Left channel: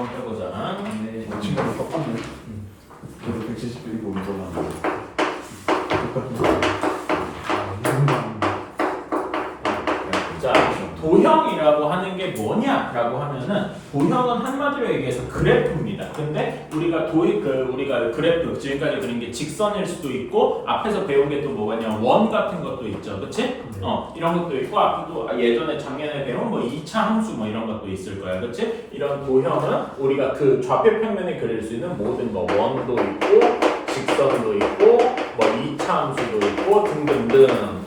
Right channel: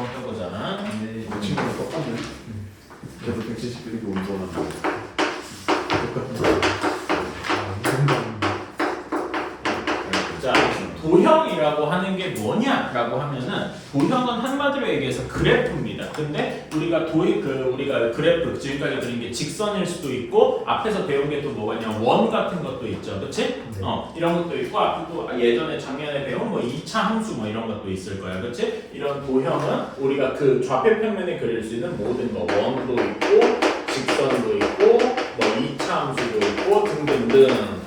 한번 빼보자. 네, 친구랑 똑같네. 저도 171이고 운동하는 똑같은 자, 도형이라고 하는 게 뭐냐라고 하면은 도형은 한마디로 얘기해서 그래프입니다. 근데 우리가 우리가 그래프 지금까지 그린 게 직선일 수도 있고 앞에서 배운 게 또 뭐가 있냐 원 같은 것도 있죠, 그렇지? 이런 것도 있고 앞에도 예전에 작년에 배운 뭐 2차 함수 뭐 이런 것도 있을 거야, 그렇지? 이런 도형은 우리가 그 좌표 평면에 그릴 수 있는 모든 거 원도 있고 직선도 있고 뭐 2차 함수도 있고 등등등.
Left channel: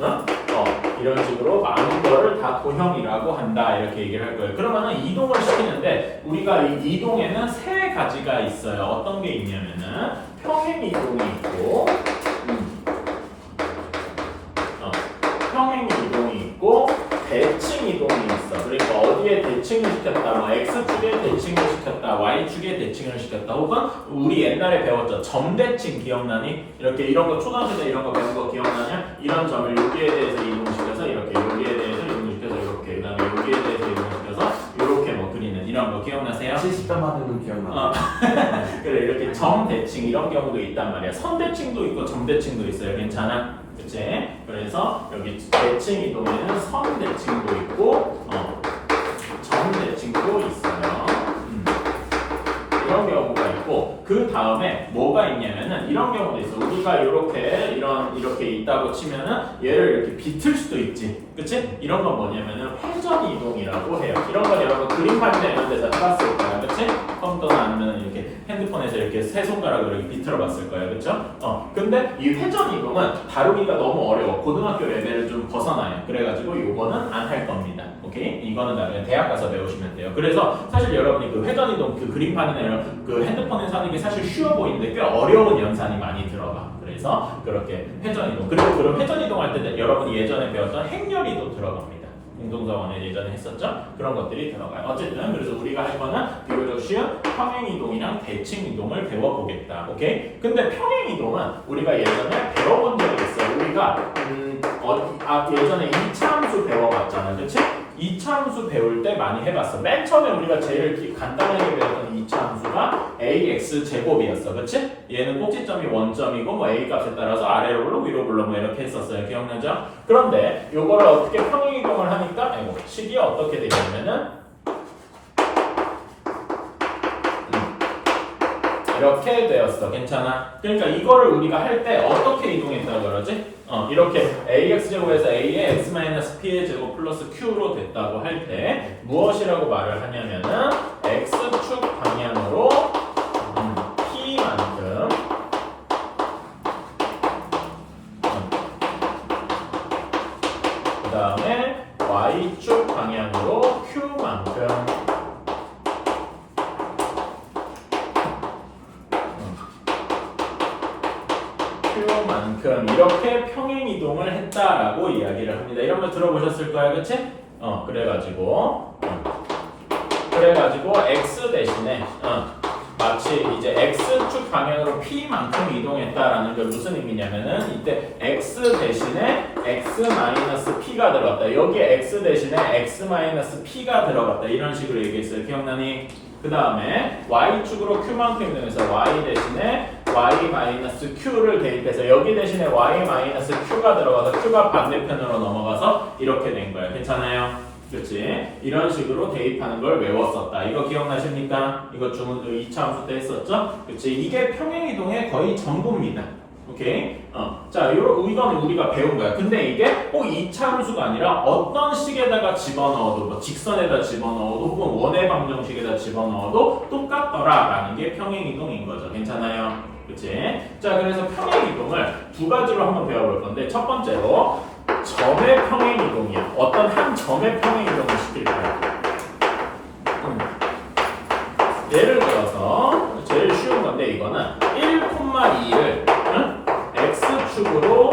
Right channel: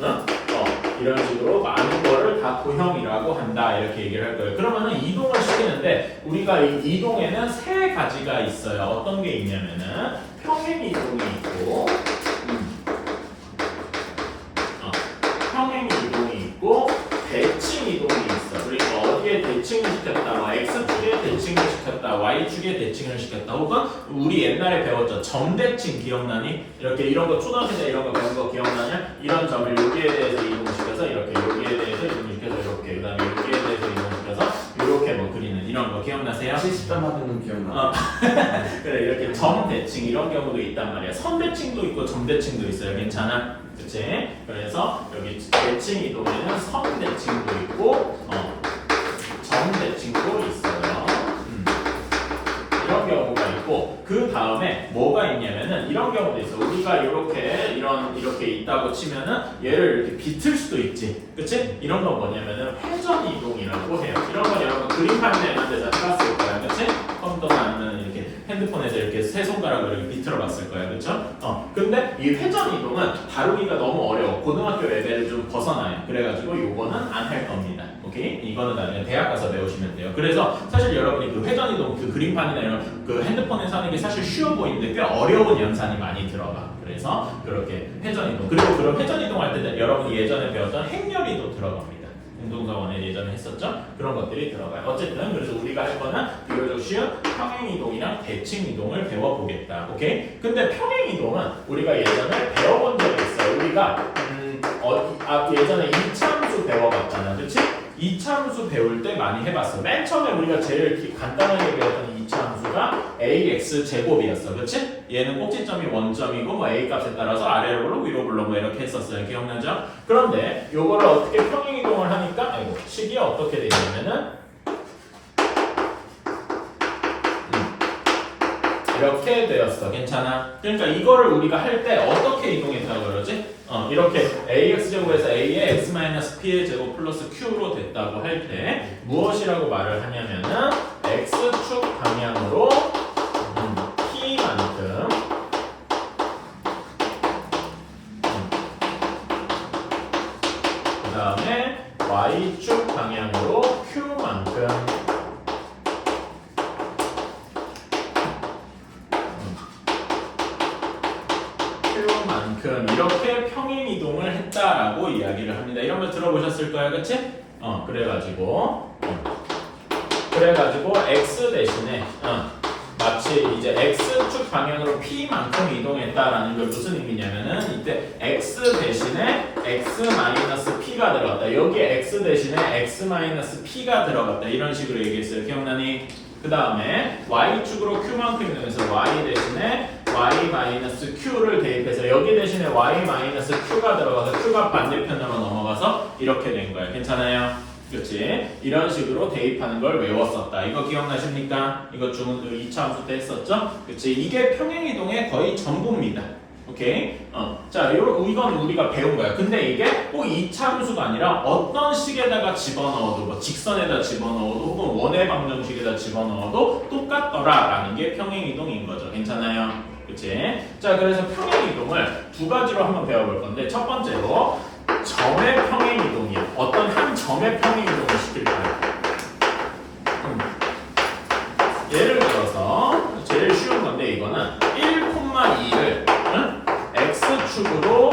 이런 식으로 많은 거를 다 도형이라고 한다 이렇게 얘기를 할 거예요. 그러면은 이동을 시키는데 우리가 이 이동에는 세 가지가 있어요. 어떤 게 있냐면은 평행 이동이 있고, 평행 이동이 있고 대칭 이동이 있어. 그러니까 어디에 대칭을 시켰다, 뭐 x축에 대칭을 시켰다, y축에 대칭을 시켰다, 혹은 우리 옛날에 배웠죠. 점대칭 기억나니? 이렇게 이런 거 초등학교 때 이런 거 배운 거 기억나냐? 이런 점을 여기에 대해서 이동시켜서 이렇게 여기에 대해서 이동시켜서 이렇게 그다음에 여기에 대해서 이동시켜서 이렇게 뭐 그리는 이런 거 기억나세요? 70점 맞는 기억나. 그래 이렇게 점대칭 이런 경우도 있단 말이야. 선대칭도 있고 점대칭도 있어요. 괜찮아? 그치? 그래서 여기 대칭 이동에는 선대칭도 있고 점대칭도 있어요. 이런 경우가 있고 그 다음에 뭐가 있냐면은 이런 경우도 있어. 우리가 이렇게 있다고 치면은 얘를 이렇게 비틀 수도 있지, 그치? 이런 건 뭐냐면은 회전 이동이라고 해요. 이런 건 여러분 그림판이나 이런 데서 해봤을 거야, 그치? 컴퓨터나 아니면 이렇게 핸드폰에서 이렇게 세 손가락으로 이렇게 비틀어봤을 거야, 그쵸? 근데 이 회전 이동은 다루기가 너무 어려워. 고등학교 레벨을 좀 벗어나요. 그래가지고 요거는 안 할 겁니다. 오케이? 이거는 나중에 대학 가서 배우시면 돼요. 그래서 사실 여러분이 그 회전 이동 그 그림판이나 이런 그 핸드폰에서 하는 게 사실 쉬워 보이는데 꽤 어려운 연산이 많이 들어가. 그래서 그렇게 회전 이동 그리고 그런 회전 이동할 때 여러분이 예전에 배웠던 행렬이도 들어갑니다. 운동사원에 예전에 했었죠? 그런 것들이 들어가요. 어쨌든 그래서 우리가 할 거는 비교적 쉬운 평행 이동이랑 대칭 이동을 배워보겠다. 오케이? 근데 평행 이동은 우리가 예전에 배워본 적이 있어요. 우리가 예전에 2차 함수 배워봤잖아, 그렇지? 2차 함수 배울 때 많이 해봤어. 맨 처음에 우리가 제일 간단하게 배웠던 2차 함수가 ax 제곱이었어, 그렇지? 얘는 꼭지점이 원점이고 뭐 a 값에 따라서 아래로 올라 위로 불러 뭐 이렇게 했었어요. 기억나죠? 그런데 요거를 어떻게 평행 이동을 하니까 식이 어떻게 되냐면은 이렇게 되었어. 괜찮아? 그러니까 이거를 우리가 할 때 어떻게 이동했다고 그러지? 이렇게 ax제곱에서 a의 x-p의 제곱 플러스 q로 됐다고 할 때 무엇이라고 말을 하냐면은 x축 방향으로 p만큼 그 다음에 y축 방향으로 q만큼 이렇게 평행 이동을 했다라고 이야기를 합니다. 이런 거 들어보셨을 거야, 그치? 그래가지고 x 대신에 마치 이제 x축 방향으로 p만큼 이동했다라는 게 무슨 의미냐면은 이때 x 대신에 x-p가 들어갔다. 여기에 x 대신에 x-p가 들어갔다. 이런 식으로 얘기했어요. 기억나니? 그 다음에 y축으로 q만큼 이동해서 y 대신에 y-q를 대입해서 여기 대신에 y-q가 들어가서 q가 반대편으로 넘어가서 이렇게 된 거예요. 괜찮아요? 그렇지? 이런 식으로 대입하는 걸 외웠었다. 이거 기억나십니까? 이거 2차 함수 때 했었죠? 그렇지? 이게 평행이동의 거의 전부입니다. 오케이? 자, 이건 우리가 배운 거야. 근데 이게 꼭 2차 함수가 아니라 어떤 식에다가 집어넣어도, 뭐 직선에다 집어넣어도, 혹은 원의 방정식에다 집어넣어도 똑같더라라는 게 평행이동인 거죠. 괜찮아요? 그치? 자, 그래서 평행이동을 두 가지로 한번 배워볼 건데, 첫 번째로 점의 평행이동이야. 어떤 한 점의 평행이동을 시킬 거야. 예를 들어서 제일 쉬운 건데 이거는 1,2를 x축으로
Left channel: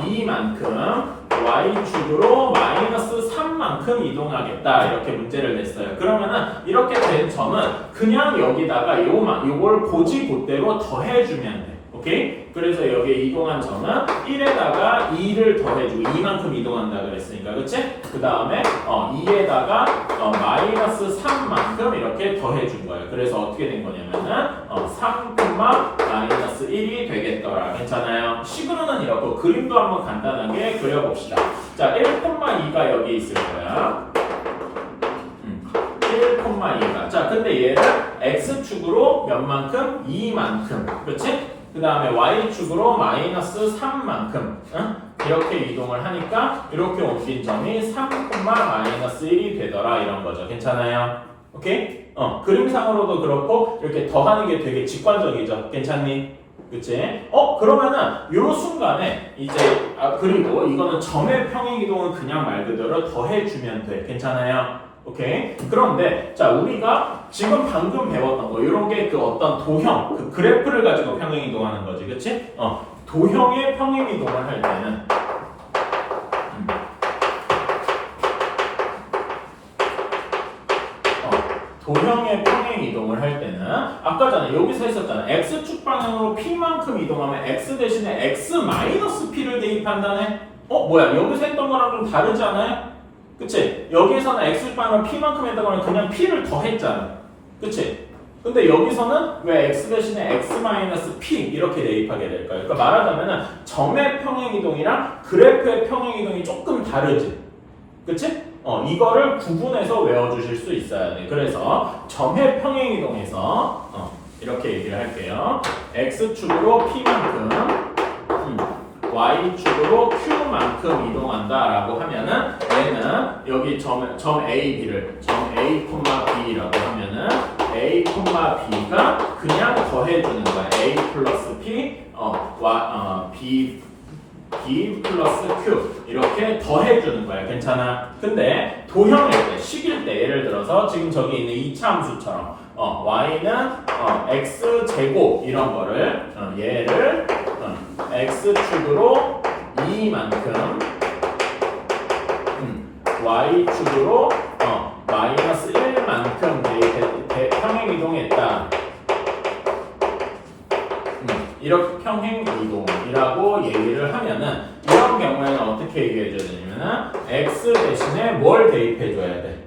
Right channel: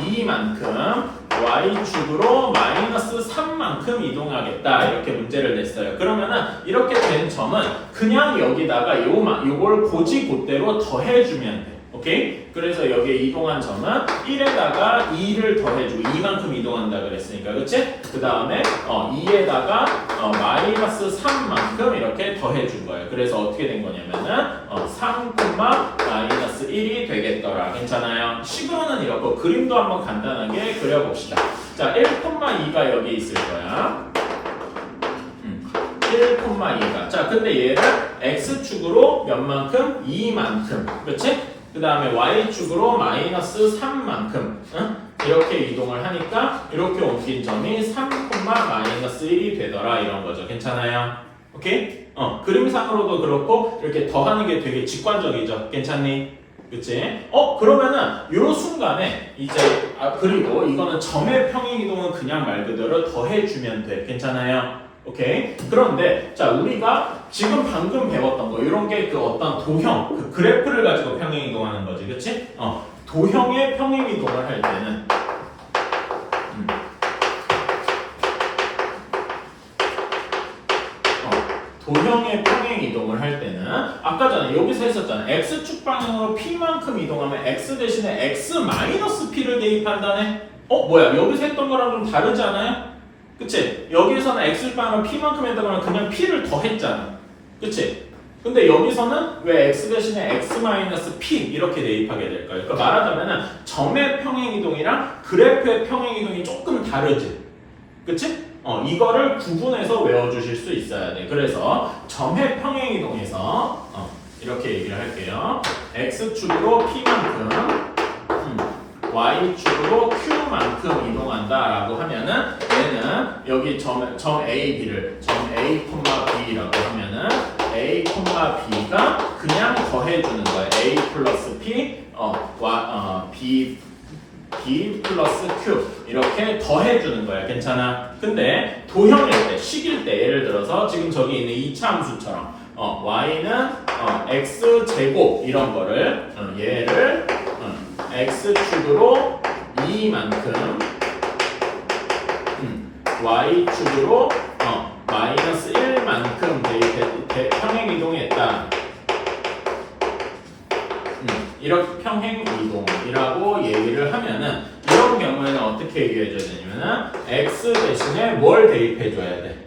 2만큼 y축으로 마이너스 3만큼 이동하겠다 이렇게 문제를 냈어요. 그러면은 이렇게 된 점은 그냥 여기다가 요걸 고지고대로 더해주면 돼. 오케이? 그래서 여기에 이동한 점은 1에다가 2를 더해주고 2만큼 이동한다 그랬으니까 그치? 그 다음에 2에다가 마이너스 3만큼 이렇게 더해준 거예요. 그래서 어떻게 된 거냐면은 3, 마이너스 1이 되겠더라. 괜찮아요? 식으로는 이렇고 그림도 한번 간단하게 그려봅시다. 자, 1,2가 여기 있을 거야. 1,2가. 자, 근데 얘를 x축으로 몇만큼? 2만큼. 그치? 그 다음에 y축으로 마이너스 3만큼. 응? 이렇게 이동을 하니까 이렇게 옮긴 점이 3, 마이너스 1이 되더라. 이런 거죠. 괜찮아요? 오케이? 그림상으로도 그렇고 이렇게 더하는 게 되게 직관적이죠. 괜찮니? 그치? 그러면은 요 순간에 이제 그리고 이거는 점의 평행이동은 그냥 말 그대로 더해주면 돼. 괜찮아요? 오케이. 그런데 자 우리가 지금 방금 배웠던 거 이런 게 그 어떤 도형 그 그래프를 가지고 평행 이동하는 거지, 그렇지? 도형의 평행 이동을 할 때는 도형의 평행 이동을 할 때는 아까 전에 여기서 했었잖아. x축 방향으로 p만큼 이동하면 x 대신에 x 마이너스 p를 대입한다네. 뭐야? 여기서 했던 거랑 좀 다르지 않아요? 그치? 여기에서는 x 방향을 p만큼 했다고 그냥 p를 더했잖아. 그치? 근데 여기서는 왜 x 대신에 x-p 이렇게 대입하게 될까요? 그러니까 말하자면은 점의 평행이동이랑 그래프의 평행이동이 조금 다르지. 그치? 이거를 구분해서 외워주실 수 있어야 돼. 그래서 점의 평행이동에서 이렇게 얘기를 할게요. x축으로 p만큼 y축으로 q만큼 이동한다라고 하면은 얘는 여기 점 A, B를 점 A, B라고 하면은 A, B가 그냥 더해주는 거예요. A 플러스 P, B 플러스 Q 이렇게 더해주는 거예요. 괜찮아? 근데 도형일 때, 식일 때 예를 들어서 지금 저기 있는 이차 함수처럼 y는 x제곱 이런 거를 얘를 x축으로 2만큼 y축으로 마이너스 1만큼 평행 이동했다. 이렇게 평행 이동이라고 얘기를 하면은 이런 경우에는 어떻게 얘기해줘야 되냐면은 x 대신에 뭘 대입해줘야 돼?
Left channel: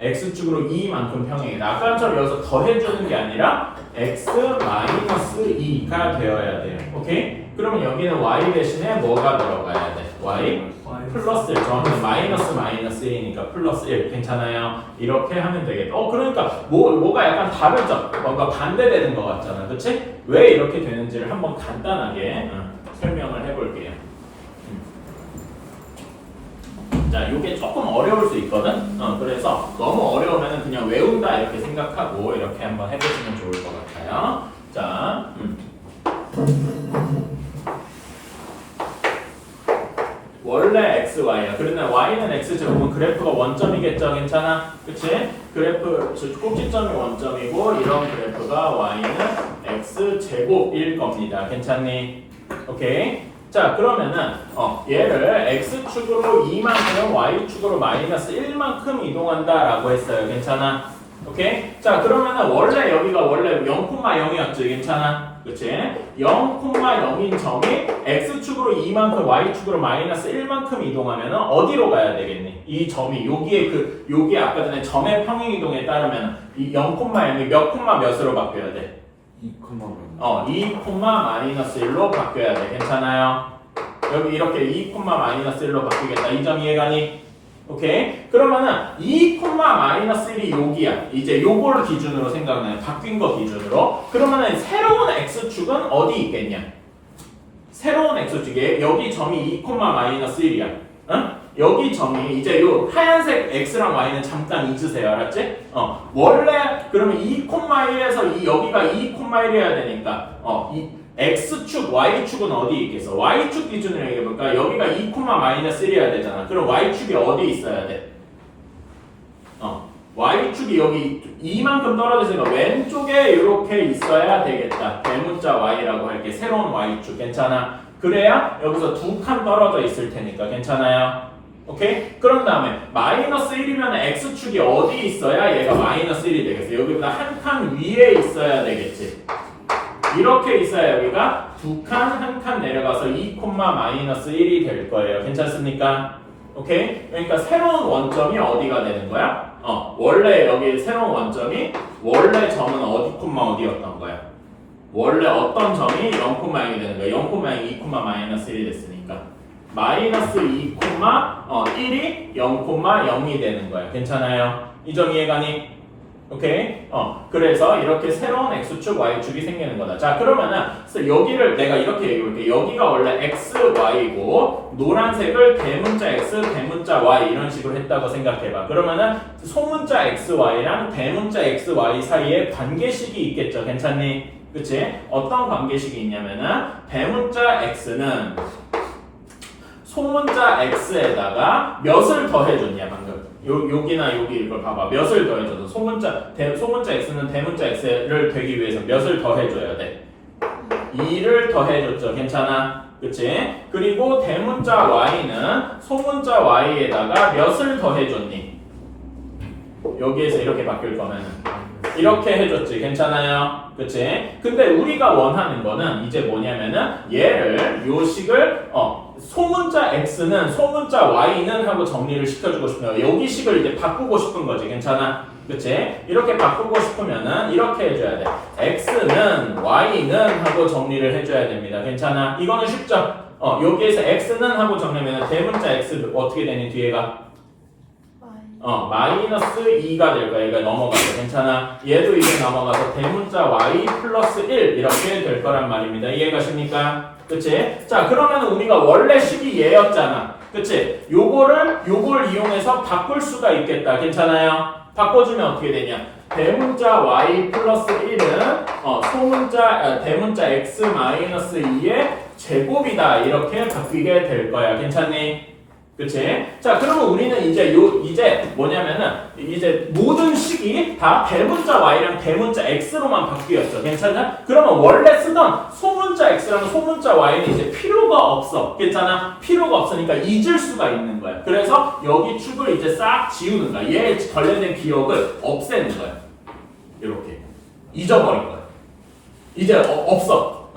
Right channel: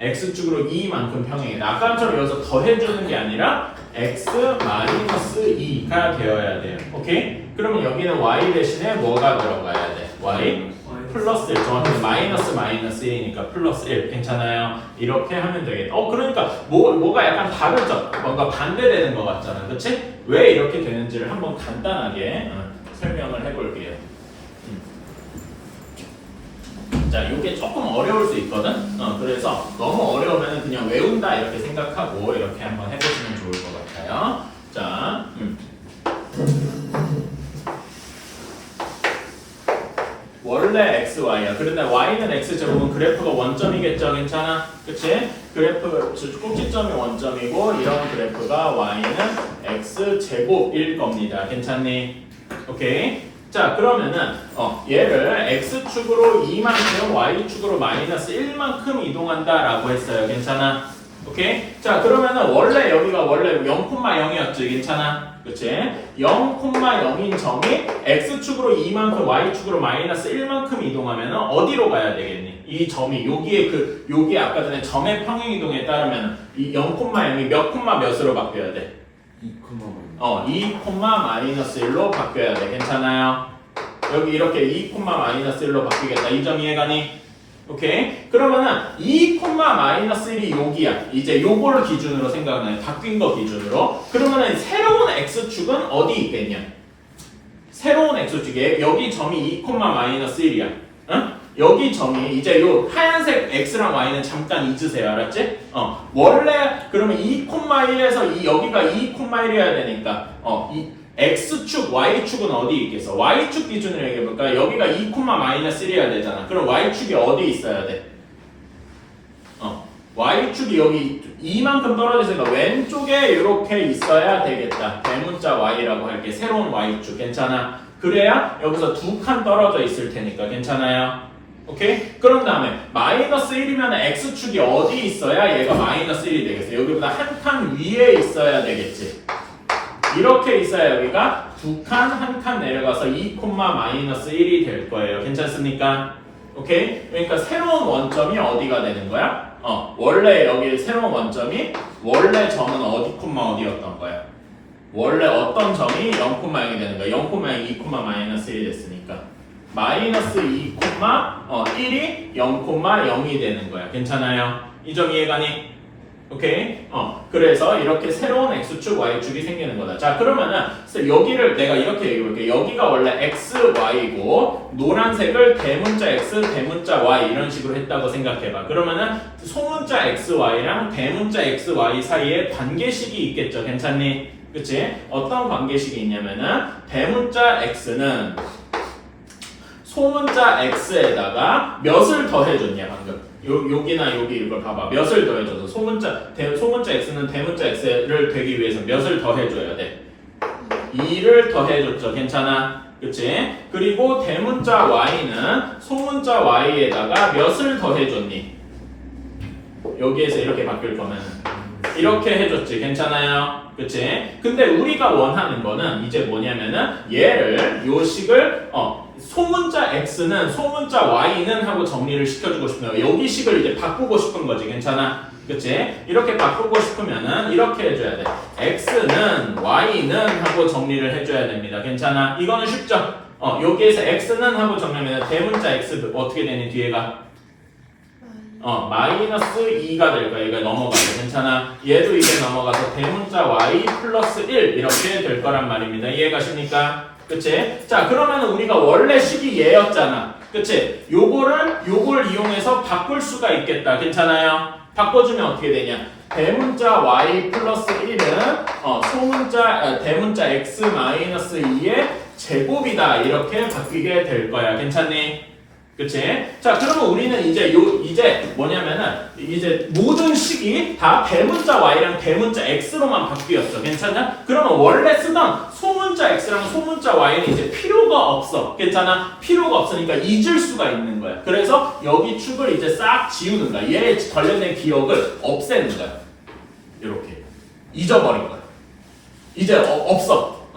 x축으로 2만큼 평행이다. 아까처럼 여기서 더해주는 게 아니라 x-2가 되어야 돼요. 오케이? 그러면 여기는 y 대신에 뭐가 들어가야 돼? y 플러스 1. 정확히 마이너스 1이니까 플러스 1. 괜찮아요? 이렇게 하면 되겠다. 그러니까 뭐가 약간 다르죠? 뭔가 반대되는 것 같잖아. 그치? 왜 이렇게 되는지를 한번 간단하게 설명을 해볼게요. 자, 이게 조금 어려울 수 있거든. 그래서 너무 어려우면 그냥 외운다 이렇게 생각하고 이렇게 한번 해보시면 좋을 것 같아요. 자, 원래 x, y야. 그런데 y는 x제곱은 그래프가 원점이겠죠, 괜찮아? 그치? 그래프 꼭지점이 원점이고 이런 그래프가 y는 x제곱일 겁니다. 괜찮니? 오케이. 자, 그러면은 얘를 x축으로 2만큼 y축으로 마이너스 1만큼 이동한다라고 했어요. 괜찮아? 오케이? 자, 그러면은 원래 여기가 원래 0,0이었지. 괜찮아? 그치? 0,0인 점이 x축으로 2만큼 y축으로 마이너스 1만큼 이동하면은 어디로 가야 되겠니? 이 점이 여기에 아까 전에 점의 평행 이동에 따르면 이 0,0이 몇 콤마 몇으로 바뀌어야 돼? 2,-1로 바뀌어야 돼. 괜찮아요? 여기 이렇게 2,-1로 바뀌겠다. 이 점 이해가니? 오케이? 그러면은 2,-1이 여기야. 이제 요거를 기준으로 생각나요. 바뀐 거 기준으로. 그러면은 새로운 x축은 어디 있겠냐? 새로운 x축에 여기 점이 2,-1이야. 응? 여기 점이 이제 요 하얀색 x랑 y는 잠깐 잊으세요. 알았지? 원래 그러면 2,1에서 여기가 2,1이어야 되니까 이 x축, y축은 어디 있겠어? y축 기준으로 얘기해볼까? 여기가 2,-1이어야 되잖아. 그럼 y축이 어디 있어야 돼? y축이 여기 2만큼 떨어져서 왼쪽에 이렇게 있어야 되겠다. 대문자 y라고 할게. 새로운 y축. 괜찮아? 그래야 여기서 두 칸 떨어져 있을 테니까. 괜찮아요? 오케이? 그런 다음에 마이너스 1이면 x축이 어디 있어야 얘가 마이너스 1이 되겠어? 여기보다 한 칸 위에 있어야 되겠지. 이렇게 있어야 여기가 2칸, 1칸 내려가서 2, 마이너스 1이 될 거예요. 괜찮습니까? 오케이? 그러니까 새로운 원점이 어디가 되는 거야? 원래 여기 새로운 원점이 원래 점은 어디, 어디였던 거야? 원래 어떤 점이 0,0이 되는 거야? 0,0이 2, 마이너스 1이 됐으니까 마이너스 2, 1이 0,0이 되는 거야. 괜찮아요? 이 점 이해가니? 오케이? 그래서 이렇게 새로운 x축, y축이 생기는 거다. 자, 그러면은 여기를 내가 이렇게 얘기해 볼게. 여기가 원래 x, y고 노란색을 대문자 x, 대문자 y 이런 식으로 했다고 생각해 봐. 그러면은 소문자 x, y랑 대문자 x, y 사이에 관계식이 있겠죠. 괜찮니? 그치? 어떤 관계식이 있냐면은 대문자 x는 소문자 x에다가 몇을 더해줬냐 방금 여기나 여기 이걸 봐봐 몇을 더해줘서 소문자 x는 대문자 x를 되기 위해서 몇을 더해줘야 돼 2를 더해줬죠 괜찮아 그치? 그리고 대문자 y는 소문자 y에다가 몇을 더해줬니 여기에서 이렇게 바뀔 거면 이렇게 해줬지 괜찮아요 그치? 근데 우리가 원하는 거는 이제 뭐냐면은 얘를 요 식을 소문자 x는 소문자 y는 하고 정리를 시켜주고 싶은 거예요. 여기 식을 이제 바꾸고 싶은 거지. 괜찮아? 그치? 이렇게 바꾸고 싶으면은 이렇게 해줘야 돼. x는 y는 하고 정리를 해줘야 됩니다. 괜찮아? 이거는 쉽죠? 여기에서 x는 하고 정리하면 대문자 x 어떻게 되니 뒤에가? 마이너스 2가 될 거야. 이거 넘어가서 괜찮아? 얘도 이게 넘어가서 대문자 y 플러스 1 이렇게 될 거란 말입니다. 이해가십니까? 그치? 자, 그러면 우리가 원래 식이 얘였잖아. 그치? 요걸 이용해서 바꿀 수가 있겠다. 괜찮아요? 바꿔주면 어떻게 되냐? 대문자 y 플러스 1은 대문자 x 마이너스 2의 제곱이다. 이렇게 바뀌게 될 거야. 괜찮니? 그치? 자, 그러면 우리는 이제 뭐냐면은 이제 모든 식이 다 대문자 y랑 대문자 x로만 바뀌었어. 괜찮아? 그러면 원래 쓰던 소문자 x랑 소문자 y는 이제 필요가 없어. 괜찮아? 필요가 없으니까 잊을 수가 있는 거야. 그래서 여기 축을 이제 싹 지우는 거야. 얘에 관련된 기억을 없애는 거야. 이렇게 잊어버린 거야. 이제 없어.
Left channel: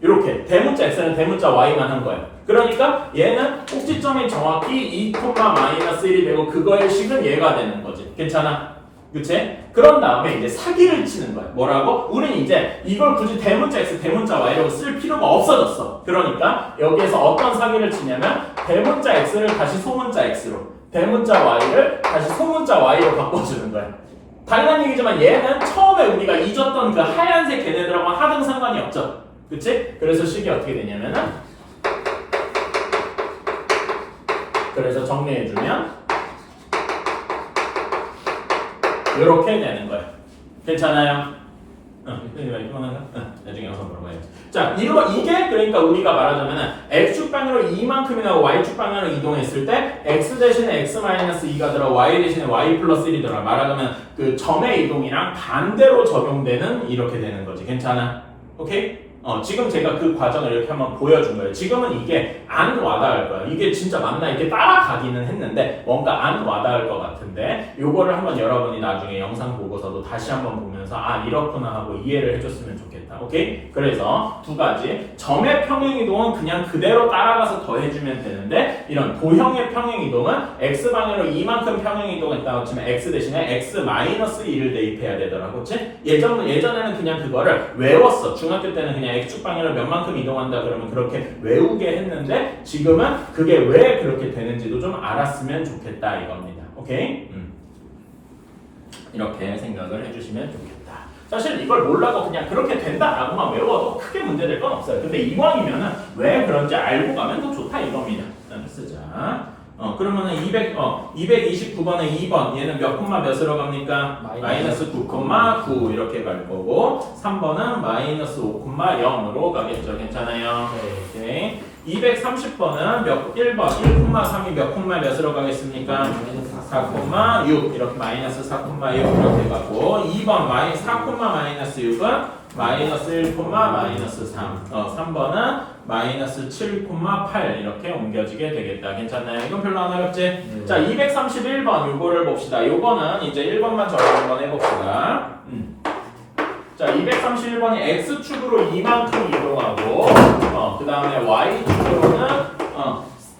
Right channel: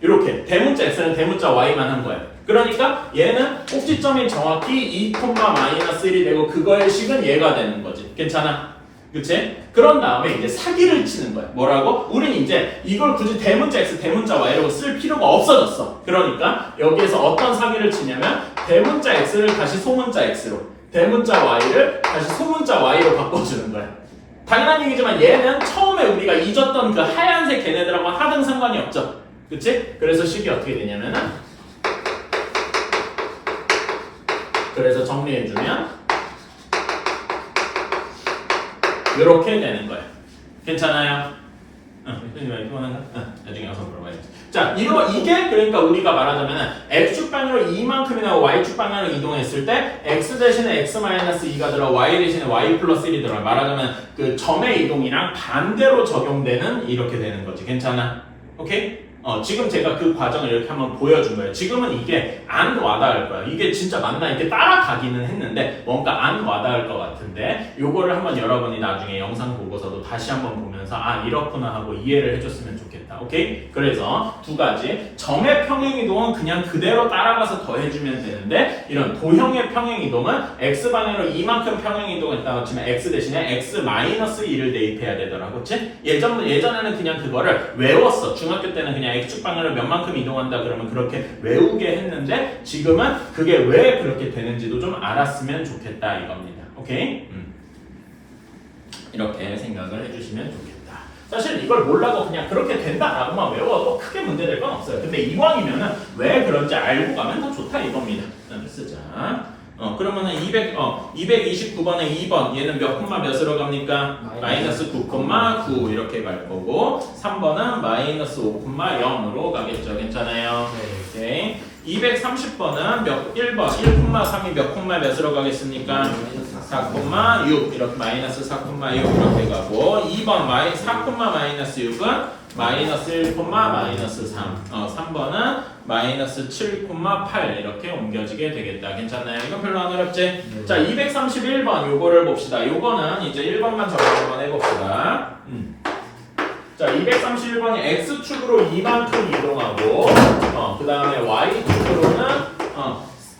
이렇게 대문자 x는 대문자 y만 한 거야. 그러니까 얘는 꼭지점이 정확히 2, 마이너스 1이 되고 그거의 식은 얘가 되는 거지. 괜찮아? 그치? 그런 다음에 이제 사기를 치는 거야. 뭐라고? 우린 이제 이걸 굳이 대문자 x, 대문자 y라고 쓸 필요가 없어졌어. 그러니까 여기에서 어떤 사기를 치냐면 대문자 x를 다시 소문자 x로 대문자 y를 다시 소문자 y로 바꿔주는 거야. 당연한 얘기지만 얘는 처음에 우리가 잊었던 그 하얀색 걔네들하고 하등 상관이 없죠. 그치? 그래서 식이 어떻게 되냐면은 그래서 정리해주면 이렇게 되는 거예요. 괜찮아요? 나중에 영상 물어봐야지. 자, 이게 그러니까 우리가 말하자면 x축 방향으로 이만큼이나 y축 방향으로 이동했을 때 x 대신에 x-2가 들어 y 대신에 y 플러스 1이 들어 말하자면 그 점의 이동이랑 반대로 적용되는 이렇게 되는 거지. 괜찮아? 오케이? 지금 제가 그 과정을 이렇게 한번 보여준 거예요. 지금은 이게 안 와닿을 거야. 이게 진짜 맞나 이렇게 따라가기는 했는데 뭔가 안 와닿을 것 같은데 요거를 한번 여러분이 나중에 영상 보고서도 다시 한번 보면서 아 이렇구나 하고 이해를 해줬으면 좋겠다. 오케이? 그래서 두 가지 점의 평행이동은 그냥 그대로 따라가서 더해주면 되는데 이런 도형의 평행이동은 x방향으로 이만큼 평행이동했다고 치면 x 대신에 x-2를 대입해야 되더라고. 그치? 예전에는 그냥 그거를 외웠어. 중학교 때는 그냥 x축 방향으로 몇만큼 이동한다 그러면 그렇게 외우게 했는데 지금은 그게 왜 그렇게 되는지도 좀 알았으면 좋겠다 이겁니다. 오케이? 이렇게 생각을 해주시면 좋겠다. 사실 이걸 몰라도 그냥 그렇게 된다라고만 외워도 크게 문제될 건 없어요. 근데 이왕이면은 왜 그런지 알고 가면 더 좋다 이겁니다. 일단 쓰자. 그러면은 229번에 2번 얘는 몇 콤마 몇으로 갑니까? 마이너스 9,9 이렇게 갈 거고 3번은 마이너스 5,0으로 가겠죠. 괜찮아요? 네. 230번은 1번 1,3이 몇 콤마 몇으로 가겠습니까? 4,6 이렇게 마이너스 4,6 이렇게 가고 2번 4,-6은 마이너스 1, 마이너스 3 3번은 마이너스 7,8 이렇게 옮겨지게 되겠다. 괜찮나요? 이건 별로 안 어렵지? 자 231번 요거를 봅시다. 요거는 이제 1번만 적용 한번 해봅시다. 자, 231번이 x축으로 이만큼 이동하고 그 다음에 y축으로는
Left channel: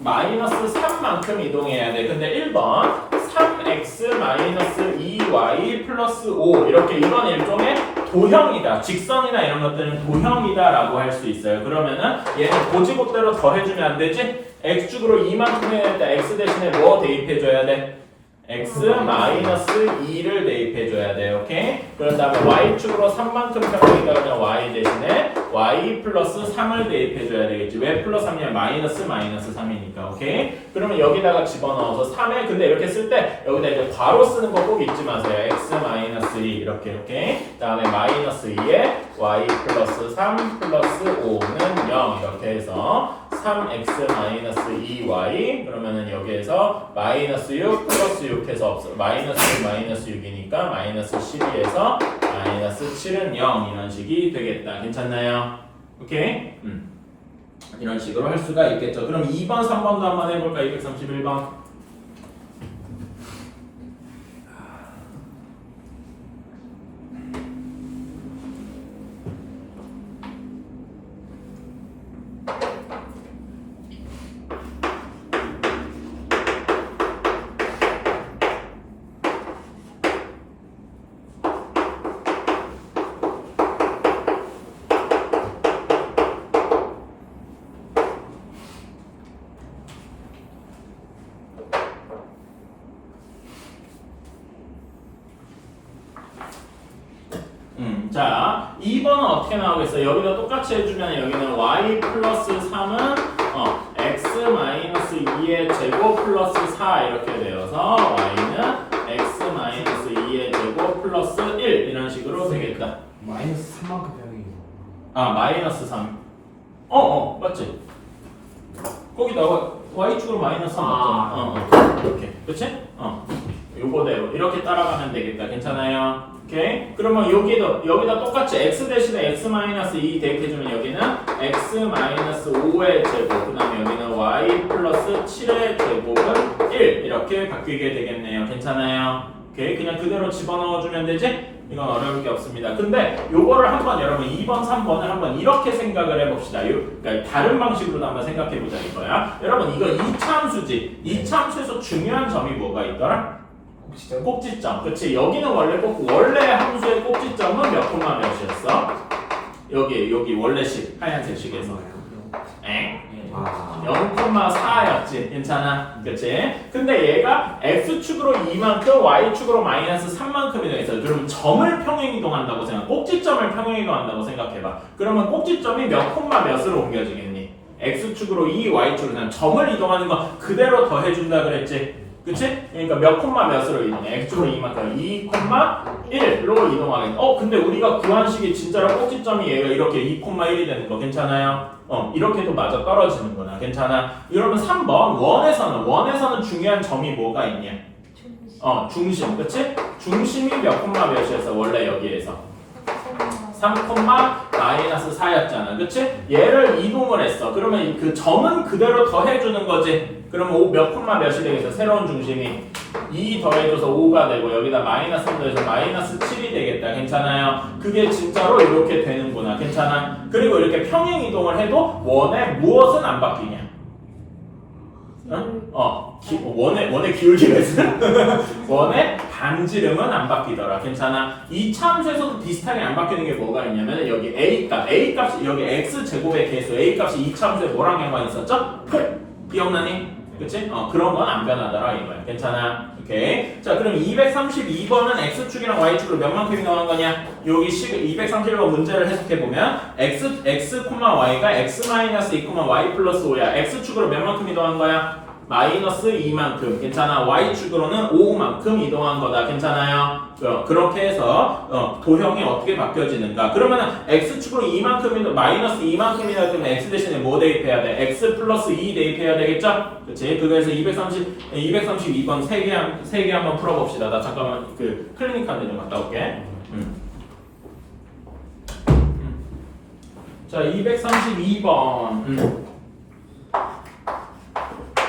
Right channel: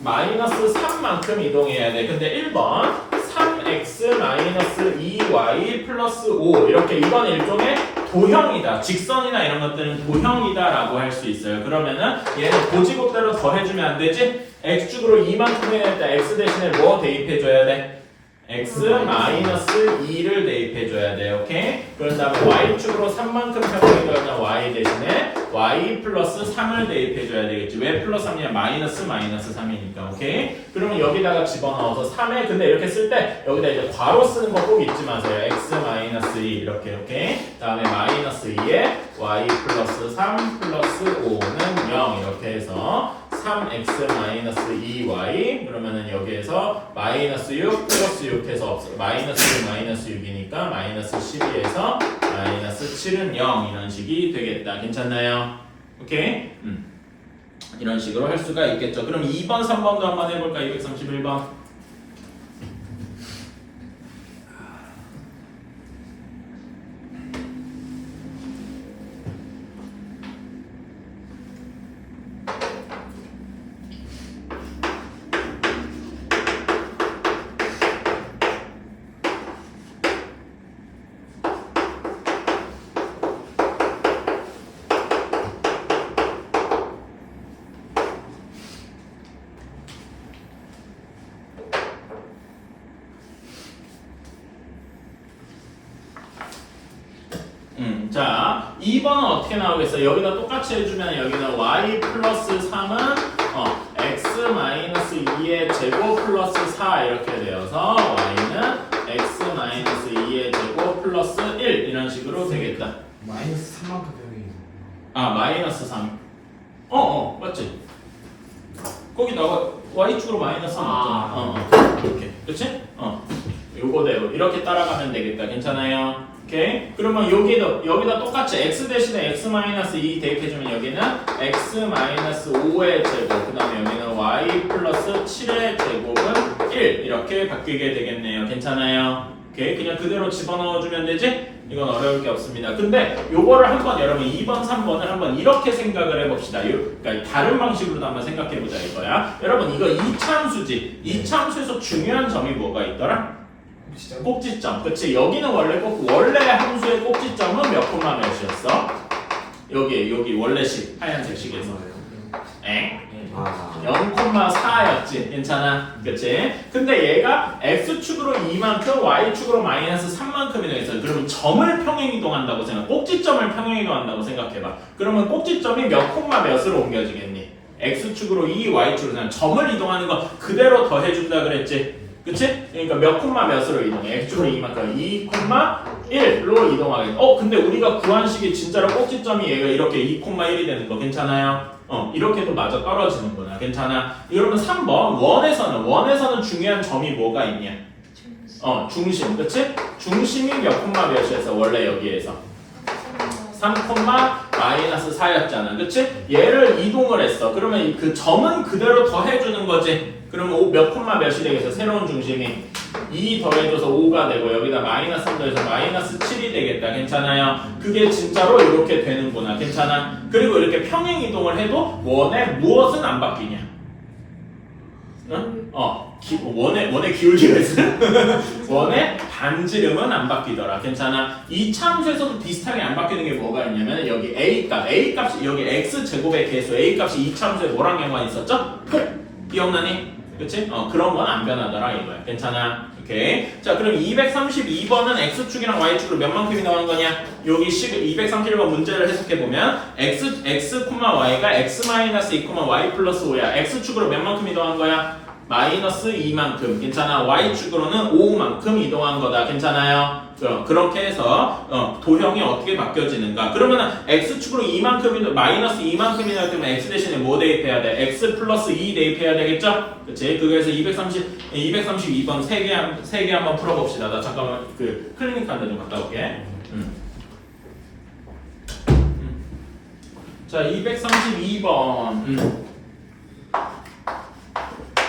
마이너스 3만큼 이동해야 돼. 근데 1번 3x 마이너스 2y 플러스 5 이렇게 이건 일종의 도형이다. 직선이나 이런 것들은 도형이다 라고 할 수 있어요. 그러면은 얘는 고지곱대로 더해주면 안 되지? x축으로 2만큼 해야 돼. x 대신에 뭐 대입해줘야 돼? x 마이너스 2를 대입해줘야 돼. 오케이? 그런 다음에 y축으로 3만큼 평행이다. 그냥 y 대신에 y 플러스 3을 대입해줘야 되겠지. 왜 플러스 3이냐? 마이너스 3이니까. 오케이? 그러면 여기다가 집어넣어서 3에 근데 이렇게 쓸 때 여기다 이제 괄호 쓰는 거 꼭 잊지 마세요. x 마이너스 2 이렇게 다음에 마이너스 2에 y 플러스 3 플러스 5는 0 이렇게 해서 3x 마이너스 2y 그러면은 여기에서 마이너스 6 플러스 6 해서 없어. 마이너스 6 마이너스 6이니까 마이너스 12에서 마이너스 7은 0 이런 식이 되겠다. 괜찮나요? 오케이? 이런 식으로 할 수가 있겠죠. 그럼 2번, 3번도 한번 해볼까? 231번. 자, 2번은 어떻게 나오겠어요? 여기다 똑같이 해주면 여기는 y 플러스 3은 x 마이너스 2의 제곱 플러스 4 이렇게 되어서 y는 x 마이너스 2의 제곱 플러스 1 이런 식으로 되겠다. 마이너스 3만큼 평행이. 마이너스 3. 맞지? 거기다가 y축으로 마이너스 3 맞잖아. 이렇게. 그치? 요거대로 이렇게 따라가면 되겠다. 괜찮아요? 오케이? 그러면 여기다 똑같이 x 대신에 x 마이너스 2 대입해주면 여기는 x 마이너스 5의 제곱 그 다음에 여기는 y 플러스 7의 제곱은 1 이렇게 바뀌게 되겠네요. 괜찮아요? 오케이? 그냥 그대로 집어넣어주면 되지? 이건 어려울 게 없습니다. 근데 요거를 한번 여러분 2번, 3번을 한번 이렇게 생각을 해봅시다. 그러니까 다른 방식으로도 한번 생각해보자 이거야. 여러분 이거 이차함수지. 이차함수에서 중요한 점이 뭐가 있더라? 꼭지점. 그치? 여기는 원래 함수의 꼭지점은 몇 콤마 몇이었어? 여기 원래식 하얀색 식에서 0,4였지. 괜찮아? 그치? 근데 얘가 x축으로 2만큼 y축으로 마이너스 3만큼 이동했어요. 그러면 점을 평행 이동한다고 생각. 꼭지점을 평행 이동한다고 생각해봐. 그러면 꼭지점이 몇 콤마 몇으로 옮겨지겠니? x축으로 2, y축으로 그냥 점을 이동하는 거 그대로 더해준다 그랬지? 그치? 그러니까 몇 콤마 몇으로 이동해? x축으로 2만큼 2, 1로 이동하겠네. 근데 우리가 구한 식이 진짜로 꼭지점이 얘가 이렇게 2,1이 되는 거 괜찮아요? 이렇게도 맞아 떨어지는구나. 괜찮아? 여러분 3번 원에서는 중요한 점이 뭐가 있냐? 중심. 그치? 중심이 몇 콤마 몇이었어? 원래 여기에서 3, 마이너스 4였잖아. 그치? 얘를 이동을 했어. 그러면 그 점은 그대로 더해주는 거지. 그러면 몇 콤마 몇이 되겠어? 새로운 중심이 2 더해줘서 5가 되고 여기다 마이너스 3 더해서 마이너스 7이 되겠다. 괜찮아요? 그게 진짜로 이렇게 되는구나. 괜찮아? 그리고 이렇게 평행 이동을 해도 원의 무엇은 안 바뀌냐? 응? 원의 기울기는 원의 반지름은 안 바뀌더라. 괜찮아? 이 참수에서도 비슷하게 안 바뀌는 게 뭐가 있냐면 여기 A값이 여기 X제곱의 개수 A값이 이 참수에 뭐랑 연관이 있었죠? 기억나니? 그치? 그런 건 안 변하더라 이거야. 괜찮아? 오케이. 자, 그럼 232번은 X축이랑 Y축으로 몇 만큼이 나오는 거냐? 여기 231번 문제를 해석해보면 X, Y가 X-2, Y 플러스 5야. X축으로 몇 만큼 이동한 거야? 마이너스 2만큼. 괜찮아? Y축으로는 5만큼 이동한 거다. 괜찮아요? 그렇게 해서 도형이 어떻게 바뀌어지는가? 그러면은 X축으로 2만큼이 마이너스 2만큼이나 되면 X 대신에 뭐 대입해야 돼? X 플러스 2 대입해야 되겠죠? 그치? 그거에서 232번 3개 한번 풀어봅시다. 나 잠깐만 그 클리닉한데 좀 갔다 올게. 자, 232번.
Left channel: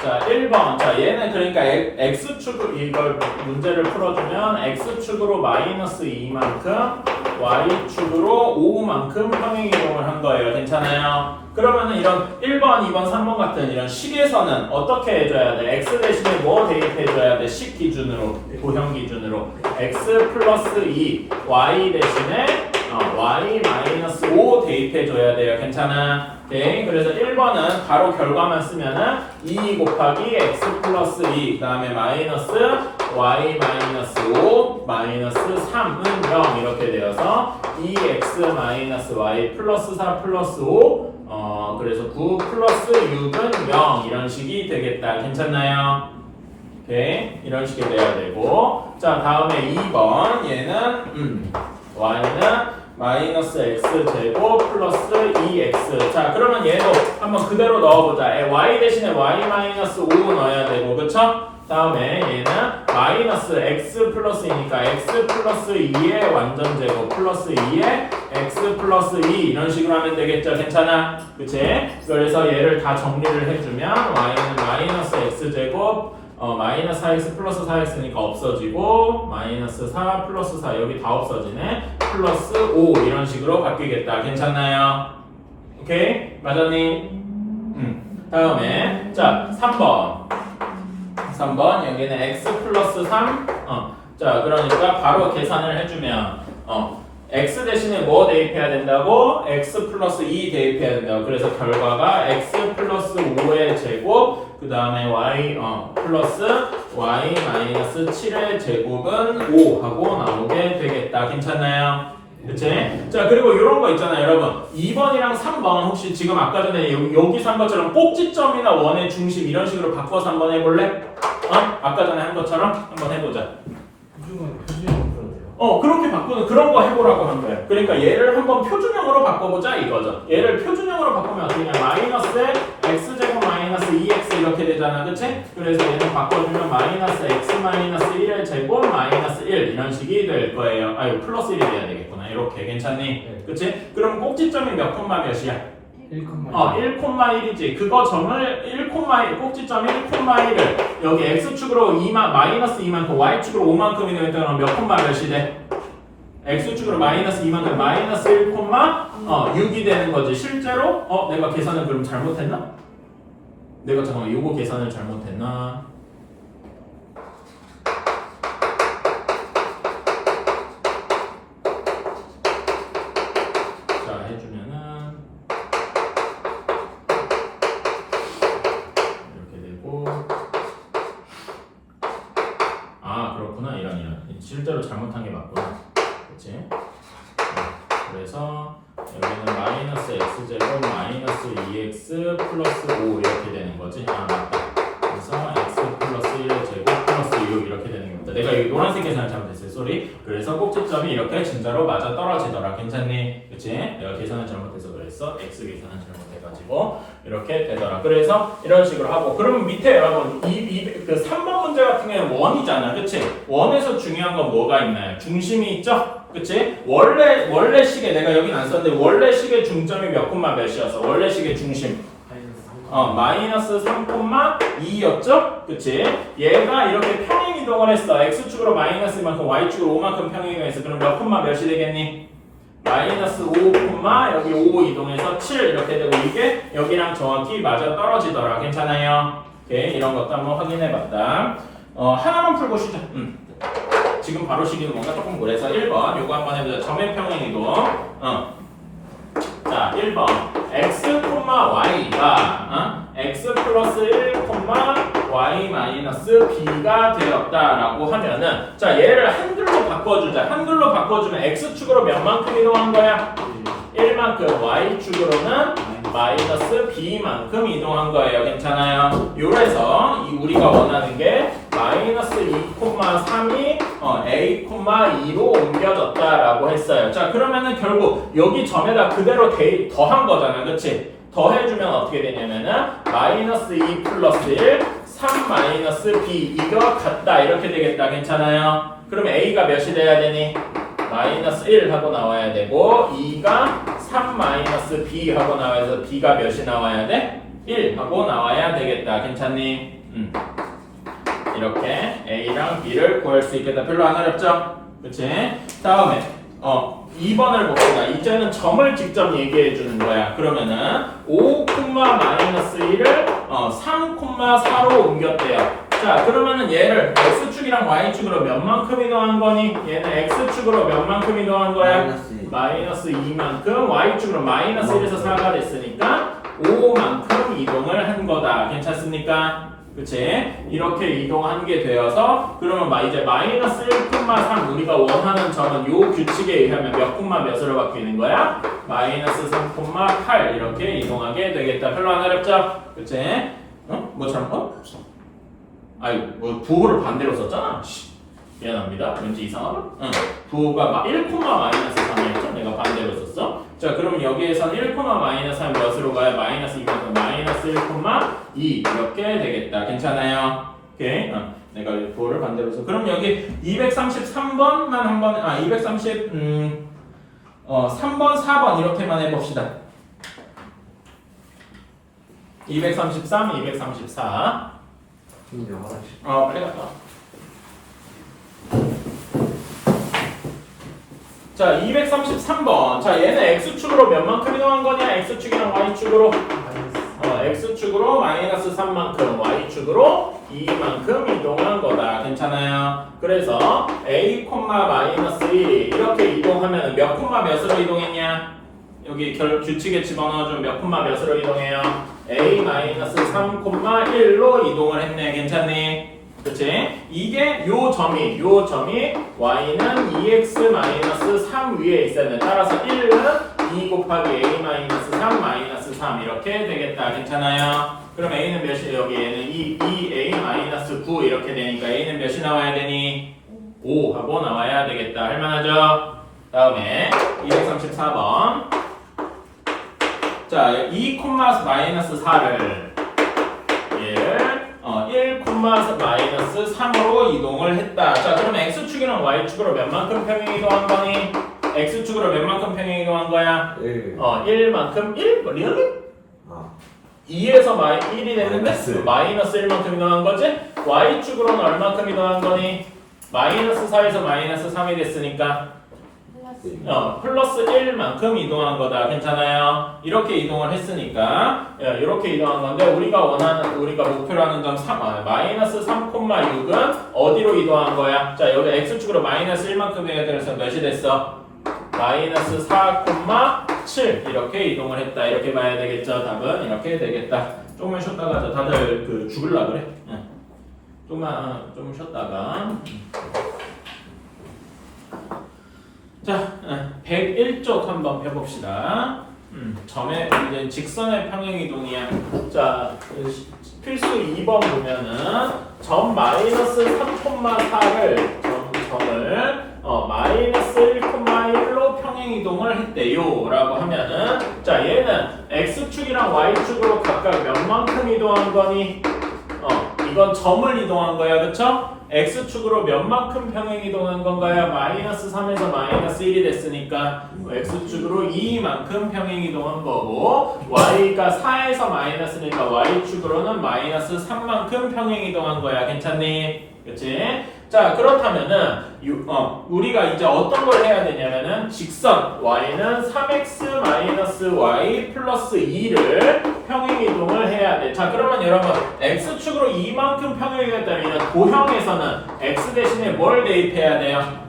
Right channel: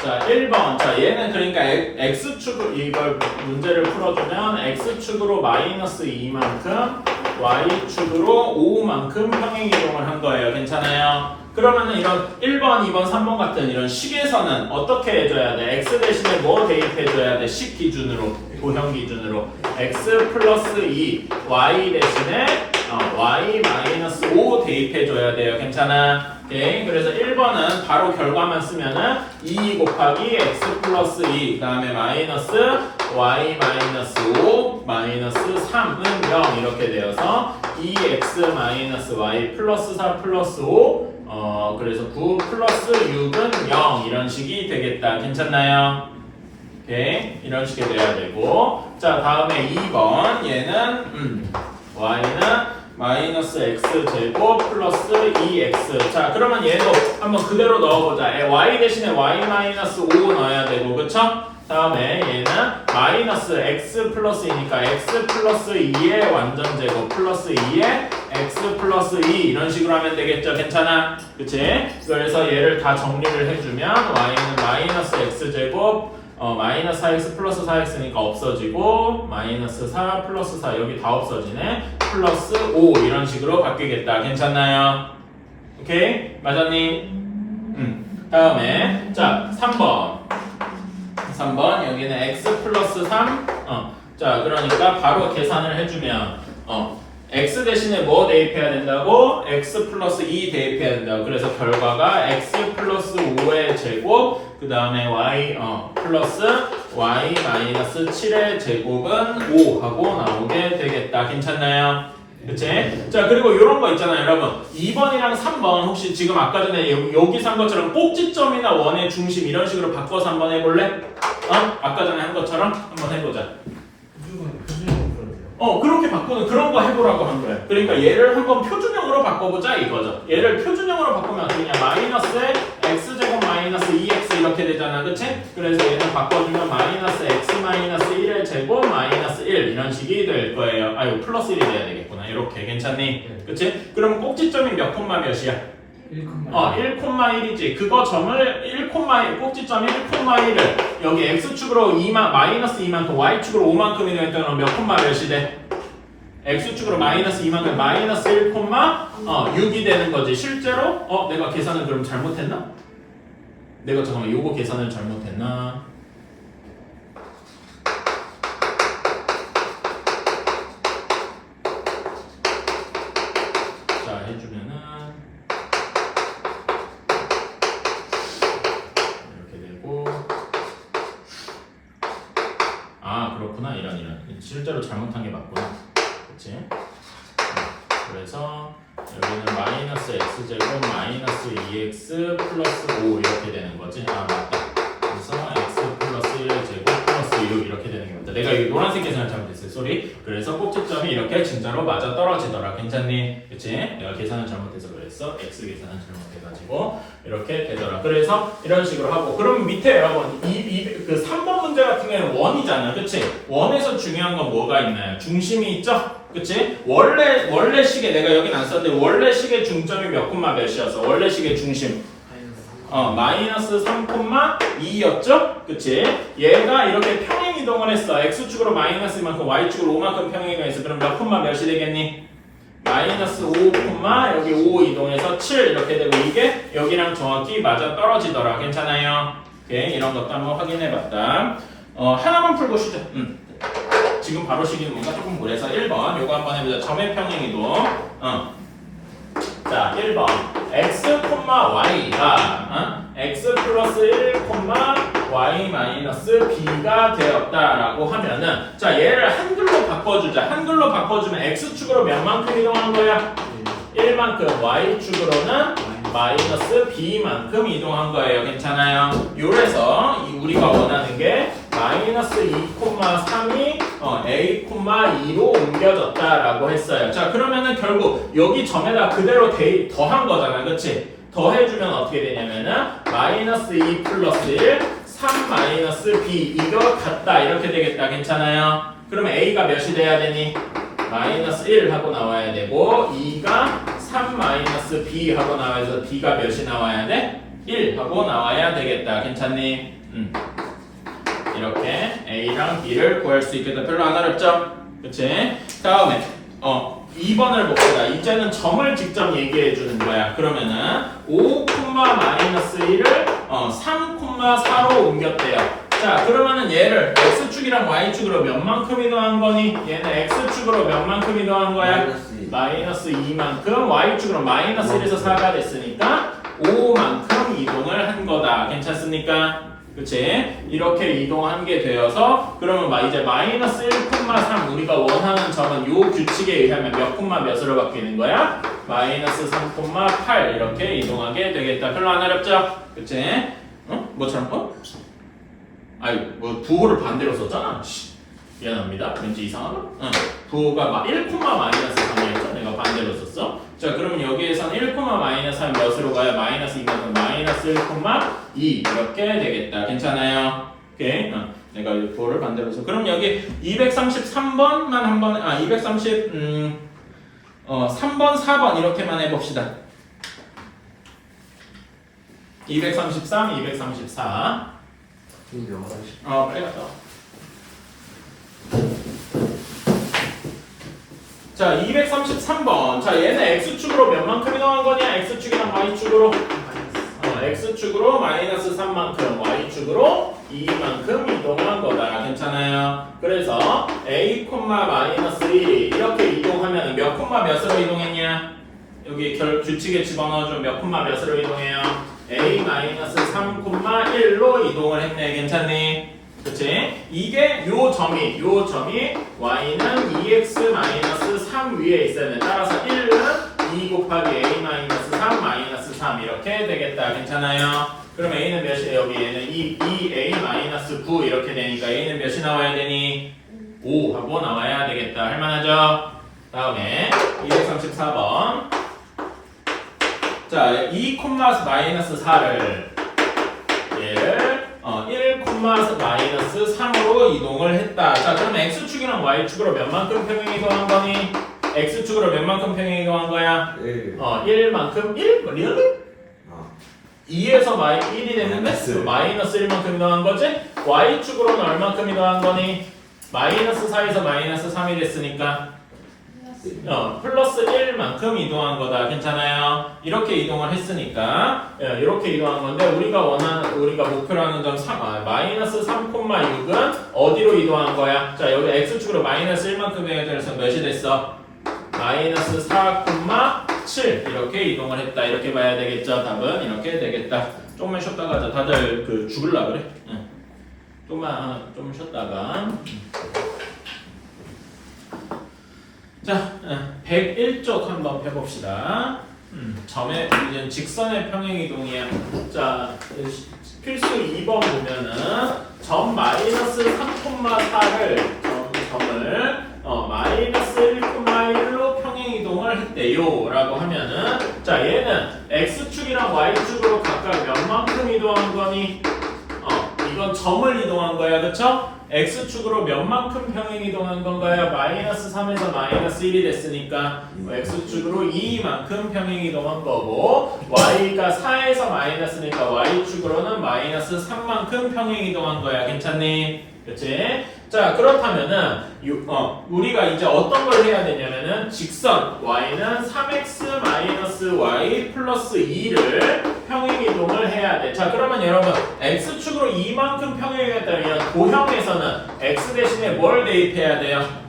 자, 1번. 자, 얘는 그러니까 X축으로 이걸 문제를 풀어주면 X축으로 마이너스 2만큼 y축으로 5만큼 평행이동을 한 거예요. 괜찮아요? 그러면은 이런 1번, 2번, 3번 같은 이런 식에서는 어떻게 해줘야 돼? x 대신에 뭐 대입해줘야 돼? 식 기준으로, 도형 기준으로 x 플러스 2, y 대신에 y 마이너스 5 대입해줘야 돼요. 괜찮아? 오케이. 그래서 1번은 바로 결과만 쓰면은 2 곱하기 x 플러스 2, 그 다음에 마이너스 y 마이너스 5 마이너스 3은 0 이렇게 되어서 2x 마이너스 y 플러스 4 플러스 5 그래서 9 플러스 6은 0 이런 식이 되겠다. 괜찮나요? 오케이. 이런 식이 돼야 되고, 자 다음에 2번 얘는 y는 마이너스 x 제곱 플러스 2x. 자 그러면 얘도 한번 그대로 넣어보자. y 대신에 y 마이너스 5 넣어야 되고, 그쵸? 다음에 얘는 마이너스 x 플러스 2니까 x 플러스 2의 완전 제곱 플러스 2의 x 플러스 2 이런 식으로 하면 되겠죠? 괜찮아? 그치? 그래서 얘를 다 정리를 해주면 y는 마이너스 x 제곱 마이너스 4x 플러스 4x니까 없어지고 마이너스 4 플러스 4 여기 다 없어지네. 플러스 5 이런 식으로 바뀌겠다. 괜찮나요? 오케이? 맞았니? 다음에 자 3번 여기는 x 플러스 3 자 그러니까 바로 계산을 해주면 x 대신에 뭐 대입해야 된다고? x 플러스 2 대입해야 된다고. 그래서 결과가 x 플러스 5의 제곱 그 다음에 y 플러스 y 마이너스 7의 제곱은 5 하고 나오게 되겠다. 괜찮나요? 그치? 자 그리고 이런 거 있잖아요 여러분. 2번이랑 3번 혹시 지금 아까 전에 여기서 한 것처럼 꼭지점이나 원의 중심 이런 식으로 바꿔서 한번 해볼래? 아까 전에 한 것처럼 한번 해보자. 그렇게 바꾸는 그런 거 해보라고 한 거예요. 그러니까 얘를 한번 표준형으로 바꿔보자 이거죠. 얘를 표준형으로 바꾸면 어떻게 되냐? 마이너스에 x제곱 마이너스 2x 이렇게 되잖아. 그치? 그래서 얘를 바꿔주면 마이너스 x 마이너스 1의 제곱 마이너스 1 이런 식이 될 거예요. 아유 플러스 1이 돼야 되겠구나. 이렇게 괜찮니? 네. 그치? 그럼 꼭지점이 몇 콤마 몇이야? 1,1이지. 그거 점을 1, 꼭지점 1,1을 여기 x축으로 2만 마이너스 2만큼 y축으로 5만큼이 되면 몇 콤마 몇이 돼? x축으로 마이너스 2만큼 마이너스 1, 6이 되는 거지. 실제로 내가 계산을 그럼 잘못했나? 내가 잠깐만 요거 계산을 잘못했나? 자 해주면은 그렇구나. 이런 실제로 잘못한 게 맞구나. 그치? 그래서 여기는 마이너스 x제곱 마이너스 2x 플러스 5 이렇게 되는 거지. 맞다. 그래서 x 플러스 1 제곱 플러스 6 이렇게 되는 겁니다. 내가 여기 노란색 계산을 잘못했어요. 쏘리. 그래서 꼭지점이 이렇게 진짜로 맞아 떨어지더라. 괜찮니? 그치? 내가 계산을 잘못해서 그랬어. x 계산을 잘못해가지고 이렇게 되더라. 그래서 이런 식으로 하고, 그러면 밑에 여러분 그 3번 문제 같은 경우는 원이잖아. 그치? 원에서 중요한 건 뭐가 있나요? 중심이 있죠? 그치? 원래 식에 내가 여긴 안 썼는데 원래 식의 중점이 몇 콤마 몇이어서 원래 식의 중심 마이너스 3,2였죠? 그치? 얘가 이렇게 평행이동을 했어. x축으로 마이너스 이만큼 y축으로 5만큼 평행이동했어. 그럼 몇 콤마 몇이 되겠니? 마이너스 5, 여기 5 이동해서 7 이렇게 되고, 이게 여기랑 정확히 맞아 떨어지더라. 괜찮아요? 오케이, 이런 것도 한번 확인해봤다. 하나만 풀고 쉬자. 지금 바로 시기는 뭔가 조금 그래서 1번 요거 한번 해보자. 점의 평행이동. 자 1번 x, y가 x 플러스 1, y 마이너스 b가 되었다라고 하면은, 자 얘를 한글로 바꿔주자. 한글로 바꿔주면 x축으로 몇 만큼 이동한 거야? 1만큼, y축으로는 마이너스 b만큼 이동한 거예요. 괜찮아요? 요래서 우리가 원하는 게 마이너스 2,3이 a,2로 옮겨졌다라고 했어요. 자 그러면은 결국 여기 점에다 그대로 더한 거잖아. 그치? 더해주면 어떻게 되냐면은 마이너스 2 플러스 1, 3 마이너스 b 이거 같다 이렇게 되겠다. 괜찮아요? 그러면 a가 몇이 돼야 되니? 마이너스 1 하고 나와야 되고, 2가 3 마이너스 b 하고 나와야 돼서 b가 몇이 나와야 돼? 1 하고 나와야 되겠다. 괜찮니? 이렇게 a랑 b를 구할 수 있겠다. 별로 안 어렵죠? 그치? 다음에 2번을 봅시다. 이제는 점을 직접 얘기해 주는 거야. 그러면은 5, -1을 3, 4로 옮겼대요. 자, 그러면은 얘를 x축이랑 y축으로 몇 만큼 이동한 거니? 얘는 x축으로 몇 만큼 이동한 거야? 마이너스 2만큼. y축으로 마이너스 1에서 4가 됐으니까 5만큼 이동을 한 거다. 괜찮습니까? 그치? 이렇게 이동한 게 되어서 그러면 이제 마이너스 1,3 우리가 원하는 점은 요 규칙에 의하면 몇 콤마 몇으로 바뀌는 거야? 마이너스 3,8 이렇게 이동하게 되겠다. 별로 안 어렵죠? 그치? 뭐처럼? 아이 뭐 부호를 반대로 썼잖아. 미안합니다. 왠지 이상하다. 부호가 1,-3이었죠? 내가 반대로 썼어. 자, 그럼 여기에선 1,-3 몇으로 가요? 마이너스 2만큼 마이너스 1,2 이렇게 되겠다. 괜찮아요? 오케이. 내가 이 부호를 반대로 써. 그럼 여기 233번만 한 번에 3번, 4번 이렇게만 해봅시다. 233, 234. 이거 화장실. 빨리 갔다 와. 자, 233번. 자, 얘는 x축으로 몇 만큼 이동한 거냐? x축이랑 y축으로 x축으로 마이너스 3만큼, y축으로 2만큼 이동한 거다. 괜찮아요? 그래서 a, 마이너스 1이 이렇게 이동하면 몇 콤마 몇으로 이동했냐? 여기 규칙에 집어넣어주면 몇 콤마 몇으로 이동해요? a 마이너스 3,1로 이동을 했네. 괜찮니? 그치? 이게 요 점이 y는 2x 마이너스 3 위에 있어야 돼. 따라서 1은 2 곱하기 a 마이너스 3 마이너스 3 이렇게 되겠다. 괜찮아요? 그럼 a는 몇이 여기 얘는 2a 마이너스 9 이렇게 되니까 a는 몇이 나와야 되니? 5 하고 나와야 되겠다. 할만하죠? 다음에 234번. 자, 2, 마이너스 4를 얘를 1, 마이너스 3으로 이동을 했다. 자, 그럼 x축이랑 y축으로 몇 만큼 평행 이동한 거니? x축으로 몇 만큼 평행 이동한 거야? 1만큼 1? 리얼리? 2에서 1이 됐는데 마이너스 1만큼 이동한 거지? y축으로는 얼만큼 이동한 거니? 마이너스 4에서 마이너스 3이 됐으니까 플러스 1만큼 이동한 거다. 괜찮아요? 이렇게 이동을 했으니까 이렇게 이동한 건데 우리가 목표로 하는 점 마이너스 3,6은 어디로 이동한 거야? 자, 여기 x축으로 마이너스 1만큼 해야 돼서 몇이 됐어? 마이너스 4,7 이렇게 이동을 했다. 이렇게 봐야 되겠죠? 답은 이렇게 되겠다. 조금만 쉬었다가 가자. 다들 죽을라 그래? 좀 쉬었다가 자, 101쪽 한번 펴봅시다. 점의 이제 직선의 평행이동이야. 자, 필수 2번 보면은 점 마이너스 3,4를 점을 마이너스 1,1로 평행이동을 했대요 라고 하면은 자, 얘는 x축이랑 y축으로 각각 몇 만큼 이동한 거니? 이건 점을 이동한 거야. 그쵸? x축으로 몇 만큼 평행 이동한 건가요? 마이너스 3에서 마이너스 1이 됐으니까 x축으로 2만큼 평행 이동한 거고 y가 4에서 마이너스니까 y축으로는 마이너스 3만큼 평행 이동한 거야. 괜찮니? 그치? 자, 그렇다면은 우리가 이제 어떤 걸 해야 되냐면은 직선 y는 3x 마이너스 y 플러스 2를 평행 이동을 해야 돼. 자, 그러면 여러분 x축으로 2만큼 평행 이동했다면 도형에서는 x 대신에 뭘 대입해야 돼요?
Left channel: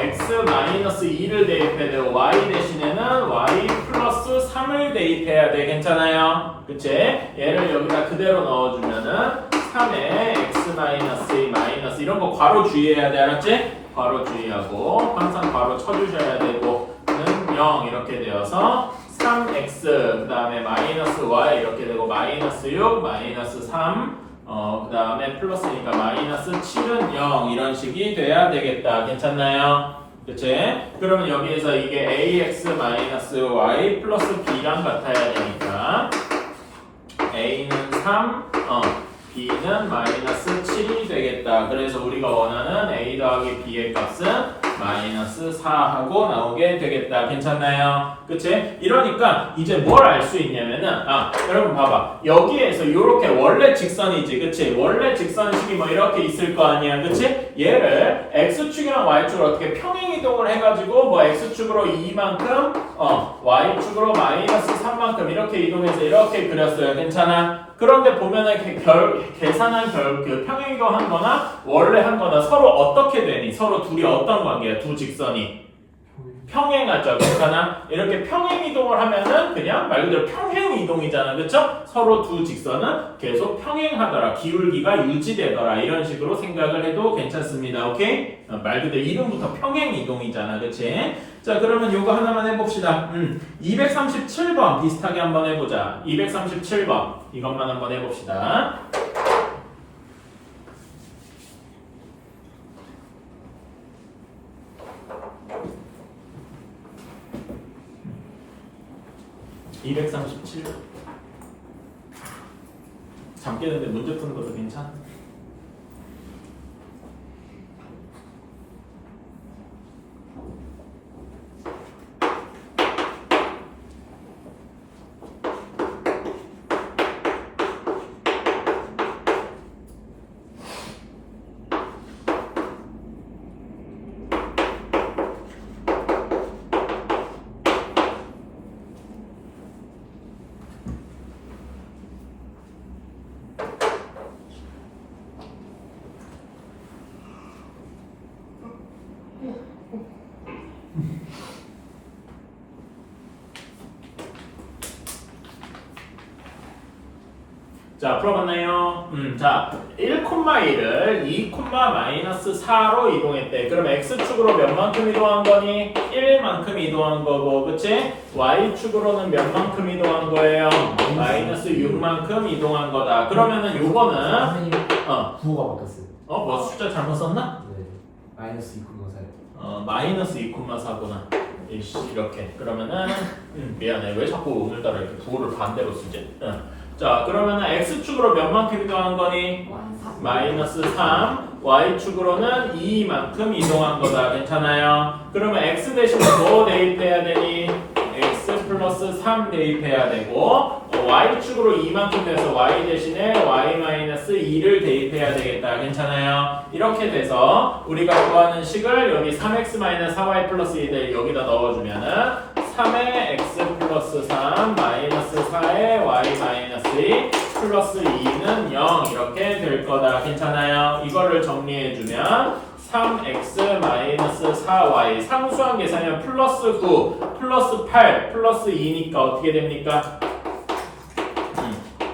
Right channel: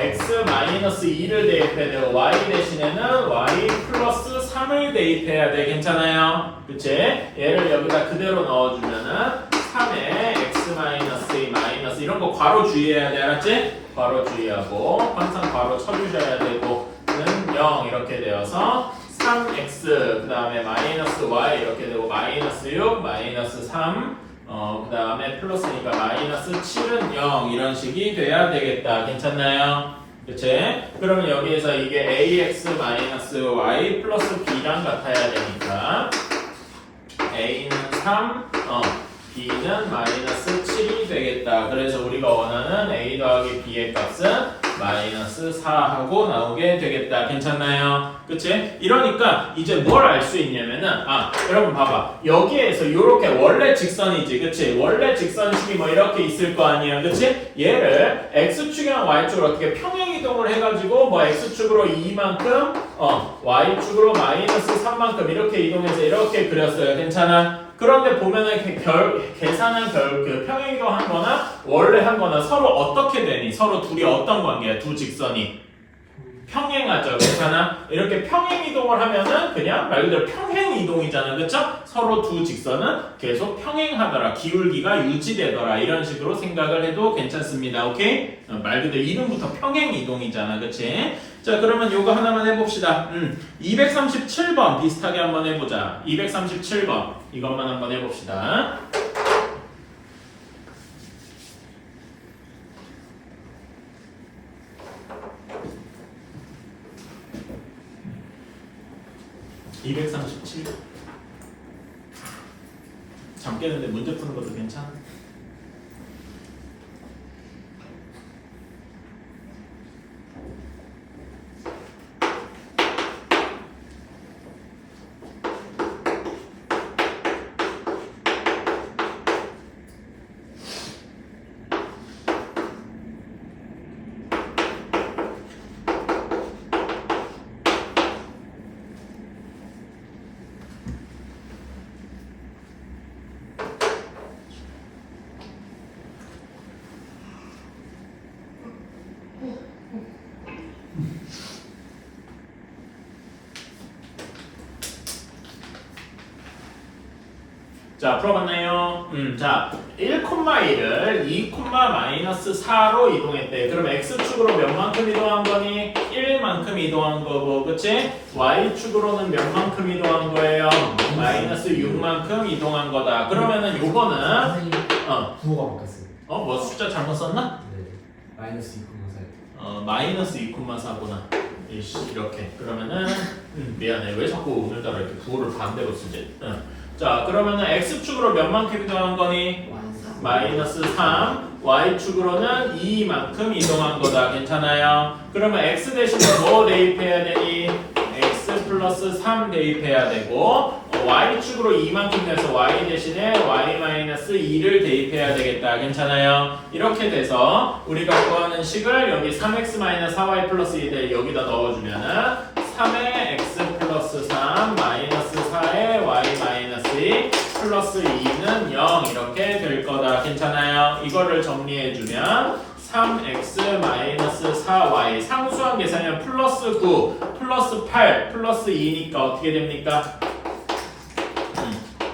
x 마이너스 2를 대입해야 돼요. y 대신에는 y 플러스 3을 대입해야 돼. 괜찮아요? 그치? 얘를 여기다 그대로 넣어주면은 3에 x 마이너스 2 마이너스 이런 거 괄호 주의해야 돼. 알았지? 괄호 주의하고 항상 괄호 쳐주셔야 되고 는 0 이렇게 되어서 3x 그 다음에 마이너스 y 이렇게 되고 마이너스 6 마이너스 3 그 다음에 플러스니까 마이너스 7은 0 이런 식이 돼야 되겠다. 괜찮나요? 그치? 그러면 여기에서 이게 ax 마이너스 y 플러스 b랑 같아야 되니까 a는 3 b는 마이너스 7이 되겠다. 그래서 우리가 원하는 a 더하기 b의 값은 마이너스 4하고 나오게 되겠다. 괜찮나요? 그치? 이러니까 이제 뭘 알 수 있냐면은 여러분 봐봐. 여기에서 이렇게 원래 직선이지. 그치? 원래 직선식이 뭐 이렇게 있을 거 아니야. 그치? 얘를 x축이랑 y축을 어떻게 평행이 이동을 해가지고 뭐 x축으로 2만큼 y축으로 마이너스 3만큼 이렇게 이동해서 이렇게 그렸어요. 괜찮아? 그런데 보면은 계산한 그 평행 이동한 거나 원래 한 거나 서로 어떻게 되니? 서로 둘이 어떤 관계야? 두 직선이 평행하죠. 괜찮아? 이렇게 평행 이동을 하면은 그냥 말 그대로 평행 이동이잖아. 그쵸? 서로 두 직선은 계속 평행하더라. 기울기가 유지되더라. 이런 식으로 생각을 해도 괜찮습니다. 오케이? 말 그대로 이름부터 평행 이동이잖아. 그치? 자, 그러면 요거 하나만 해봅시다. 237번 비슷하게 한번 해보자. 237번 이것만 한번 해봅시다. (237번) 잠 깨는데 문제 푸는 것도 괜찮아? 자, 풀어봤나요? 자, 1,1을 2,-4로 이동했대. 그럼 x축으로 몇 만큼 이동한 거니? 1만큼 이동한 거고, 그치? y축으로는 몇 만큼 이동한 거예요? 마이너스 6만큼 이동한 거다. 그러면은 요거는 선생님 부호가 바뀌었어요. 뭐 숫자 잘못 썼나? 네. 마이너스 2,4. 마이너스 2,4구나. 이렇게. 그러면은 미안해. 왜 자꾸 오늘따라 이렇게 부호를 반대로 쓰지? 자, 그러면은 x축으로 몇 만큼 이동한 거니? 마이너스 3, y축으로는 2만큼 이동한 거다. 괜찮아요? 그러면 x 대신에 뭐 대입해야 되니? x 플러스 3 대입해야 되고 y축으로 2만큼 돼서 y 대신에 y 마이너스 2를 대입해야 되겠다. 괜찮아요? 이렇게 돼서 우리가 구하는 식을 여기 3x 마이너스 4y 플러스 2를 여기다 넣어주면은 3의 x 플러스 3 마이너스 4의 y 마이너스 2 플러스 2는 0 이렇게 될 거다. 괜찮아요? 이거를 정리해주면 3x 마이너스 4y 상수항 계산이면 플러스 9 플러스 8 플러스 2니까 어떻게 됩니까?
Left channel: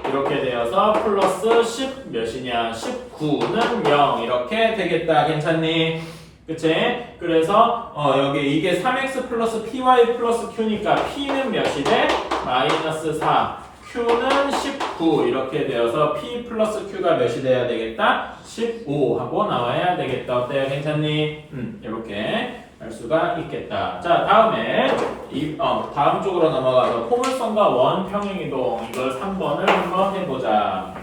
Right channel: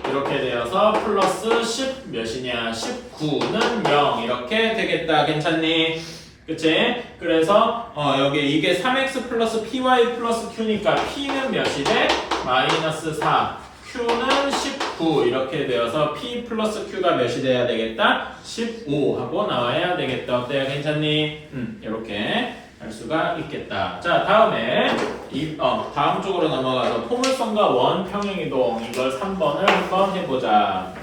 이렇게 되어서 플러스 10 몇이냐? 19는 0 이렇게 되겠다. 괜찮니? 그치? 그래서 여기 이게 3x 플러스 py 플러스 q니까 p는 몇이 돼? 마이너스 4 q는 19 이렇게 되어서 p 플러스 q가 몇이 돼야 되겠다? 15 하고 나와야 되겠다. 어때요? 괜찮니? 이렇게 할 수가 있겠다. 자, 다음에 다음 쪽으로 넘어가서 포물선과 원 평행이동 이걸 3번을 한번 해보자.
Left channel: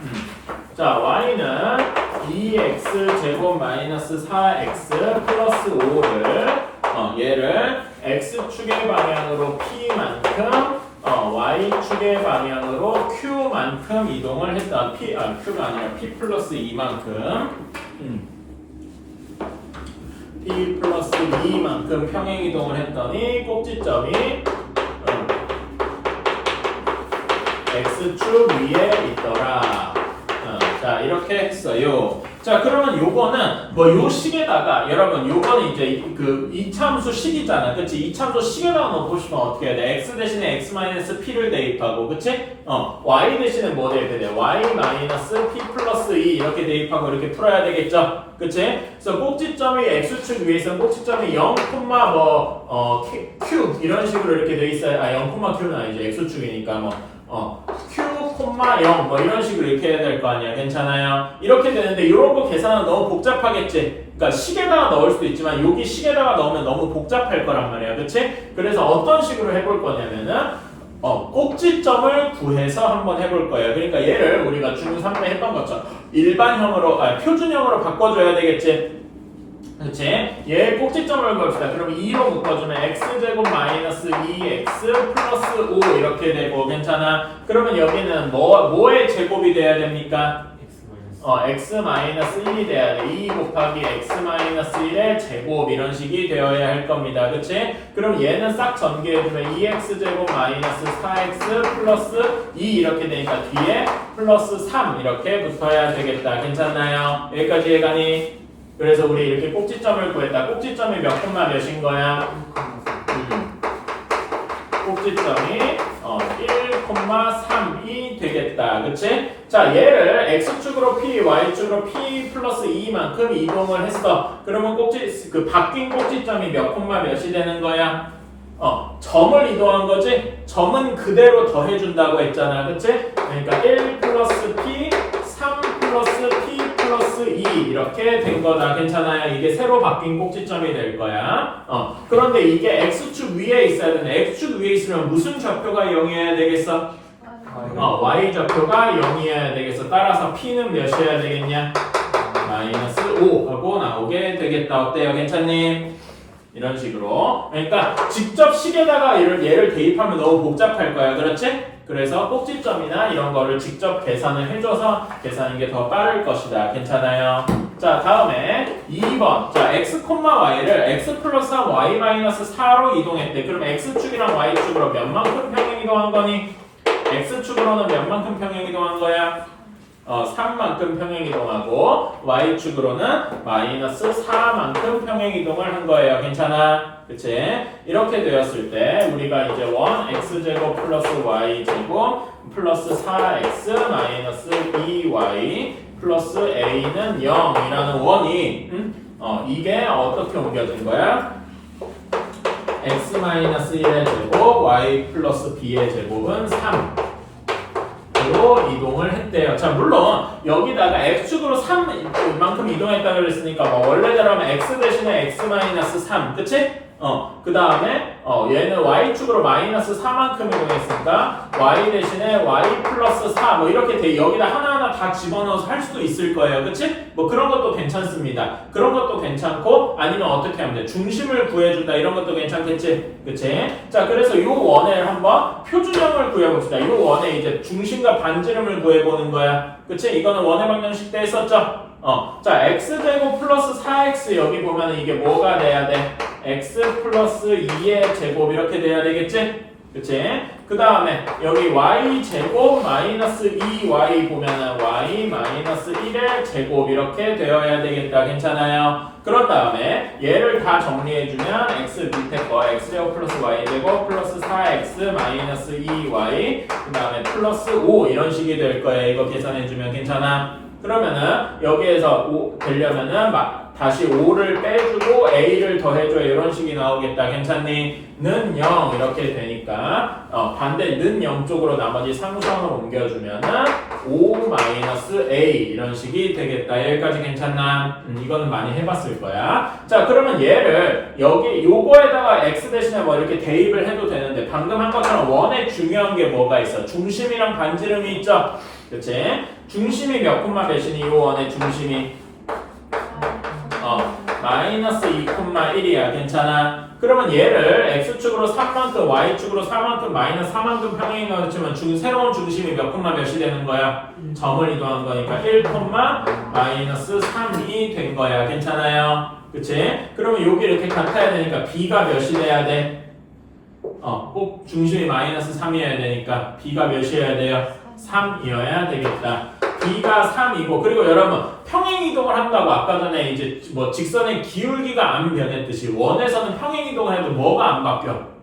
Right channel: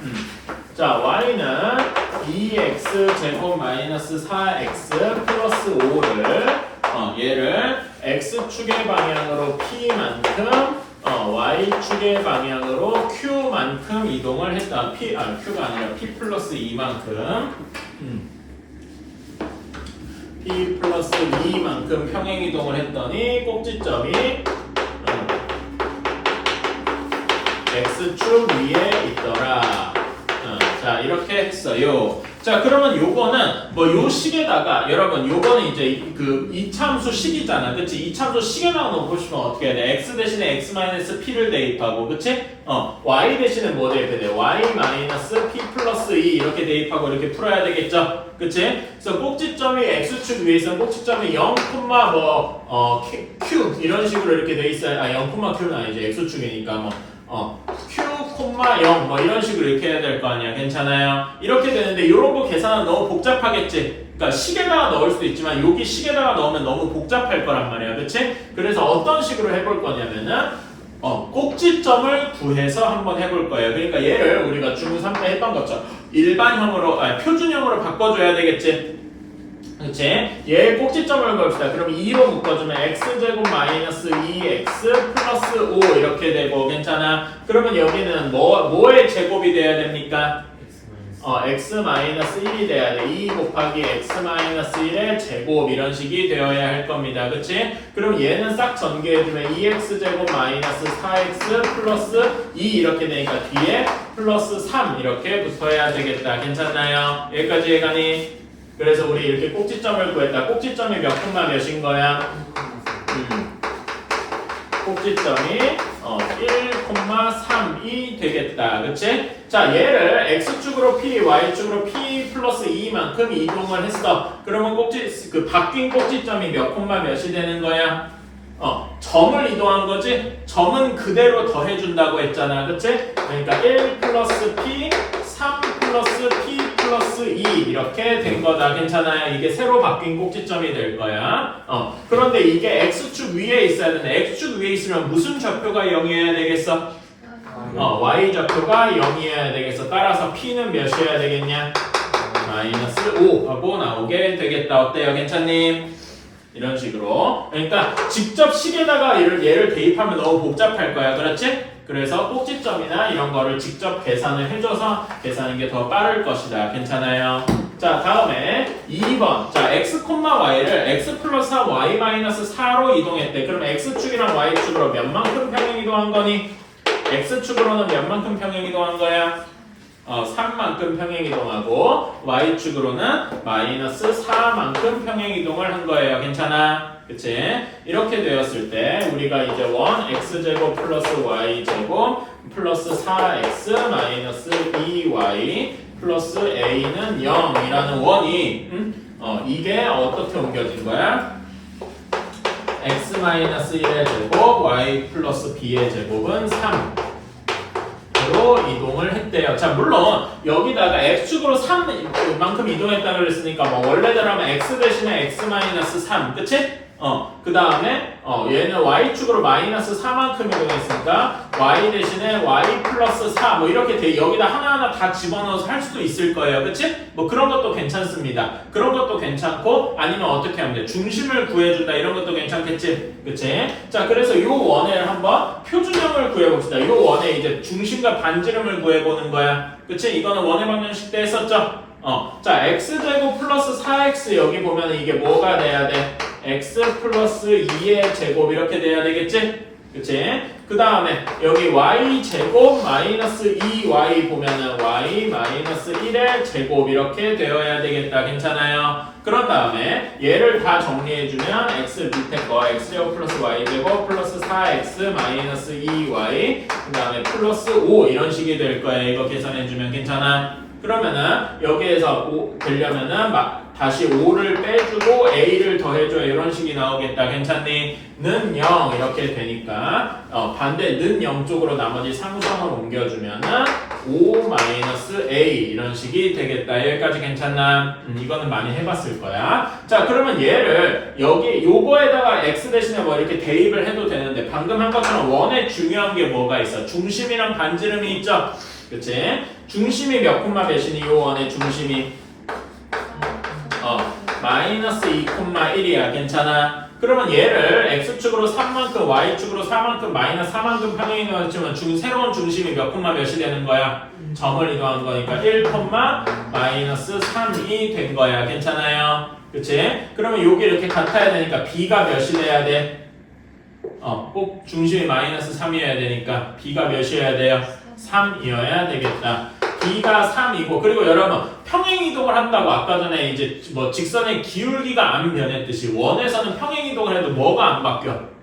자, y는 2x 제곱 마이너스 4x 플러스 5를 얘를 x축의 방향으로 p만큼 y축의 방향으로 q만큼 이동을 했다. q가 아니라 p 플러스 2만큼 p 플러스 2만큼 평행 이동을 했더니 꼭지점이 x축 위에 있더라. 자, 이렇게 했어요. 자, 그러면 요거는 뭐 요 식에다가 여러분 요거는 이제 그 이참수 식이잖아. 그치? 이참수 식에다가 넣어보시면 어떻게 해야 돼? x 대신에 x-p를 대입하고 그치? y 대신에 뭐 대입해야 돼? y-p 플러스 2 이렇게 대입하고 이렇게 풀어야 되겠죠? 그치? 그래서 꼭지점이 x축 위에 있으면 꼭지점이 0, q 이런 식으로 이렇게 돼 있어요. 0,q는 아니죠. x축이니까 q, 0 뭐 이런 식으로 이렇게 해야 될 거 아니야. 괜찮아요? 이렇게 되는데 이런 거 계산은 너무 복잡하겠지? 그러니까 식에다가 넣을 수도 있지만 여기 식에다가 넣으면 너무 복잡할 거란 말이야. 그치? 그래서 어떤 식으로 해볼 거냐면은 꼭지점을 구해서 한번 해볼 거예요. 그러니까 얘를 우리가 중3때 했던 것처럼 일반형으로 표준형으로 바꿔줘야 되겠지? 그치? 얘 꼭지점을 구합시다. 그럼 2로 묶어주면 x제곱 마이너스 2x 플러스 5 이렇게 되고 괜찮아? 그러면 여기는 뭐의 제곱이 돼야 됩니까? x-1이 돼야 돼. 2 곱하기 x-1의 제곱 이런 식이 되어야 할 겁니다. 그치? 그럼 얘는 싹 전개해주면 2x제곱 마이너스 4x 플러스 2 이렇게 되니까 뒤에 플러스 3 이렇게 붙어야 되겠다. 괜찮나요? 여기까지 해가니? 그래서 우리 이렇게 꼭지점을 구했다. 꼭지점이 몇 콤마 몇인 거야? 꼭지점이 1,3이 되겠다. 그치? 자, 얘를 x축으로 p, y축으로 p 플러스 2만큼 이동을 했어. 그러면 바뀐 꼭지점이 몇 콤마 몇이 되는 거야? 점을 이동한 거지? 점은 그대로 더해준다고 했잖아. 그치? 그러니까 1 플러스 p, 3 플러스 p 플러스 2 이렇게 된 거다. 괜찮아요? 이게 새로 바뀐 꼭지점이 될 거야. 그런데 이게 x축 위에 있어야 되네. x축 위에 있으면 무슨 좌표가 0이어야 되겠어? y 좌표가 0이어야 되겠어. 따라서 p는 몇이어야 되겠냐? 마이너스 5 하고 나오게 되겠다. 어때요? 괜찮니? 이런 식으로. 그러니까 직접 식에다가 얘를 대입하면 너무 복잡할 거야. 그렇지? 그래서 꼭지점이나 이런 거를 직접 계산을 해줘서 계산하는 게 더 빠를 것이다. 괜찮아요? 자, 다음에 2번. 자, x, y를 x 플러스 3, y 마이너스 4로 이동했대. 그럼 x축이랑 y축으로 몇만큼 평행 이동한 거니? x축으로는 몇만큼 평행 이동한 거야? 3만큼 평행 이동하고 y축으로는 마이너스 4만큼 평행 이동을 한 거예요. 괜찮아? 그치? 이렇게 되었을 때 우리가 이제 x제곱 플러스 y제곱 플러스 4x 마이너스 2y 플러스 a는 0이라는 원이 이게 어떻게 옮겨진 거야? x-1의 제곱 y 플러스 b의 제곱은 3 로 이동을 했대요. 자, 물론 여기다가 x축으로 3만큼 이동했다 그랬으니까 뭐 원래대로 하면 x 대신에 x-3 그치? 그 다음에 얘는 y축으로 마이너스 4만큼 이동했으니까 y 대신에 y 플러스 4 뭐 이렇게 돼. 여기다 하나하나 다 집어넣어서 할 수도 있을 거예요. 그치? 뭐 그런 것도 괜찮습니다. 그런 것도 괜찮고 아니면 어떻게 하면 돼? 중심을 구해준다 이런 것도 괜찮겠지? 그치? 자, 그래서 요 원을 한번 표준형을 구해봅시다. 요 원에 이제 중심과 반지름을 구해보는 거야. 그치? 이거는 원의 방정식 때 했었죠? 자, x제곱 플러스 4x 여기 보면 이게 뭐가 돼야 돼? x 플러스 2의 제곱 이렇게 돼야 되겠지? 그치? 그 다음에 여기 y제곱 마이너스 2y 보면은 y 마이너스 1의 제곱 이렇게 되어야 되겠다. 괜찮아요? 그런 다음에 얘를 다 정리해주면 x 밑에 거 x제곱 플러스 y제곱 플러스 4x 마이너스 2y 그 다음에 플러스 5 이런 식이 될 거예요. 이거 계산해주면 괜찮아? 그러면은 여기에서 5 되려면은 다시 5를 빼주고 a를 더해줘 이런 식이 나오겠다. 괜찮니? 는 0 이렇게 되니까 반대 는 0 쪽으로 나머지 상수항을 옮겨주면은 5 마이너스 a 이런 식이 되겠다. 여기까지 괜찮나? 이거는 많이 해봤을 거야. 자, 그러면 얘를 여기 요거에다가 x 대신에 뭐 이렇게 대입을 해도 되는데 방금 한 것처럼 원에 중요한 게 뭐가 있어? 중심이랑 반지름이 있죠? 그치? 중심이 몇 콤마 몇이니? 요 원의 중심이 마이너스 2,1이야. 괜찮아? 그러면 얘를 x축으로 3만큼 y축으로 4만큼 마이너스 4만큼 평행 이동했지만 새로운 중심이 몇 콤마 몇이 되는 거야? 점을 이동한 거니까 1, 마이너스 3이 된 거야. 괜찮아요? 그치? 그러면 여기 이렇게 같아야 되니까 b가 몇이 돼야 돼? 꼭 중심이 마이너스 3이어야 되니까 b가 몇이어야 돼요? 3이어야 되겠다. b가 3이고 그리고 여러분 평행 이동을 한다고 아까 전에 이제 뭐 직선의 기울기가 안 변했듯이 원에서는 평행 이동을 해도 뭐가 안 바뀌어?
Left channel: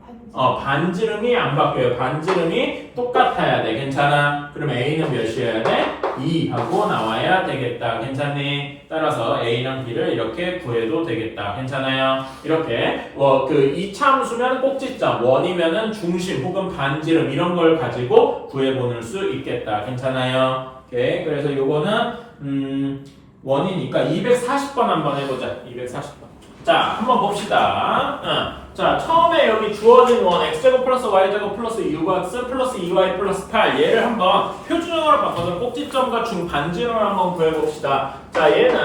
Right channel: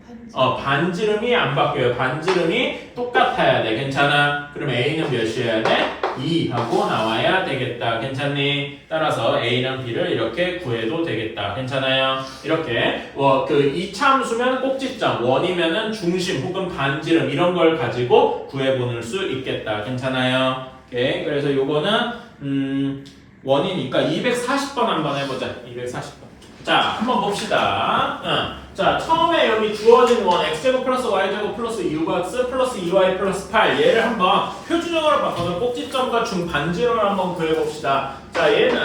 반지름이 안 바뀌어요. 반지름이 똑같아야 돼. 괜찮아? 그러면 a는 몇이어야 돼? 2 하고 나와야 되겠다. 괜찮니? 따라서 a랑 b를 이렇게 구해도 되겠다. 괜찮아요? 이렇게 그 이차함수면 꼭지점, 원이면은 중심 혹은 반지름 이런 걸 가지고 구해보는 수 있겠다. 괜찮아요? 오케이. 그래서 요거는 원이니까 240번 한번 해보자. 240번. 자, 한번 봅시다. 자, 처음에 여기 주어진 원 x제곱 플러스 y제곱 플러스 6x 플러스 2y 플러스 8 얘를 한번 표준형으로 바꿔서 꼭지점과 중반지름을 한번 구해봅시다. 자, 얘는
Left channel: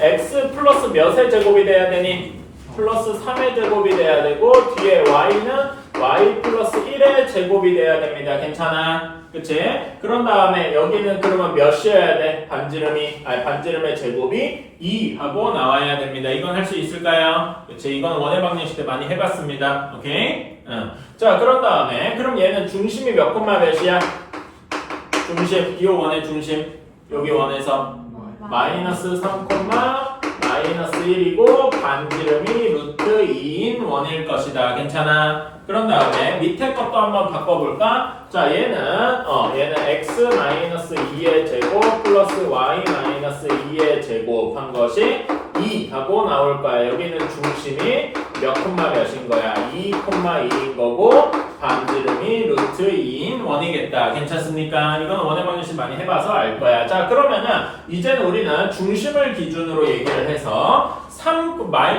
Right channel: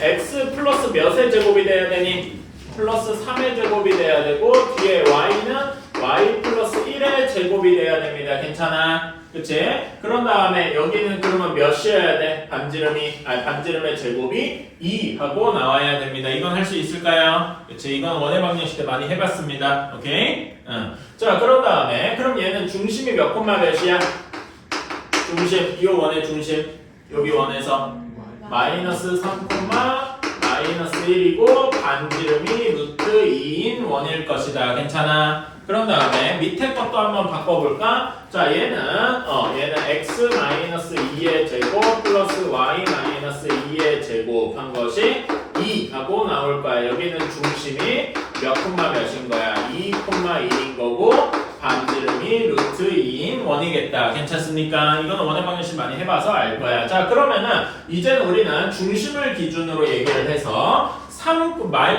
x 플러스 몇의 제곱이 돼야 되니? 플러스 3의 제곱이 돼야 되고 뒤에 y는 y 플러스 1의 제곱이 돼야 됩니다. 괜찮아? 그치? 그런 다음에 여기는 그러면 몇이어야 돼? 반지름의 제곱이 2 하고 나와야 됩니다. 이건 할 수 있을까요? 그치? 이건 원의 방정식 때 많이 해봤습니다. 오케이? 자, 그런 다음에 그럼 얘는 중심이 몇 콤마 몇이야? 중심, 이 원의 중심 여기 원에서 마이너스 3 콤마 마이너스 1이고 반지름이 루트 2인 원일 것이다. 괜찮아? 그런 다음에 밑에 것도 한번 바꿔볼까? 자, 얘는 x 마이너스 2의 제곱 플러스 y 마이너스 2의 제곱 한 것이 2 하고 나올 거야. 여기는 중심이 몇 콤마 몇인 거야? 2 콤마 1인 거고 반지름이 루트 2인 원이겠다. 괜찮습니까? 이거는 원의 방정식 많이 해봐서 알 거야. 자, 그러면은 이제는 우리는 중심을 기준으로 얘기를 해서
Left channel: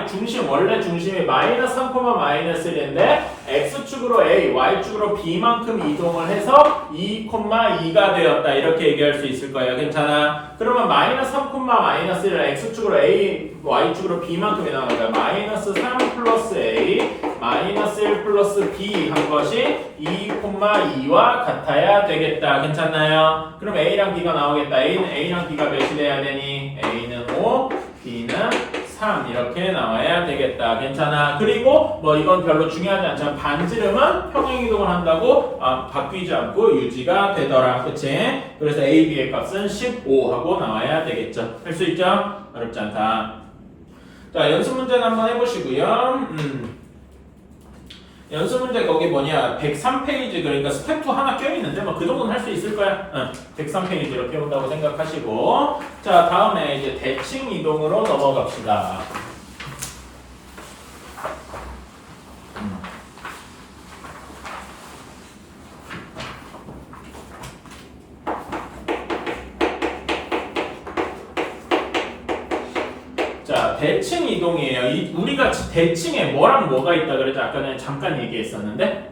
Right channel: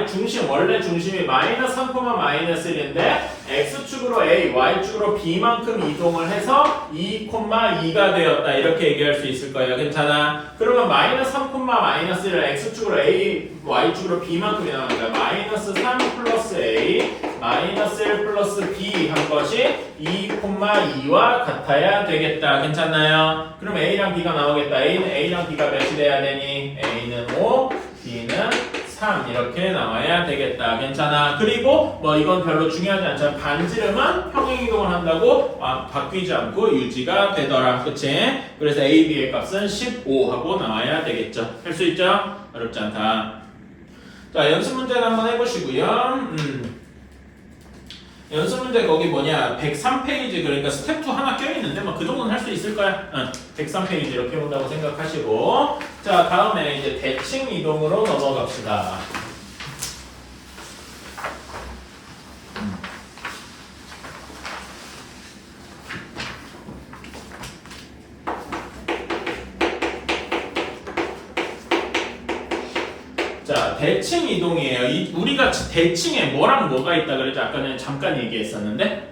중심, 원래 중심이 마이너스 3, 마이너스 1인데 x축으로 a, y축으로 b만큼 이동을 해서 2, 2가 되었다. 이렇게 얘기할 수 있을 거예요. 괜찮아? 그러면 마이너스 3, 마이너스 1을 x축으로 a, y축으로 b만큼 이동하는 거야. 마이너스 3 플러스 a, 마이너스 1 플러스 b 한 것이 2, 2와 같아야 되겠다. 괜찮나요? 그럼 a랑 b가 나오겠다. a랑 b가 몇이 돼야 되니? a는 5, b는 3 이렇게 나와야 되겠다. 괜찮아? 그리고 뭐 이건 별로 중요하지 않지만 반지름은 평행이동을 한다고 바뀌지 않고 유지가 되더라. 그치? 그래서 a, b의 값은 15 하고 나와야 되겠죠. 할 수 있죠? 어렵지 않다. 자, 연습 문제는 한번 해보시고요. 연습 문제 거기 103페이지 그러니까 스텝 2 하나 껴있는데 뭐 그 정도는 할 수 있을 거야. 103페이지 이렇게 온다고 생각하시고 자, 다음에 이제 대칭 이동으로 넘어갑시다. 자, 대칭 이동이에요. 우리가 대칭에 뭐랑 뭐가 있다 그랬죠? 아까 전에 잠깐 얘기했었는데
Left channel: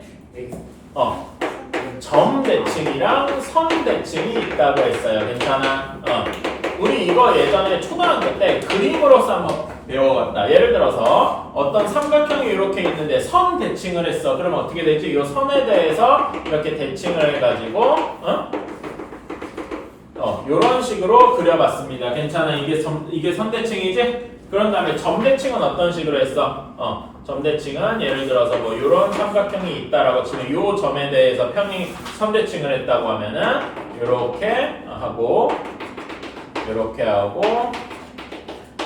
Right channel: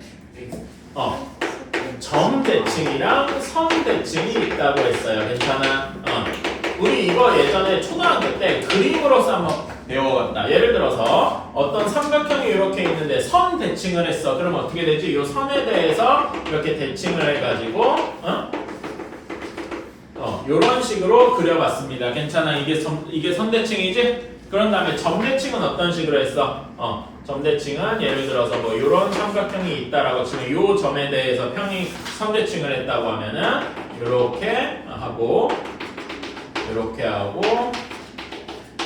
점 대칭이랑 선 대칭이 있다고 했어요. 괜찮아? 우리 이거 예전에 초등학교 때 그림으로서 한번 배워갔다. 예를 들어서 어떤 삼각형이 이렇게 있는데 선 대칭을 했어. 그럼 어떻게 되지? 이 선에 대해서 이렇게 대칭을 해가지고 요런 식으로 그려봤습니다. 괜찮아? 이게 선대칭이지? 그런 다음에 점대칭은 어떤 식으로 했어? 점대칭은 예를 들어서 뭐 요런 삼각형이 있다라고 치면 요 점에 대해서 선대칭을 했다고 하면은 요렇게 하고 요렇게 하고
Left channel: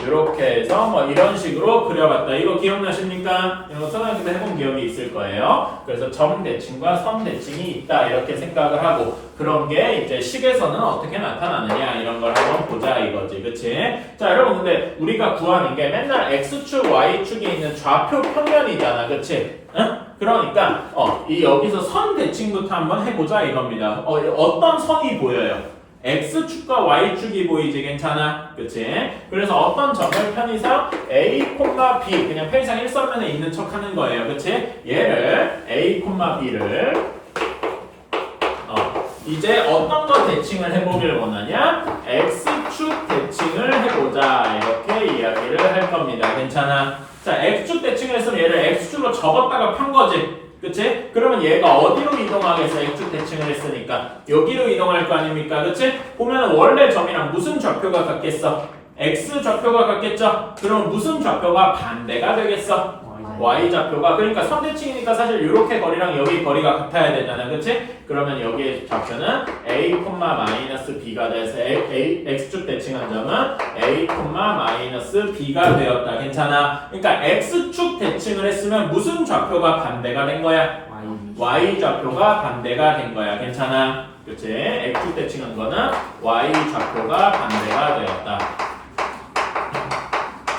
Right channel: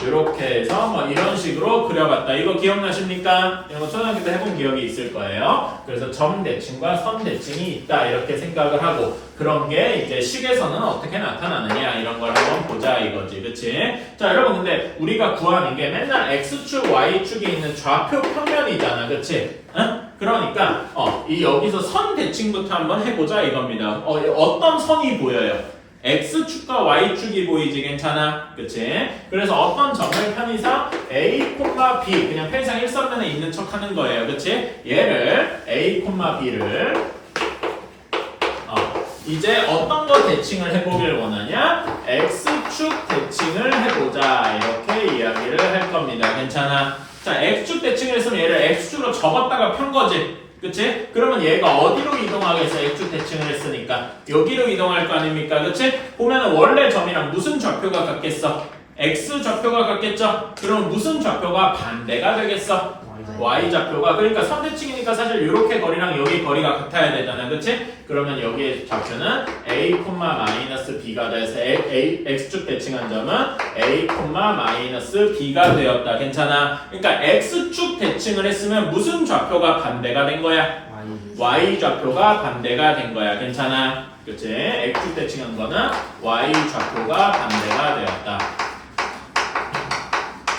요렇게 해서 뭐 이런 식으로 그려봤다. 이거 기억나십니까? 이거 초등학교 때 해본 기억이 있을 거예요. 그래서 점 대칭과 선 대칭이 있다 이렇게 생각을 하고 그런 게 이제 식에서는 어떻게 나타나느냐 이런 걸 한번 보자 이거지. 그치? 자, 여러분 근데 우리가 구하는 게 맨날 x축, y축이 있는 좌표 평면이잖아. 그치? 응? 그러니까 여기서 선 대칭부터 한번 해보자 이겁니다. 어떤 선이 보여요? x축과 y축이 보이지. 괜찮아? 그치? 그래서 어떤 점을 편의상 a, b 그냥 편의상 일선면에 있는 척 하는 거예요. 그치? 얘를 a, b를 이제 어떤 거 대칭을 해보길 원하냐? x축 대칭을 해보자 이렇게 이야기를 할 겁니다. 괜찮아? 자, x축 대칭을 했으면 얘를 x축으로 접었다가 편 거지. 그치? 그러면 얘가 어디로 이동하겠어? x축 대칭을 했으니까 여기로 이동할 거 아닙니까? 그치? 보면은 원래 점이랑 무슨 좌표가 같겠어? x 좌표가 같겠죠? 그럼 무슨 좌표가 반대가 되겠어? y 좌표가. 그러니까 선대칭이니까 사실 이렇게 거리랑 여기 거리가 같아야 되잖아. 그치? 그러면 여기의 좌표는 a, b가 돼서 x축 대칭한 점은 a, b가 되었다. 괜찮아? 그러니까 x축 대칭을 했으면 무슨 좌표가 반대가 된 거야? y 좌표가 반대가 된 거야. 괜찮아? 그치? x축 대칭한 거는 y 좌표가 반대가 되었다.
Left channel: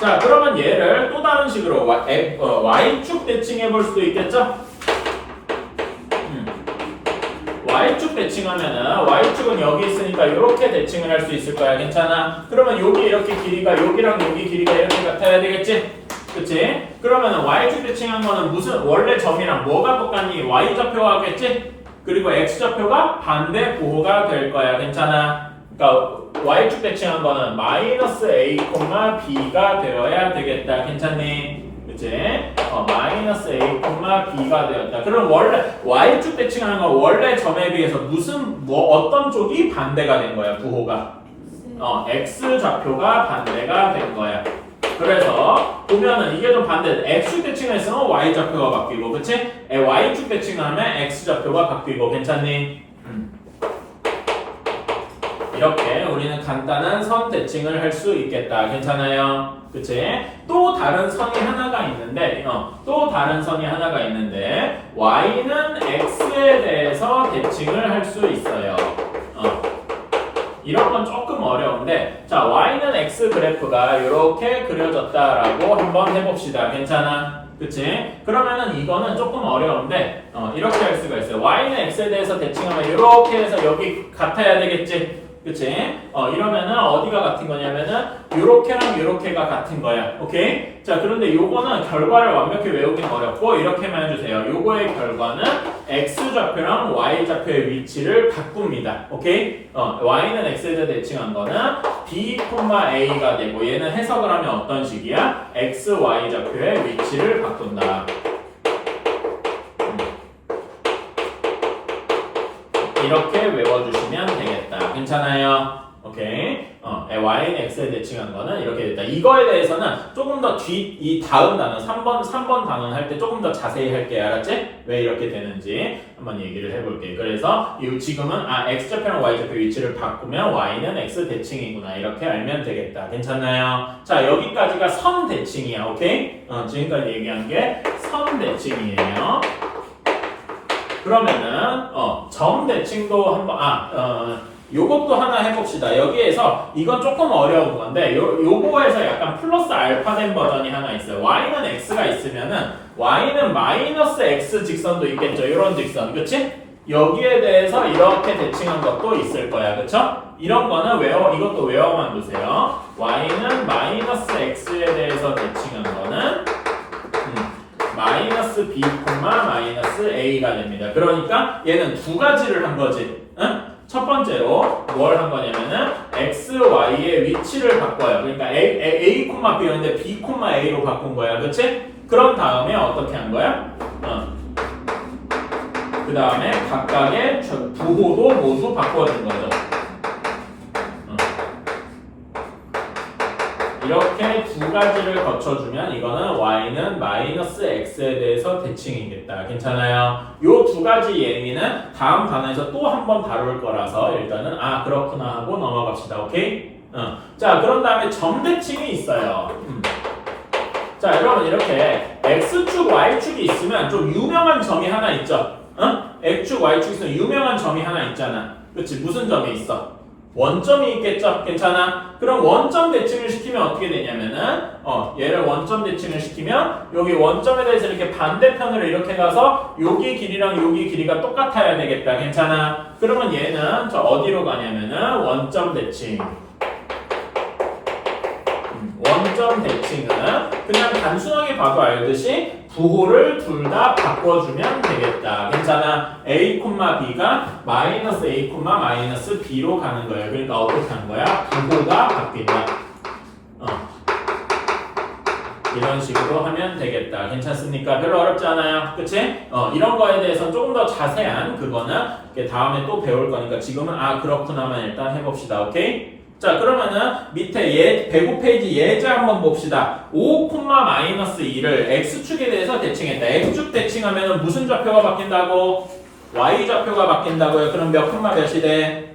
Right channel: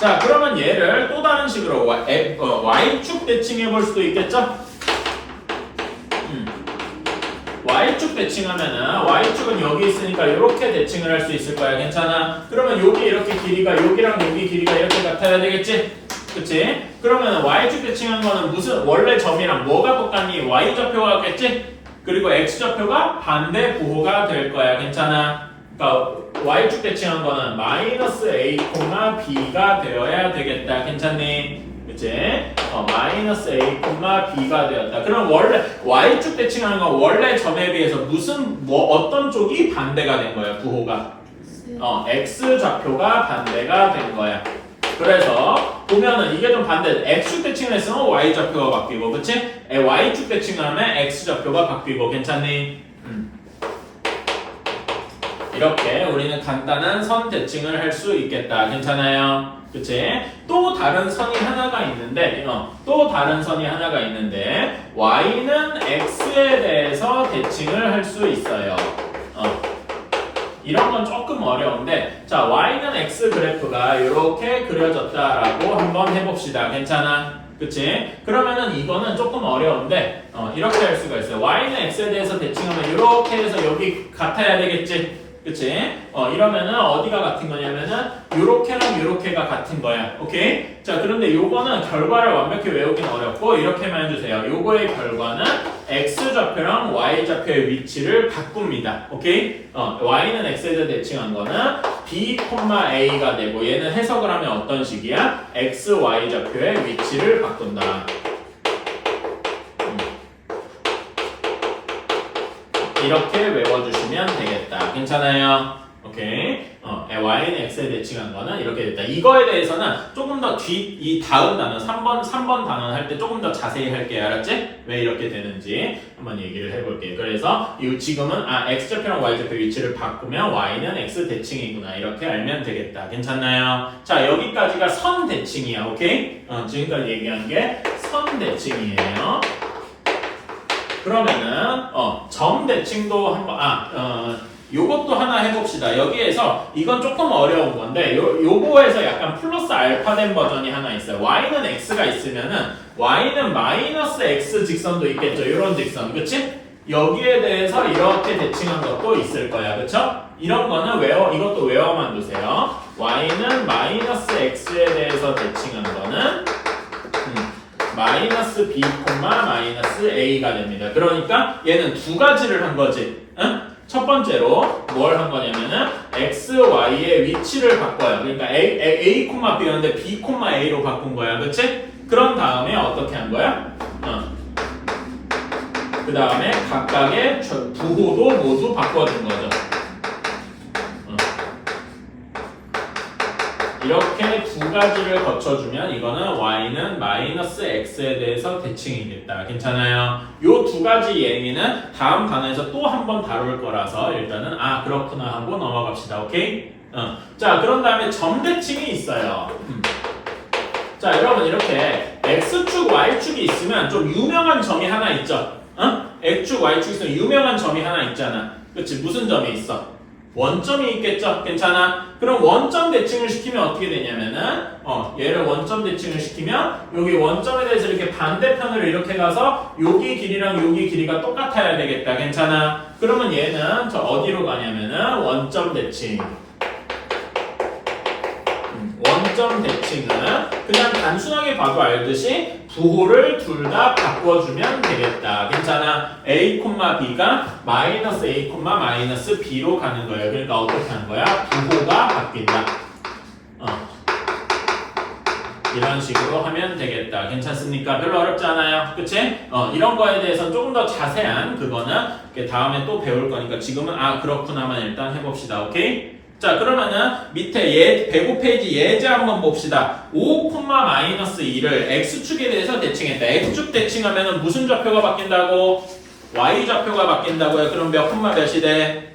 자, 그러면 얘를 또 다른 식으로 y축 대칭해 볼 수도 있겠죠? y축 대칭하면은 y축은 여기 있으니까 이렇게 대칭을 할 수 있을 거야. 괜찮아? 그러면 여기 이렇게 길이가 여기랑 여기 길이가 이렇게 같아야 되겠지? 그치? 그러면은 y축 대칭한 거는 무슨 원래 점이랑 뭐가 똑같니? y 좌표가 같겠지? 그리고 x 좌표가 반대 부호가 될 거야. 괜찮아? 그러니까 y축 대칭한 거는 마이너스 a, b가 되어야 되겠다. 괜찮니? 그치? 마이너스 A, B가 되었다. 그럼 원래 Y축 대칭하는 건 원래 점에 비해서 어떤 쪽이 반대가 된 거야, 부호가? X 좌표가 반대가 된 거야. 그래서 보면은 이게 좀 반대. X축 대칭을 했으면 Y 좌표가 바뀌고, 그치? Y축 대칭을 하면 X 좌표가 바뀌고, 괜찮니? 이렇게 우리는 간단한 선 대칭을 할 수 있겠다. 괜찮아요? 그치? 또 다른 선이 하나가 있는데, Y는 X에 대해서 대칭을 할 수 있어요. 이런 건 조금 어려운데, 자, Y는 X 그래프가 이렇게 그려졌다라고 한번 해봅시다. 괜찮아? 그치? 그러면은 이거는 조금 어려운데, 이렇게 할 수가 있어요. Y는 X에 대해서 대칭하면 이렇게 해서 여기 같아야 되겠지? 그치? 이러면은 어디가 같은 거냐면은 요렇게랑 요렇게가 같은 거야. 오케이? 자, 그런데 요거는 결과를 완벽히 외우기는 어렵고 이렇게만 해주세요. 요거의 결과는 X 좌표랑 Y 좌표의 위치를 바꿉니다. 오케이? Y는 X에다 대칭한 거는 B, A가 되고 얘는 해석을 하면 어떤 식이야? X, Y 좌표의 위치를 바꾼다. 이렇게 외워주시면 되겠다. 괜찮아요? 오케이. Y는 X에 대칭한 거는 이렇게 됐다. 이거에 대해서는 조금 더 이 다음 단어, 3번 단어 할 때 조금 더 자세히 할게. 알았지? 왜 이렇게 되는지 한번 얘기를 해볼게. 그래서 지금은 X좌표랑 Y좌표 위치를 바꾸면 Y는 X 대칭이구나. 이렇게 알면 되겠다. 괜찮나요? 자, 여기까지가 선 대칭이야. 오케이? 지금까지 얘기한 게 선 대칭이에요. 그러면은 점 대칭도 한번 요것도 하나 해봅시다. 여기에서 이건 조금 어려운 건데 요거에서 약간 플러스 알파 된 버전이 하나 있어요. Y는 X가 있으면은 Y는 마이너스 X 직선도 있겠죠. 이런 직선, 그치? 여기에 대해서 이렇게 대칭한 것도 있을 거야, 그쵸? 이런 거는 이것도 외워만 두세요. Y는 마이너스 X에 대해서 대칭한 거는 마이너스 B, 마이너스 A가 됩니다. 그러니까 얘는 두 가지를 한 거지. 응? 첫 번째로 뭘 한 거냐면은 X, Y의 위치를 바꿔요. 그러니까 A, B였는데 B, A로 바꾼 거야. 그치? 그런 다음에 어떻게 한 거야? 그 다음에 각각의 부호도 모두 바꿔준 거죠. 이렇게 두 가지를 거쳐주면 이거는 Y는 마이너스 X에 대해서 대칭이겠다. 괜찮아요? 요 두 가지 얘기는 다음 단어에서 또 한 번 다룰 거라서 일단은 그렇구나 하고 넘어갑시다. 오케이? 자, 그런 다음에 점 대칭이 있어요. 자, 여러분 이렇게 X축, Y축이 있으면 좀 유명한 점이 하나 있죠? X축, Y축이 있으면 유명한 점이 하나 있잖아. 그치? 무슨 점이 있어? 원점이 있겠죠? 괜찮아? 그럼 원점 대칭을 시키면 어떻게 되냐면은 얘를 원점 대칭을 시키면 여기 원점에 대해서 이렇게 반대편으로 이렇게 가서 여기 길이랑 여기 길이가 똑같아야 되겠다. 괜찮아? 그러면 얘는 어디로 가냐면은 원점 대칭. 원점 대칭은 그냥 단순하게 봐도 알듯이 부호를 둘 다 바꿔주면 되겠다. 괜찮아? A, B가 마이너스 A, 마이너스 B로 가는 거예요. 그러니까 어떻게 하는 거야? 부호가 바뀐다. 이런 식으로 하면 되겠다. 괜찮습니까? 별로 어렵지 않아요. 그치? 이런 거에 대해서는 조금 더 자세한 그거는 다음에 또 배울 거니까 지금은 그렇구나만 일단 해봅시다. 오케이? 자, 그러면은 밑에 105페이지 예제 한번 봅시다. 5, 마이너스 2를 X축에 대해서 대칭했다. X축 대칭하면은 무슨 좌표가 바뀐다고? Y 좌표가 바뀐다고요. 그럼 몇이 돼?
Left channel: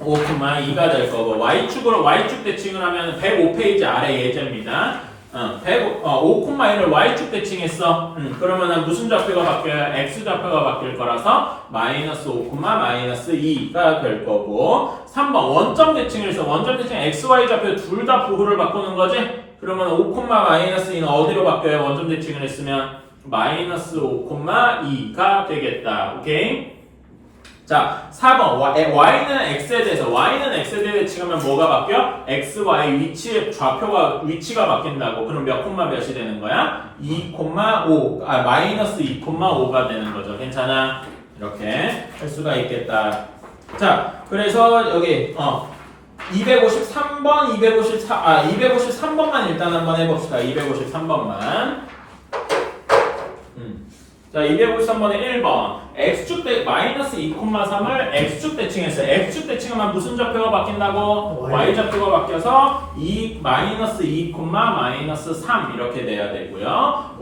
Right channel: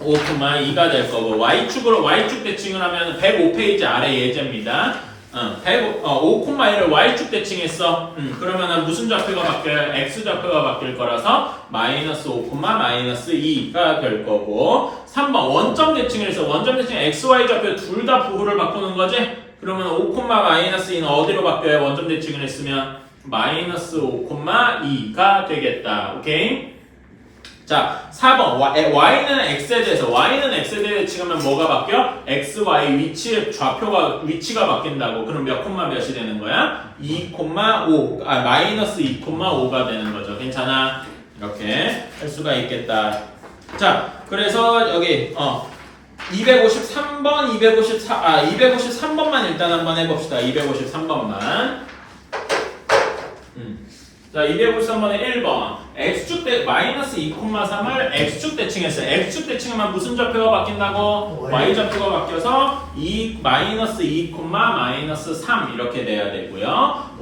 5,2가 될 거고 Y축 대칭을 하면 105페이지 아래 예제입니다. 5,1을 Y축 대칭했어. 그러면은 무슨 좌표가 바뀌어요? X 좌표가 바뀔 거라서 마이너스 5, 마이너스 2가 될 거고 3번 원점 대칭을 해서 원점 대칭 X, Y 좌표 둘 다 부호를 바꾸는 거지? 그러면 5, 마이너스 2는 어디로 바뀌어요? 원점 대칭을 했으면 마이너스 5, 2가 되겠다. 오케이? 자, 4번 Y는 X에 대해서 대칭하면 뭐가 바뀌어? X, Y 위치가 바뀐다고. 그럼 몇이 되는 거야? 2,5 마이너스 2,5가 되는 거죠. 괜찮아? 이렇게 할 수가 있겠다. 자, 그래서 여기 253번, 253번만 일단 한번 해봅시다. 253번만. 자, 253번에 1번. x축 대 마이너스 2,3을 x축 대칭했어요. x축 대칭하면 무슨 좌표가 바뀐다고? y좌표가 바뀌어서 마이너스 2, 마이너스 3 이렇게 돼야 되고요.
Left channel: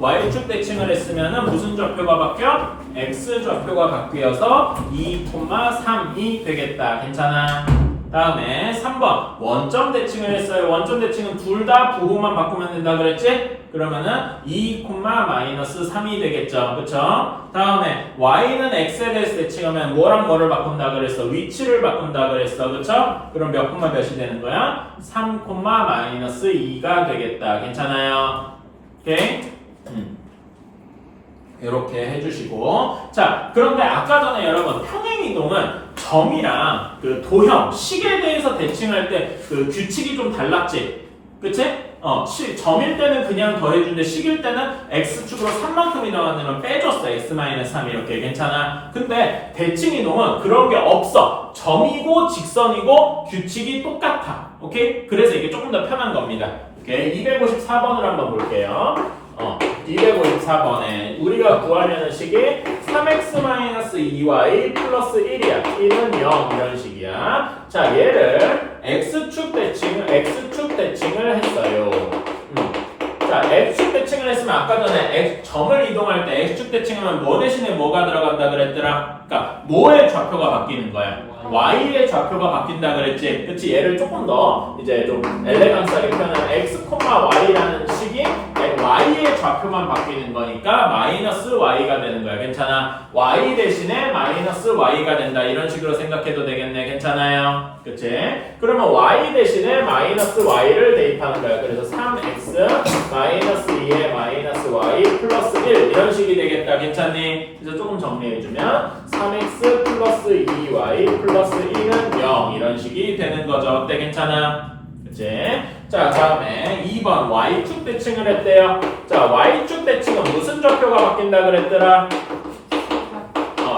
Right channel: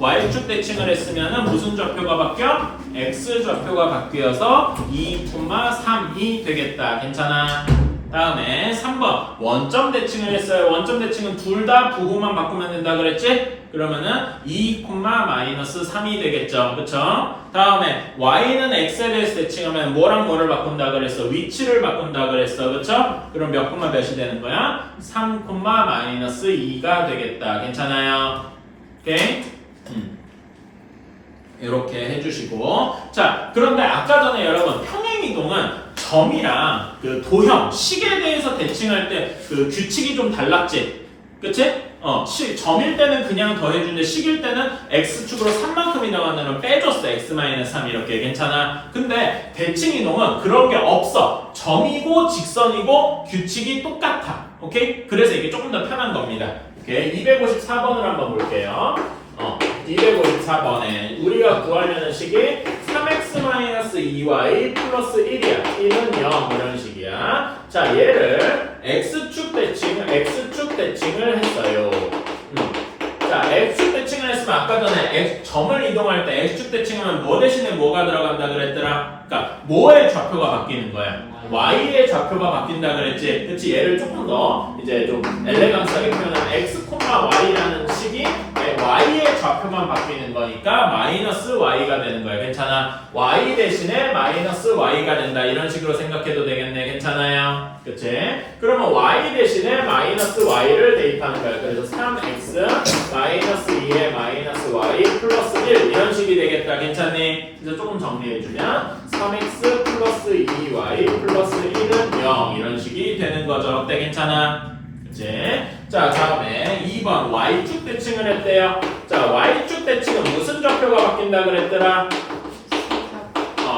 y축 대칭을 했으면은 무슨 좌표가 바뀌어? x좌표가 바뀌어서 2, 3이 되겠다. 괜찮아? 다음에 3번 원점 대칭을 했어요. 원점 대칭은 둘 다 부호만 바꾸면 된다 그랬지? 그러면은 2, 마이너스 3이 되겠죠. 그쵸? 다음에 y는 x에 대해서 대칭하면 뭐랑 뭐를 바꾼다 그랬어? 위치를 바꾼다 그랬어. 그쵸? 그럼 몇 콤마 몇이 되는 거야? 3, 마이너스 2가 되겠다. 괜찮아요? 오케이? 이렇게 해주시고 자 그런데 아까 전에 여러분 평행이동은 점이랑 그 도형, 식에 대해서 대칭할 때 그 규칙이 좀 달랐지? 그치? 점일 때는 그냥 더해주는데 식일 때는 x축으로 3만큼 이동하는 빼줬어. x-3 이렇게 괜찮아? 근데 대칭이동은 그런 게 없어. 점이고 직선이고 규칙이 똑같아. 오케이? 그래서 이게 조금 더 편한 겁니다. 오케이? 254번을 한번 볼게요. 254번에 우리가 구하려는 식이 3x-2y 플러스 1이야. 1은 0 이런 식이야. 자 얘를 x축 대칭을 했어요. 자 x축 대칭을 했으면 아까 전에 점을 이동할 때 x축 대칭하면 뭐 대신에 뭐가 들어간다 그랬더라? 그러니까 뭐의 좌표가 바뀌는 거야? y의 좌표가 바뀐다 그랬지? 그치? 얘를 조금 더 이제 좀 엘레강스하게 표현하면 x, y라는 식이 y의 좌표만 바뀌는 거니까 마이너스 y가 되는 거야. 괜찮아? y 대신에 마이너스 y가 된다. 이런 식으로 생각해도 되겠네. 괜찮아요? 그치? 그러면 y 대신에 마이너스 y를 대입하는 거야. 그래서 3x 마이너스 2에 마이너스 y 플러스 1 이런 식이 되겠다. 괜찮니? 그래서 조금 정리해주면 3x 플러스 2y 플러스 1은 0 이런 식이 되는 거죠. 어때? 괜찮아? 그치? 자 다음에 2번 y축 대칭을 했대요. 자 y축 대칭은 무슨 좌표가 바뀐다 그랬더라?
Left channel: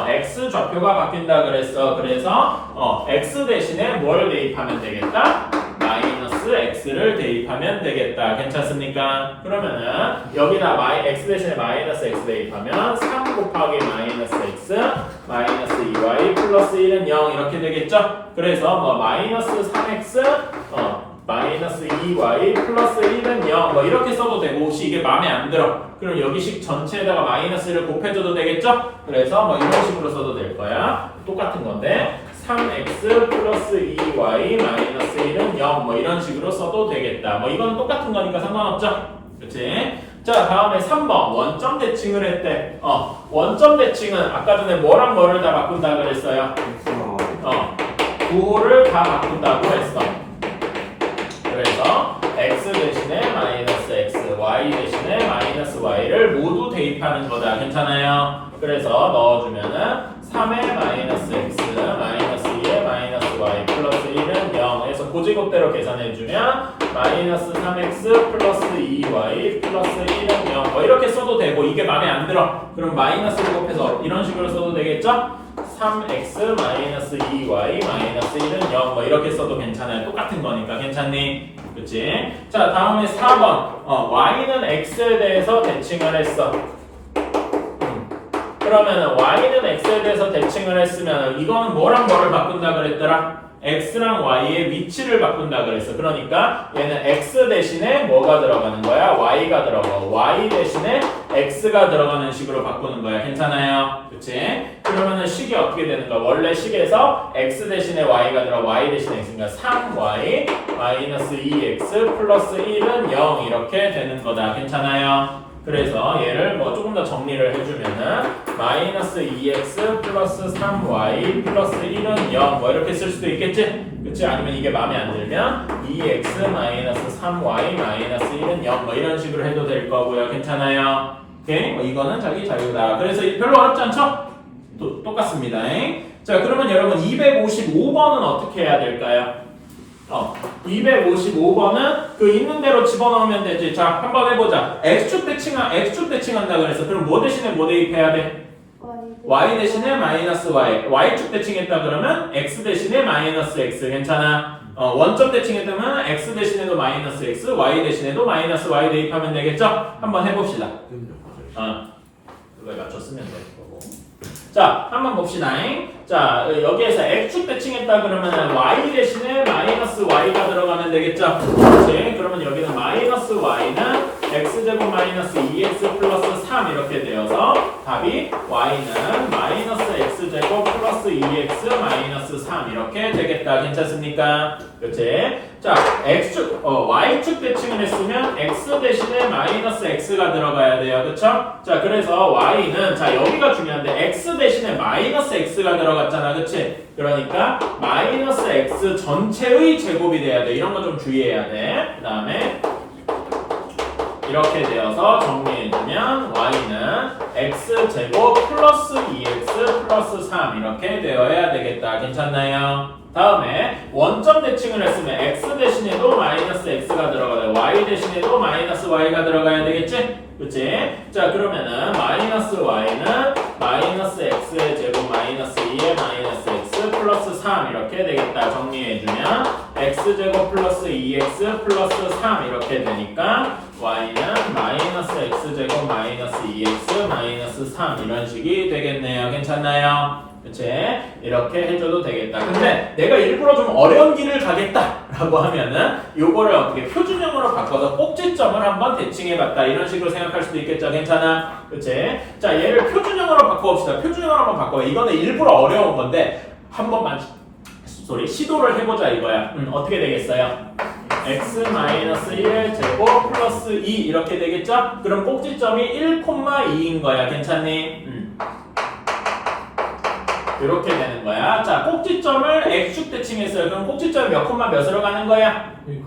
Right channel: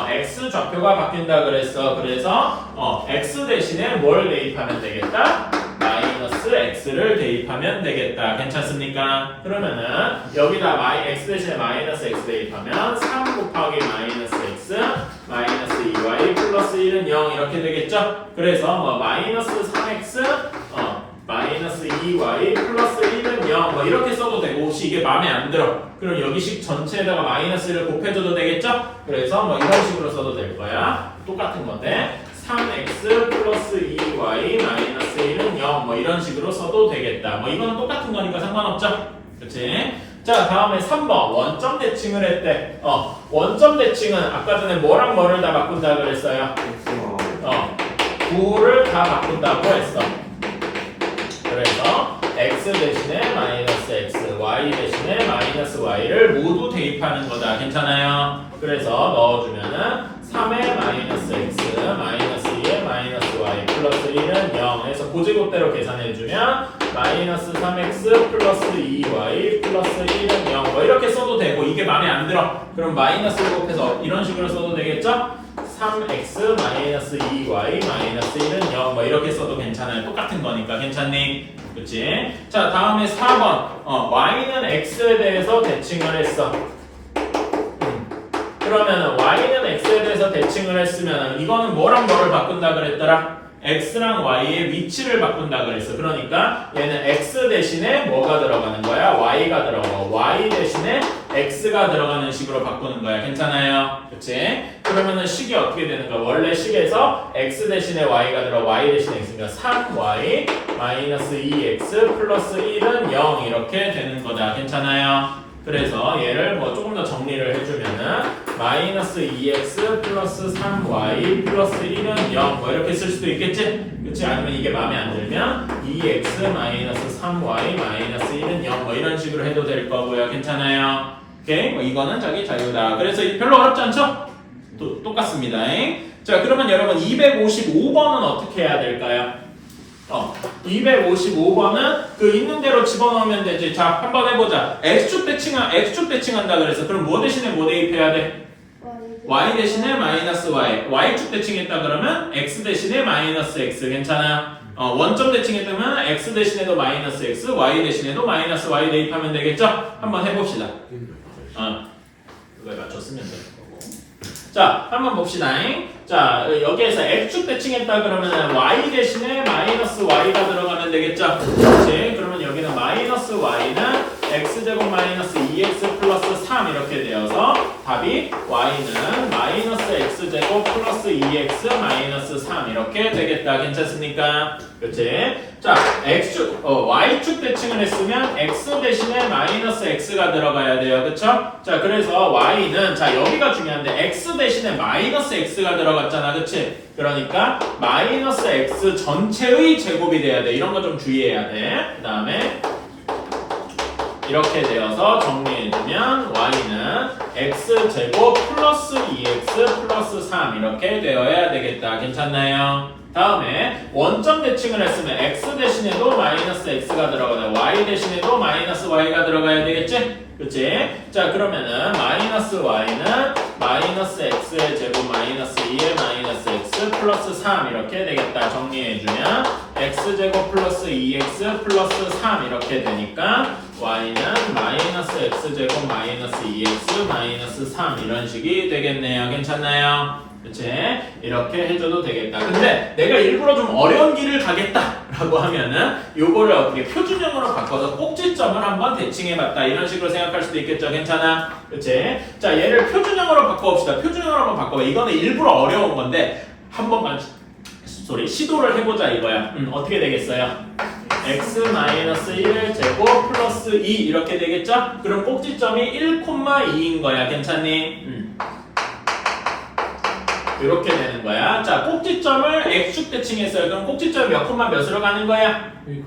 x 좌표가 바뀐다 그랬어. 그래서 x 대신에 뭘 대입하면 되겠다? 마이너스 x를 대입하면 되겠다. 괜찮습니까? 그러면은 여기다 x 대신에 마이너스 x 대입하면 3 곱하기 마이너스 x 마이너스 2y 플러스 1은 0 이렇게 되겠죠? 그래서 뭐 마이너스 3x 마이너스 2y 플러스 1은 0 뭐 이렇게 써도 되고 혹시 이게 마음에 안 들어 그럼 여기식 전체에다가 마이너스를 곱해줘도 되겠죠? 그래서 뭐 이런 식으로 써도 될 거야. 똑같은 건데 3x 플러스 2y 마이너스 1은 0 뭐 이런 식으로 써도 되겠다. 뭐 이건 똑같은 거니까 상관없죠? 그렇지? 자 다음에 3번 원점 대칭을 했대. 원점 대칭은 아까 전에 뭐랑 뭐를 다 바꾼다 그랬어요? 부호를 다 바꾼다고 했어. 그래서 x 대신에 마이너스 x, y 대신에 마이너스 y를 모두 대입하는 거다. 괜찮아요? 그래서 넣어주면은 3의 마이너스 x, 마이너스 2의 마이너스 y 플러스 1은 0 해서 고지고대로 계산해주면 마이너스 3x 플러스 2y 플러스 1은 0 뭐 이렇게 써도 되고 이게 마음에 안 들어. 그럼 마이너스를 곱해서 이런 식으로 써도 되겠죠? 3x 마이너스 2y 마이너스 1은 0 뭐 이렇게 써도 괜찮아요. 똑같은 거니까 괜찮니? 그치? 자 다음에 4번 y는 x에 대해서 대칭을 했어. 그러면은 y는 x에 대해서 대칭을 했으면 이거는 뭐랑 뭐를 바꾼다 그랬더라? x랑 y의 위치를 바꾼다 그랬어. 그러니까 얘는 x 대신에 뭐가 들어가는 거야? y가 들어가. y 대신에 x가 들어가는 식으로 바꾸는 거야. 괜찮아요? 그치? 그러면은 식이 어떻게 되는가? 원래 식에서 x 대신에 y가 들어 y 대신에 x니까 3y 마이너스 2x 플러스 1은 0 이렇게 되는 거다. 괜찮아요? 그래서 얘를 뭐 조금 더 정리를 해주면은 마이너스 2x 플러스 3y 플러스 1은 0 뭐 이렇게 쓸 수도 있겠지? 그치? 아니면 이게 마음에 안 들면 2x 마이너스 3y 마이너스 1은 0 뭐 이런 식으로 해도 될 거고요. 괜찮아요? 오케이? 뭐 이거는 자기 자유다. 그래서 별로 어렵지 않죠? 똑같습니다. 자 그러면 여러분 255번은 어떻게 해야 될까요? 255번은 그 있는 대로 집어넣으면 되지. 자, 한번 해보자. x축 대칭한다 그래서 그럼 뭐 대신에 뭐 대입해야 돼? y 대신에 마이너스 y. y축 대칭했다 그러면 x 대신에 마이너스 x. 괜찮아? 원점 대칭했다면 x 대신에도 마이너스 x, y 대신에도 마이너스 y 대입하면 되겠죠? 한번 해봅시다. 그거에 맞췄으면 돼. 자, 한번 봅시다. 자, 여기에서 x축 대칭했다 그러면 y 대신에 마이너스 y가 들어가면 되겠죠? 그렇지? 그러면 여기는 마이너스 y는 x제곱 마이너스 2x 플러스 3 이렇게 되어서 답이 y는 마이너스 x제곱 플러스 2x 마이너스 3 이렇게 되겠다. 괜찮습니까? 그렇지? 자, y축 대칭을 했으면 x 대신에 마이너스 x가 들어가야 돼요. 그쵸? 자, 그래서 y는, 자, 여기가 중요한데 x 대신에 마이너스 x가 들어갔잖아. 그치? 그러니까 마이너스 x 전체의 제곱이 돼야 돼. 이런 거 좀 주의해야 돼. 그 다음에 이렇게 되어서 정리해주면 y는 x제곱 플러스 2x 플러스 3 이렇게 되어야 되겠다. 괜찮나요? 다음에 원점 대칭을 했으면 x 대신에도 마이너스 x가 들어가야 돼. y 대신에도 마이너스 y가 들어가야 되겠지? 그치? 자, 그러면은 마이너스 y는 마이너스 x의 제곱 마이너스 2의 마이너스 x 플러스 3 이렇게 되겠다. 정리해주면 x제곱 플러스 2x 플러스 3 이렇게 되니까 y는 마이너스 x제곱 마이너스 2x 마이너스 3 이런 식이 되겠네요. 괜찮나요? 그치? 이렇게 해줘도 되겠다. 근데 내가 일부러 좀 어려운 길을 가겠다라고 하면은 요거를 어떻게 표준형으로 바꿔서 꼭지점을 한번 대칭해봤다. 이런 식으로 생각할 수도 있겠죠. 괜찮아? 그치? 자, 얘를 표준형으로 바꿔봅시다. 표준형으로 한번 바꿔봐. 이거는 일부러 어려운 건데 한 번만 시도를 해보자 이거야. 어떻게 되겠어요? x-1 제곱 플러스 2 이렇게 되겠죠? 그럼 꼭지점이 1,2인 거야. 괜찮니? 이렇게 되는 거야. 자, 꼭지점을 x축 대칭했어요. 그럼 꼭지점 몇 콤마 몇으로 가는 거야? 1,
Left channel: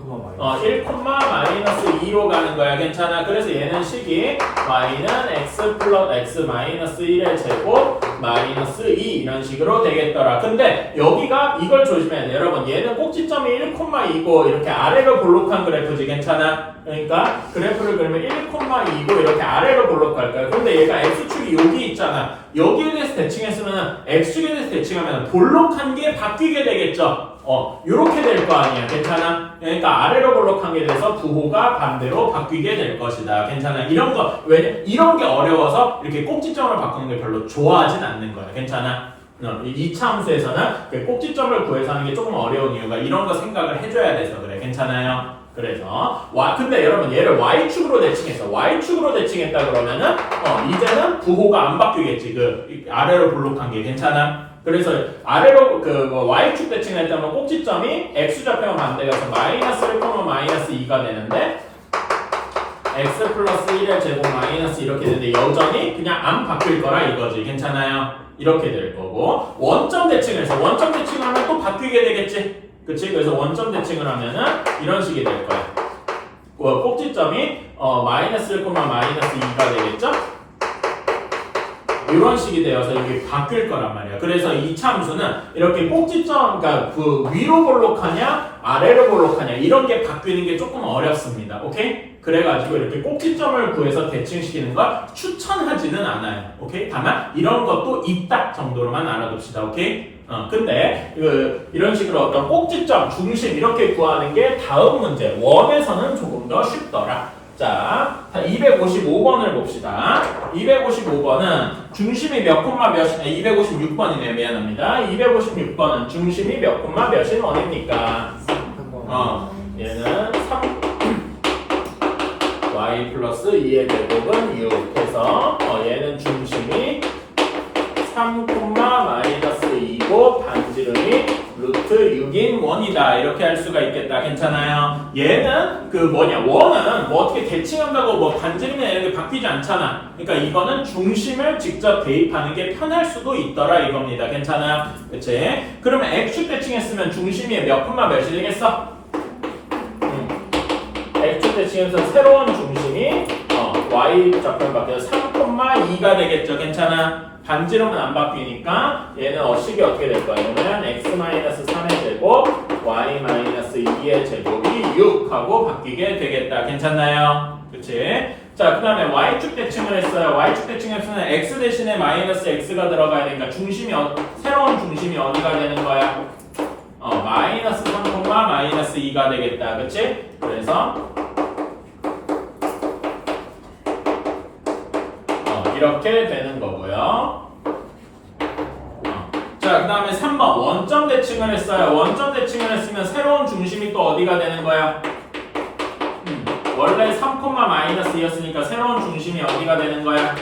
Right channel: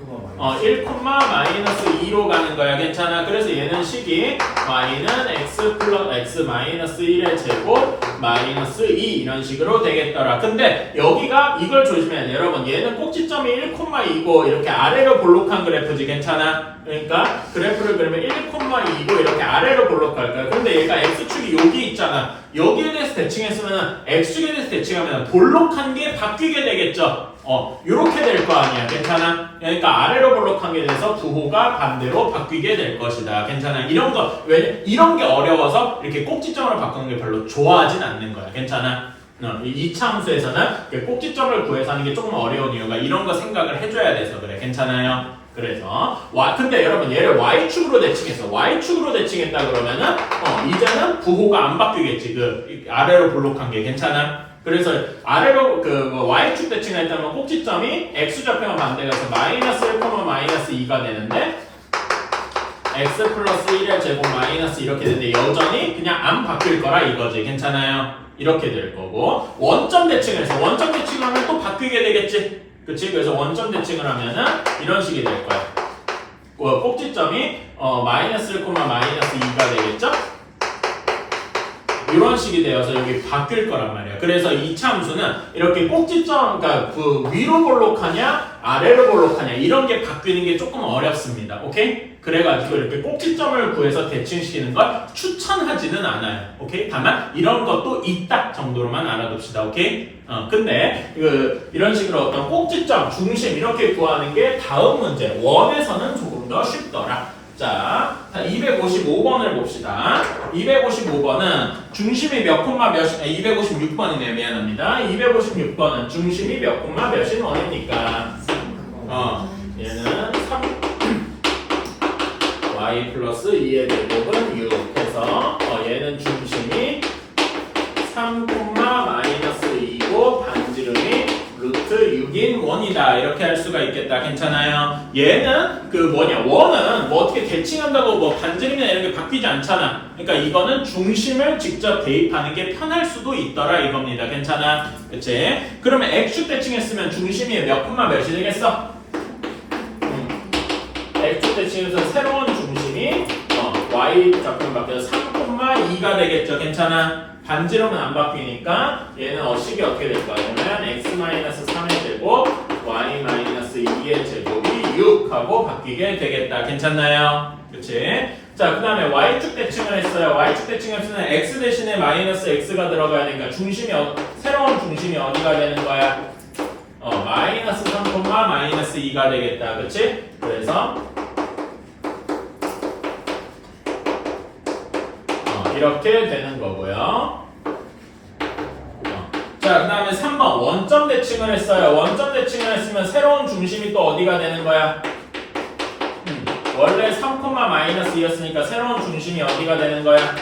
마이너스 2로 가는 거야. 괜찮아? 그래서 얘는 식이 y는 x 플러스 x 마이너스 1의 제곱 마이너스 2 이런 식으로 되겠더라. 근데 여기가 이걸 조심해야 돼. 여러분, 얘는 꼭지점이 1,2고 이렇게 아래로 볼록한 그래프지. 괜찮아? 그러니까 그래프를 그러면 1,2고 이렇게 아래로 볼록할 거야. 근데 얘가 x축이 여기 있잖아. 여기에 대해서 대칭했으면 x축에 대해서 대칭하면 볼록한 게 바뀌게 되겠죠. 요렇게 될 거 아니야. 괜찮아? 그러니까 아래로 볼록한 게 돼서 부호가 반대로 바뀌게 될 것이다. 괜찮아? 이런 게 어려워서 이렇게 꼭지점으로 바꾸는 게 별로 좋아하진 않는 거야. 괜찮아? 이 함수에서는 꼭지점을 구해서 하는 게 조금 어려운 이유가 이런 거 생각을 해줘야 돼서 그래. 괜찮아요? 그래서 근데 여러분 얘를 y축으로 대칭했어. y축으로 대칭했다 그러면은 이제는 부호가 안 바뀌겠지. 그 아래로 볼록한 게. 괜찮아? 그래서 아래로 y축 대칭을 했다면 꼭지점이 x좌표와 반대가서 마이너스 1, 마이너스 2가 되는데 x 플러스 1의 제곱 마이너스 이렇게 되는데 여전히 그냥 안 바뀔 거라 이거지. 괜찮아요? 이렇게 될 거고 원점 대칭을 해서 원점 대칭하면 또 바뀌게 되겠지. 그치? 그래서 원점 대칭을 하면은 이런 식이 될 거야. 꼭지점이 마이너스 1, 마이너스 2가 되겠죠? 이런 식이 되어서 여기 바뀔 거란 말이야. 그래서 이 함수는 이렇게 꼭지점, 그러니까 그 위로 볼록하냐, 아래로 볼록하냐 이런 게 바뀌는 게 조금 어렵습니다. 오케이? 그래가지고 이렇게 꼭지점을 구해서 대칭시키는 걸 추천하지는 않아요. 오케이? 다만 이런 것도 있다 정도로만 알아둡시다. 오케이? 근데 이런 식으로 어떤 꼭지점, 중심 이렇게 구하는 게 다음 문제 원에서는 조금 더 쉽더라. 자, 255번을 봅시다. 255번은 중심이 몇 콤마 몇인, 256번이네요. 미안합니다. 256번은 중심이 몇 콤마 몇인 원입니까? 얘는 3 y 플러스 2의 제곱은 6 해서 얘는 중심이 3, 마이너스 2고 반지름이 루트 6인 원이다. 이렇게 할 수가 있겠다. 괜찮아요? 얘는 원은 뭐 어떻게 대칭한다고 뭐 반지름이나 이런 게 바뀌지 않잖아. 그러니까 이거는 중심을 직접 대입하는 게 편할 수도 있더라 이겁니다. 괜찮아? 그치? 그러면 x축 대칭했으면 중심이 몇 콤마 몇이 되겠어? x축 대칭해서 새로운 중심이 y 좌표로 바뀌어서 3,2가 되겠죠. 괜찮아? 반지름은 안 바뀌니까 얘는 식이 어떻게 될 거야? 그러면 x-3의 제곱 y-2의 제곱이 6하고 바뀌게 되겠다. 괜찮나요? 그치? 자, 그 다음에 y축 대칭을 했어요. y축 대칭했으면 x 대신에 마이너스 x가 들어가야 되니까 중심이 새로운 중심이 어디가 되는 거야? 마이너스 3, 마이너스 2가 되겠다. 그치? 그래서 이렇게 되는 거고요. 자, 그 다음에 3번 원점 대칭을 했어요. 원점 대칭을 했으면 새로운 중심이 또 어디가 되는 거야? 원래 3, 마이너스 2였으니까 새로운 중심이 어디가 되는 거야?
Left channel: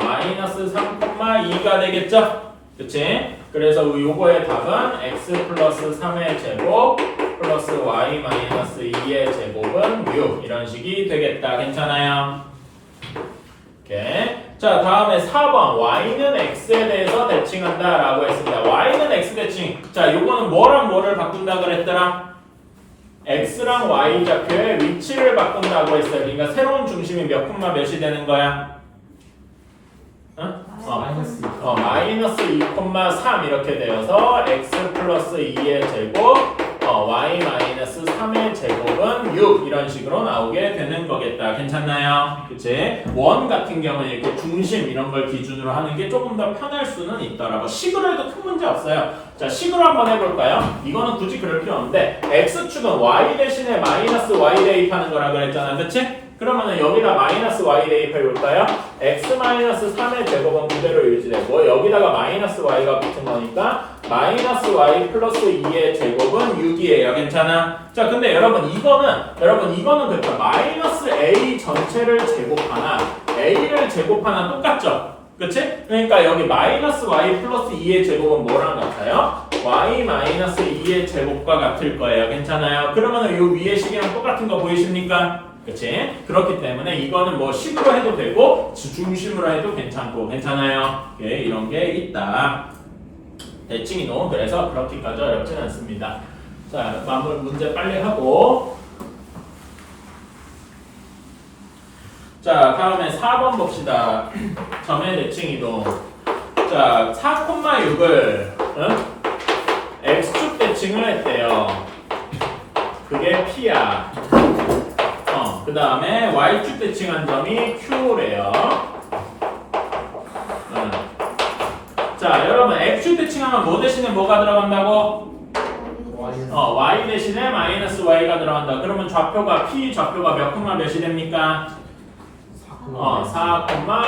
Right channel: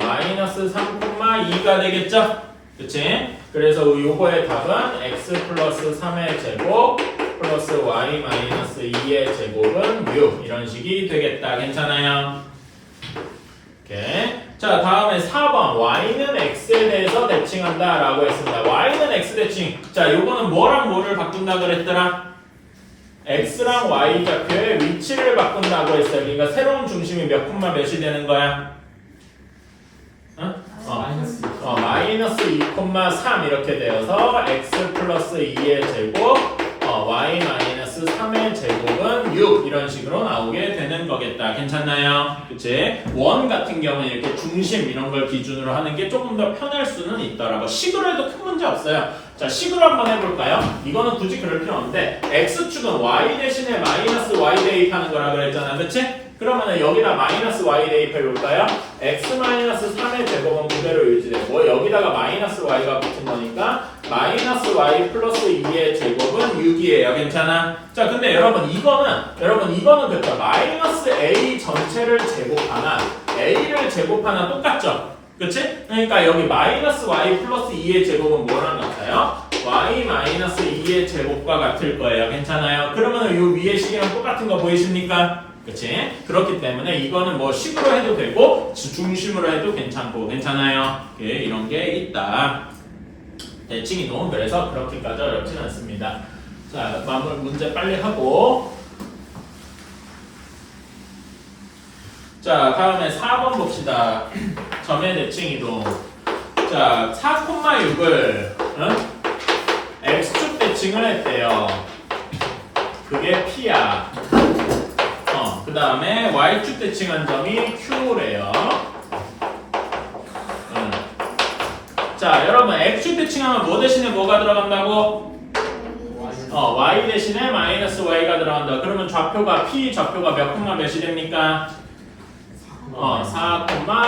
마이너스 3, 2가 되겠죠? 그치? 그래서 요거의 답은 x 플러스 3의 제곱 플러스 y 마이너스 2의 제곱은 6 이런 식이 되겠다. 괜찮아요? 오케이. 자, 다음에 4번 y는 x에 대해서 대칭한다 라고 했습니다. y는 x 대칭. 자, 요거는 뭐랑 뭐를 바꾼다 그랬더라? x랑 y 좌표의 위치를 바꾼다고 했어요. 그러니까 새로운 중심이 몇 콤마 몇이 되는 거야? 응? 마이너스 2,3 이렇게 되어서 x 플러스 2의 제곱 y 마이너스 3의 제곱은 6 이런 식으로 나오게 되는 거겠다. 괜찮나요? 그치? 원 같은 경우는 이렇게 중심 이런 걸 기준으로 하는 게 조금 더 편할 수는 있더라고. 식으로 해도 큰 문제 없어요. 자, 식으로 한번 해볼까요? 이거는 굳이 그럴 필요 없는데 x축은 y 대신에 마이너스 y 대입하는 거라 그랬잖아. 그치? 그러면은 여기다 마이너스 y 대입해 볼까요? x 마이너스 3의 제곱은 그대로 유지되고 여기다가 마이너스 y가 붙은 거니까 마이너스 y 플러스 2의 제곱은 6이에요. 괜찮아? 자, 근데 여러분 이거는 그렇죠. 마이너스 a 전체를 제곱하나 a를 제곱하나 똑같죠? 그치? 그러니까 여기 마이너스 y 플러스 2의 제곱은 뭐랑 같아요? y 마이너스 2의 제곱과 같을 거예요. 괜찮아요? 그러면은 요 위에 식이랑 똑같은 거 보이십니까? 그치? 그렇기 때문에 이거는 뭐 식으로 해도 되고 중심으로 해도 괜찮고 괜찮아요? 오케이, 이런 게 있다. 대칭이노. 그래서 그렇게까지 어렵진 않습니다. 자, 마무리 문제 빨리 하고 자, 다음에 4번 봅시다. 점의 대칭 이동. 자, 4,6을 x축 대칭을 했대요. 그게 p야. 그 다음에 y축 대칭한 점이 q래요. 자, 여러분 x축 대칭하면 뭐 대신에 뭐가 들어간다고? y 대신에 마이너스 y가 들어간다. 그러면 좌표가 p 좌표가 몇 콤마 몇이 됩니까? 4,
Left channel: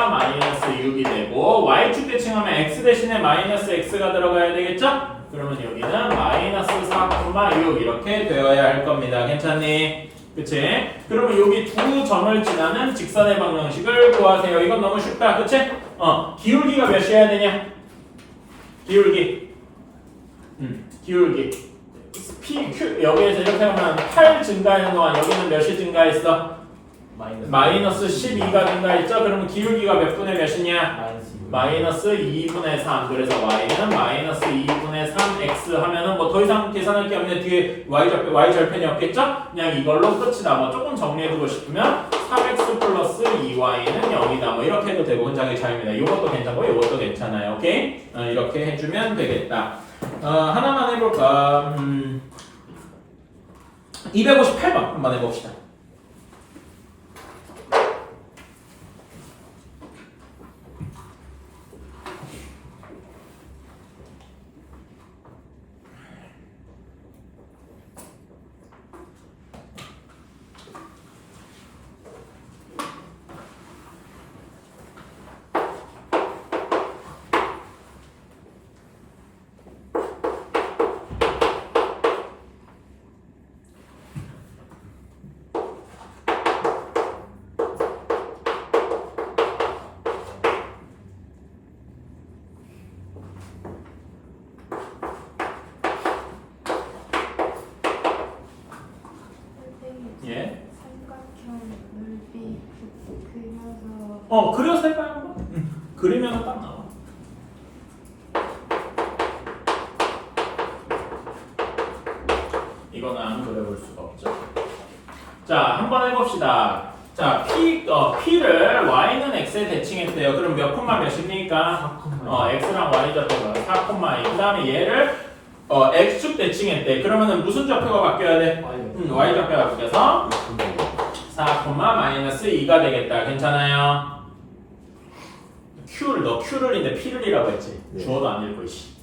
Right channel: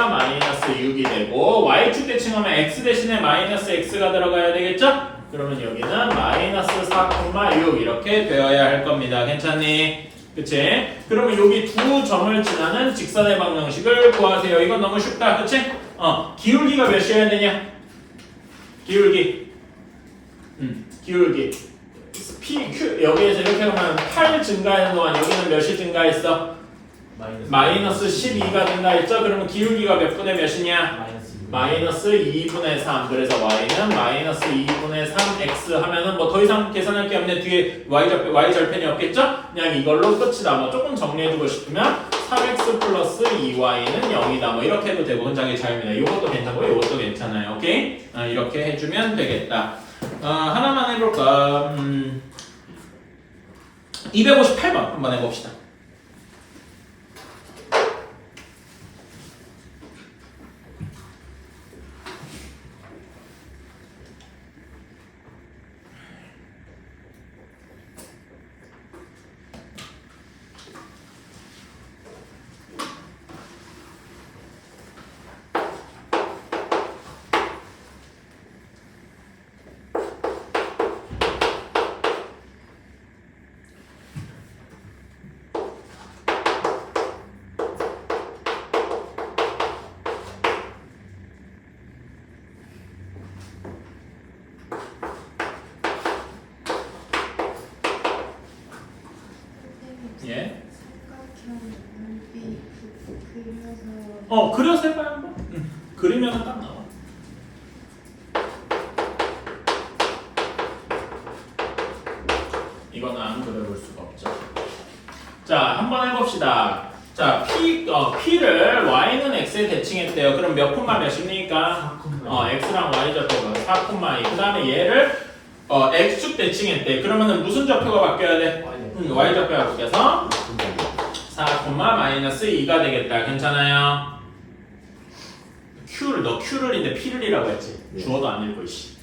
마이너스 6이 되고 y축 대칭하면 x 대신에 마이너스 x가 들어가야 되겠죠? 그러면 여기는 마이너스 4, 6 이렇게 되어야 할 겁니다. 괜찮니? 그치? 그러면 여기 두 점을 지나는 직선의 방정식을 구하세요. 이건 너무 쉽다. 그치? 기울기가 몇이어야 되냐? 기울기. 기울기. P, Q. 여기에서 이렇게 하면 8 증가하는 동안 여기는 몇이 증가했어? 마이너스 12가 된다 했죠? 그러면 기울기가 몇 분의 몇이냐? 마이너스 2분의 3. 그래서 y는 마이너스 2분의 3x 하면은 뭐 더 이상 계산할 게 없네. 뒤에 y 절편이 없겠죠? 그냥 이걸로 끝이다. 뭐 조금 정리해주고 싶으면 3x 플러스 2y는 0이다. 뭐 이렇게 해도 되고 혼자의 자유입니다. 이것도 괜찮고 이것도 괜찮아요. 오케이? 이렇게 해주면 되겠다. 하나만 해볼까? 258번 한번 해봅시다. 예. 그려서 해봐요 한번. 그리면 딱 나와. 이거는 안 그려볼 수가 없죠. 자, 한번 해봅시다. 자, P를 Y는 X에 대칭했대요. 그럼 몇 콤마 몇입니까? X랑 Y 좌표가 4,2. 그 다음에 얘를 X축 대칭했대. 그러면은 무슨 좌표가 바뀌어야 돼? Y 좌표가 바뀌어서 4, 마이너스 2가 되겠다. 괜찮아요? 너 Q를인데 P를이라고 했지. 네. 주어도 안 읽고 씨.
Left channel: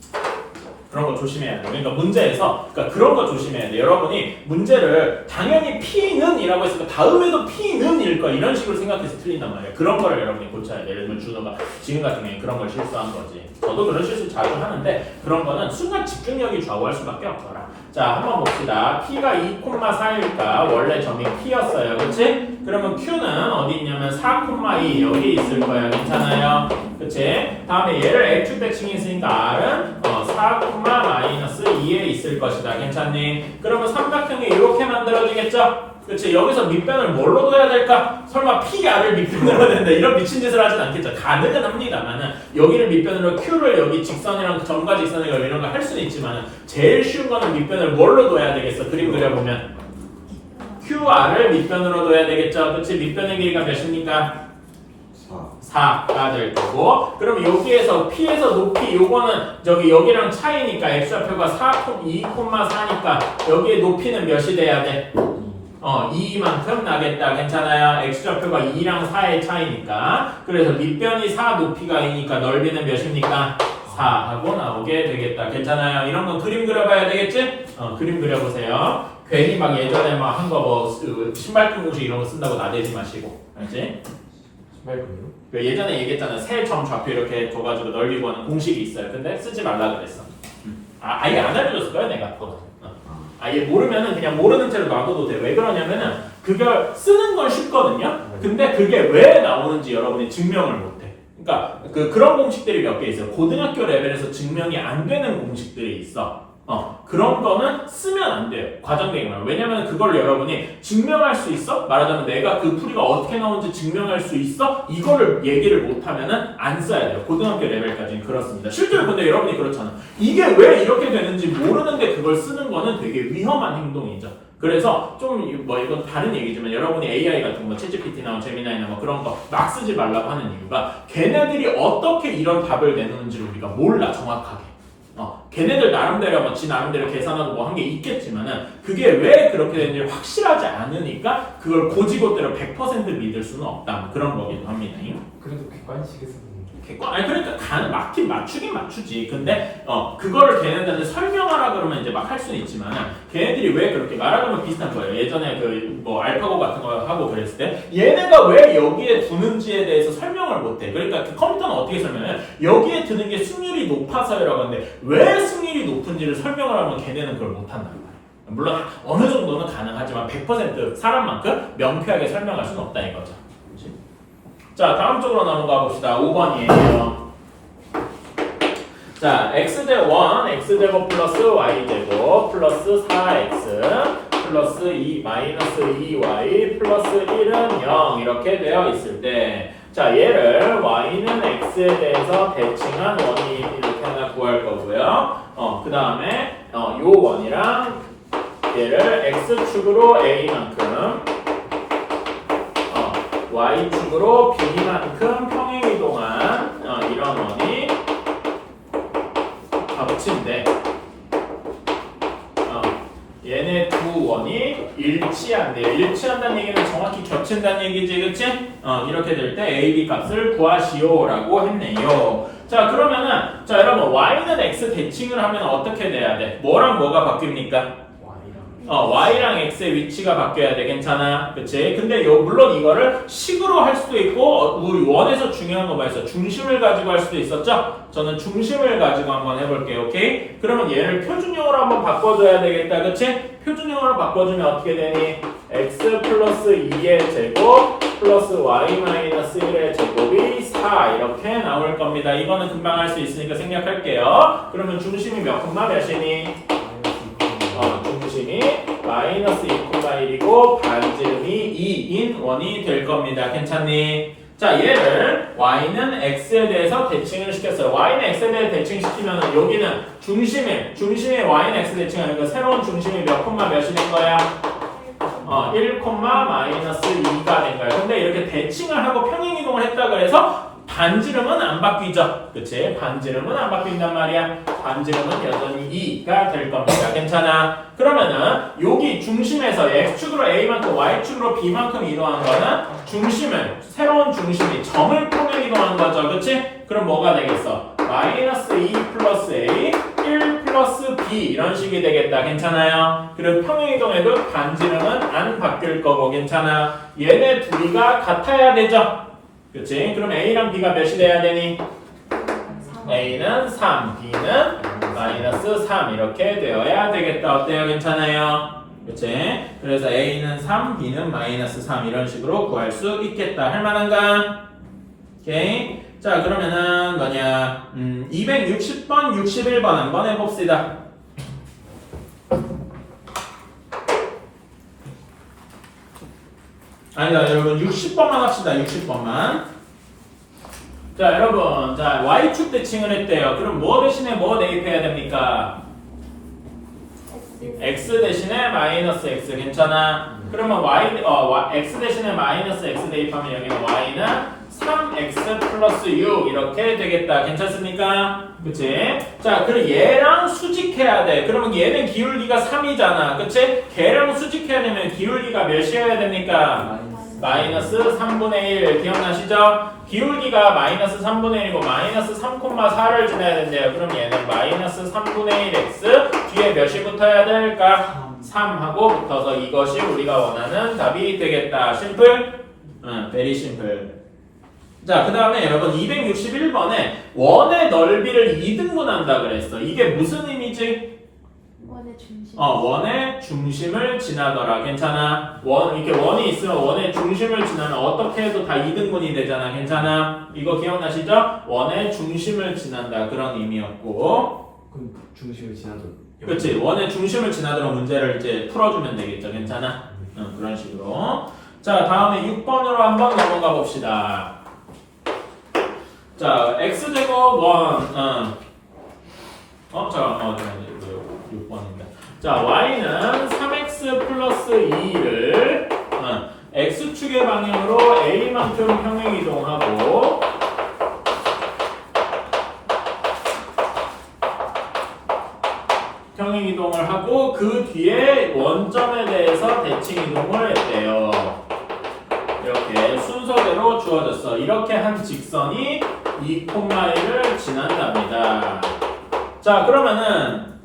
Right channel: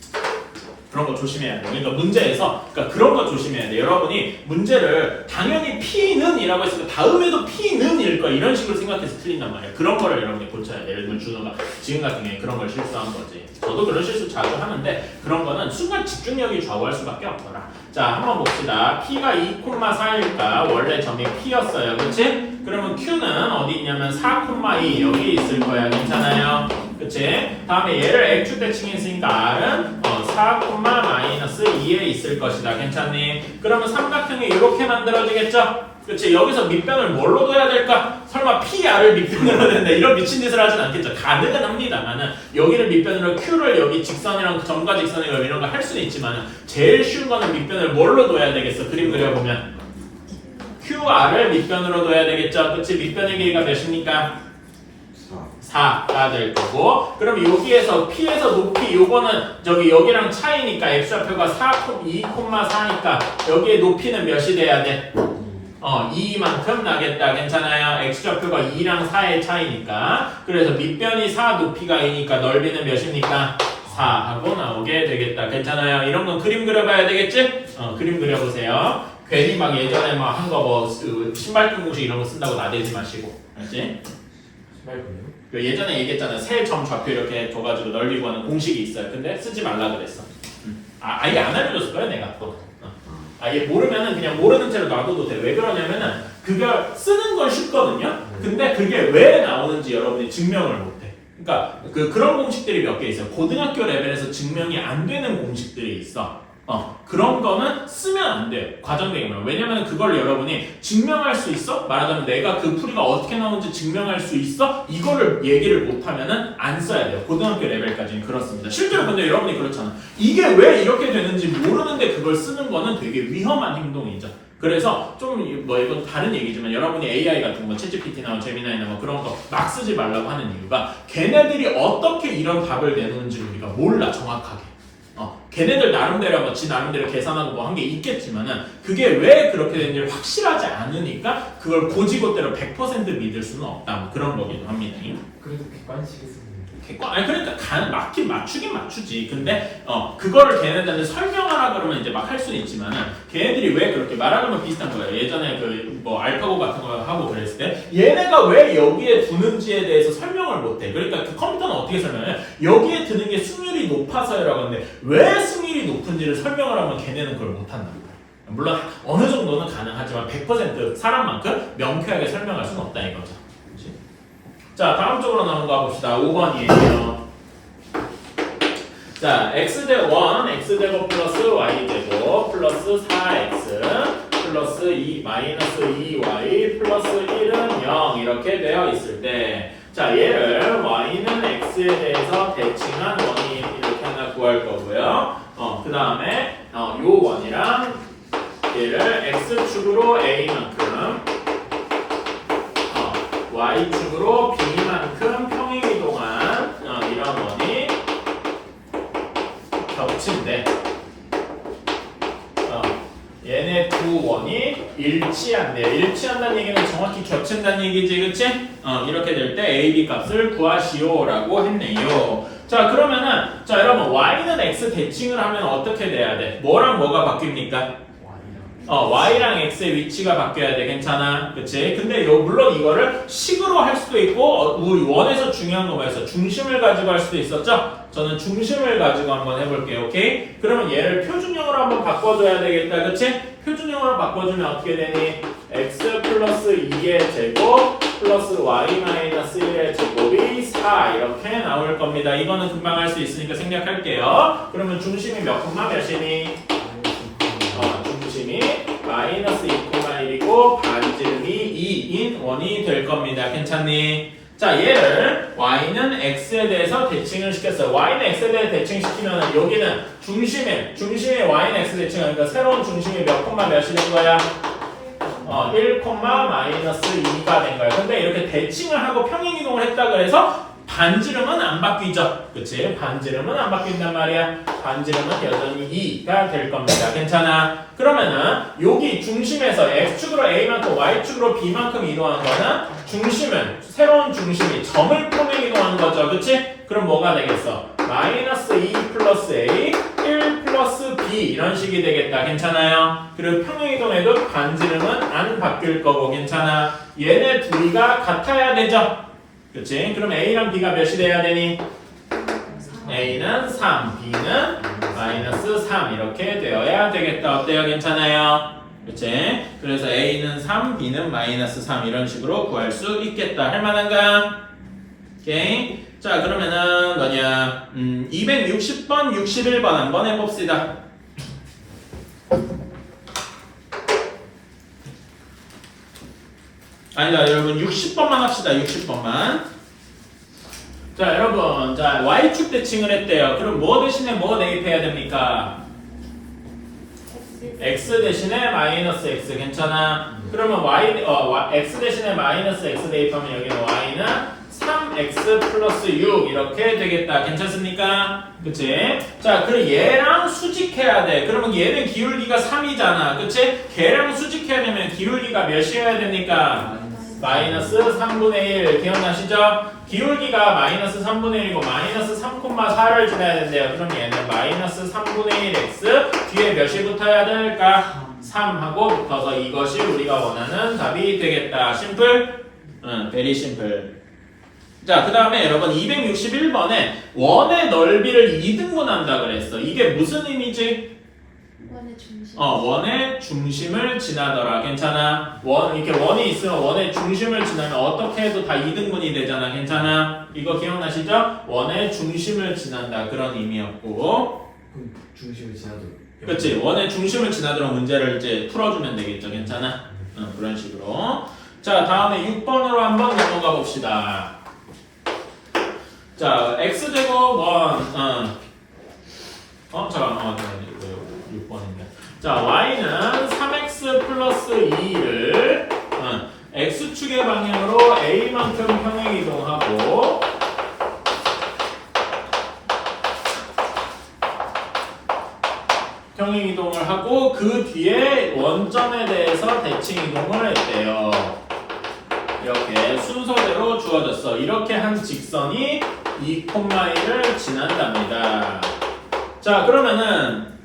그런 거 조심해야 돼. 그러니까 문제에서 그런 거 조심해야 돼. 여러분이 문제를 당연히 P는 이라고 했으니까 다음에도 P는 일 거야. 이런 식으로 생각해서 틀린단 말이야. 그런 거를 여러분이 고쳐야 돼. 예를 들면 준호가 지금 같은 경우에 그런 걸 실수한 거지. 저도 그런 실수 자주 하는데 그런 거는 순간 집중력이 좌우할 수밖에 없더라. 자, 한번 봅시다. P가 2,4일까? 원래 점이 P였어요. 그치? 그러면 Q는 어디 있냐면 4,2 여기 있을 거야. 괜찮아요? 그치? 다음에 얘를 X축 대칭이 있으니까 R은 4, 마이너스 2에 있을 것이다. 괜찮니? 그러면 삼각형이 이렇게 만들어지겠죠? 그치? 여기서 밑변을 뭘로 둬야 될까? 설마 PR을 밑변으로 해야 된다. 이런 미친 짓을 하진 않겠죠. 가능은 합니다만은 여기를 밑변으로 Q를 여기 직선이랑 점과 직선이랑 이런 거 할 수는 있지만 제일 쉬운 거는 밑변을 뭘로 둬야 되겠어? 그림 그려보면 QR을 밑변으로 둬야 되겠죠. 그치? 밑변의 길이가 몇입니까? 4가 될 거고, 그럼 여기에서 P에서 높이 요거는 여기랑 차이니까 x좌표가 2,4니까 여기에 높이는 몇이 돼야 돼? 2만큼 나겠다. 괜찮아요? x좌표가 2랑 4의 차이니까. 그래서 밑변이 4, 높이가 2니까 넓이는 몇입니까? 4 하고 나오게 되겠다. 괜찮아요? 이런 건 그림 그려봐야 되겠지? 그림 그려보세요. 괜히 막 예전에 막 한 거 뭐 신발끈 공식 이런 거 쓴다고 나대지 마시고. 알지? 신발끈이요? 예전에 얘기했잖아요. 세 점 좌표 이렇게 줘가지고 넓이 구하는 공식이 있어요. 근데 쓰지 말라 그랬어. 아예 안 알려줬을 거야 내가 그거. 아예 모르면은 그냥 모르는 채로 놔둬도 돼. 왜 그러냐면은 그걸 쓰는 건 쉽거든요. 근데 그게 왜 나오는지 여러분이 증명을 못해. 그러니까 그런 공식들이 몇 개 있어요. 고등학교 레벨에서 증명이 안 되는 공식들이 있어. 그런 거는 쓰면 안 돼요. 과정되기만. 왜냐면 그걸 여러분이 증명할 수 있어? 말하자면 내가 그 풀이가 어떻게 나오는지 증명할 수 있어? 이거를 얘기를 못하면은 안 써야 돼요. 고등학교 레벨까지는 그렇습니다. 실제로 근데 여러분이 그렇잖아. 이게 왜 이렇게 되는지 모르는데 그걸 쓰는 거는 되게 위험한 행동이죠. 그래서 좀 뭐 이건 다른 얘기지만 여러분이 AI 같은 거 챗GPT나 제미나이나 뭐 그런 거 막 쓰지 말라고 하는 이유가 걔네들이 어떻게 이런 답을 내놓는지를 우리가 몰라 정확하게. 걔네들 나름대로 뭐 지 나름대로 계산하고 뭐 한 게 있겠지만은 그게 왜 그렇게 되는지 확실하지 않으니까 그걸 고지고대로 100% 믿을 수는 없다. 뭐 그런 거기도 합니다. 그래도 객관식에 쓰는 아니 그러니까 맞추긴 맞추지. 근데 그거를 걔네들한테 설명하라 그러면 이제 막 할 수는 있지만은 걔네들이 왜 그렇게 말하자면 비슷한 거예요. 예전에 그 뭐 알파고 같은 거 하고 그랬을 때 얘네가 왜 여기에 두는지에 대해서 설명을 못해. 그러니까 그 컴퓨터는 어떻게 설명해? 여기에 드는 게 승률이 높아서라고 하는데 왜 승률이 높은지를 설명을 하면 걔네는 그걸 못한단 말이에요. 물론 어느 정도는 가능하지만 100% 사람만큼 명쾌하게 설명할 수는 없다 이거죠. 그렇지? 자, 다음 쪽으로 넘어가 봅시다. 5번이에요. 자, x제곱 1, x제곱 플러스 y제곱 플러스 4x 플러스 2 마이너스 2y 플러스 1은 0 이렇게 되어 있을 때, 자, 얘를 y는 x에 대해서 대칭한 원이 이렇게 하나 구할 거고요. 그 다음에 요 원이랑 얘를 x축으로 a만큼 y축으로 b만큼 평행이동한 이런 원이 겹친데 얘네 두 원이 일치한대요. 일치한다는 얘기는 정확히 겹친다는 얘기지, 그치? 이렇게 될 때 a, b 값을 구하시오라고 했네요. 자, 그러면은 자 여러분 y는 x 대칭을 하면 어떻게 돼야 돼? 뭐랑 뭐가 바뀝니까? y랑 x의 위치가 바뀌어야 돼. 괜찮아? 그치? 근데 물론 이거를 식으로 할 수도 있고 원에서 중요한 거 말이었어. 중심을 가지고 할 수도 있었죠? 저는 중심을 가지고 한번 해볼게요. 오케이? 그러면 얘를 표준형으로 한번 바꿔줘야 되겠다. 그치? 표준형으로 바꿔주면 어떻게 되니? x 플러스 2의 제곱 플러스 y 마이너스 1의 제곱이 4 이렇게 나올 겁니다. 이거는 금방 할 수 있으니까 생략할게요. 그러면 중심이 몇 콤마 몇이니? 중심이 마이너스 2,1이고 반지름이 2인 원이 될 겁니다. 괜찮니? 자, 얘를 y는 x에 대해서 대칭을 시켰어요. y는 x에 대해 대칭시키면 여기는 중심에 y는 x 대칭하니까 새로운 중심이 몇 콤마 몇이 된 거야? 1, 마이너스 2가 된 거야. 근데 이렇게 대칭을 하고 평행이동을 했다 그래서 반지름은 안 바뀌죠. 그치? 반지름은 안 바뀐단 말이야. 반지름은 여전히 2가 될 겁니다. 괜찮아? 그러면은 여기 중심에서 x축으로 a만큼 y축으로 b만큼 이동한 거는 중심을 새로운 중심이 점을 통해 이동한 거죠. 그치? 그럼 뭐가 되겠어? 마이너스 2 플러스 a 1 플러스 b 이런 식이 되겠다. 괜찮아요? 그리고 평행이동에도 반지름은 안 바뀔 거고 괜찮아? 얘네 둘이가 같아야 되죠? 그치? 그럼 a랑 b가 몇이 돼야 되니? a는 3, b는 마이너스 3 이렇게 되어야 되겠다. 어때요? 괜찮아요? 그치? 그래서 a는 3, b는 마이너스 3 이런 식으로 구할 수 있겠다. 할만한가? 오케이? 자 그러면은 뭐냐 260번, 61번 한번 해봅시다. 아니다 여러분 60번만 합시다. 60번만. 자 여러분 자 y축 대칭을 했대요. 그럼 뭐 대신에 뭐 대입해야 됩니까? x 대신에 마이너스 x 괜찮아? 그러면 x 대신에 마이너스 x 대입하면 여기는 y는 3x 플러스 6 이렇게 되겠다. 괜찮습니까? 그치? 자 그리고 얘랑 수직해야 돼. 그러면 얘는 기울기가 3이잖아. 그치? 걔랑 수직해야 되면 기울기가 몇이어야 됩니까? 마이너스 3분의 1 기억나시죠? 기울기가 마이너스 3분의 1이고 마이너스 3,4를 지나야 된대요. 그럼 얘는 마이너스 3분의 1x 뒤에 몇이 붙어야 될까? 3하고 붙어서 이것이 우리가 원하는 답이 되겠다. 심플? 응, 베리 심플. 자, 그 다음에 여러분 261번에 원의 넓이를 2등분한다 그랬어. 이게 무슨 의미지? 원의 중심. 원의 중심을 지나더라. 괜찮아? 이렇게 원이 있으면 원의 중심을 지나면 어떻게 해도 다 2등분이 되잖아. 괜찮아? 이거 기억나시죠? 원의 중심을 지난다. 그런 의미였고. 그럼 중심을 지나도. 그렇지. 원의 중심을 지나도록 문제를 이제 풀어주면 되겠죠. 괜찮아? 그런 식으로. 자, 다음에 6번으로 한번 넘어가 봅시다. 자, x제곱 6번인데. 자, y는 3x 플러스 2를 x축의 방향으로 a만큼 평행이동하고 평행이동을 하고 그 뒤에 원점에 대해서 대칭이동을 했대요. 이렇게 순서대로 주어졌어. 이렇게 한 직선이 2,1을 지난답니다. 자, 그러면은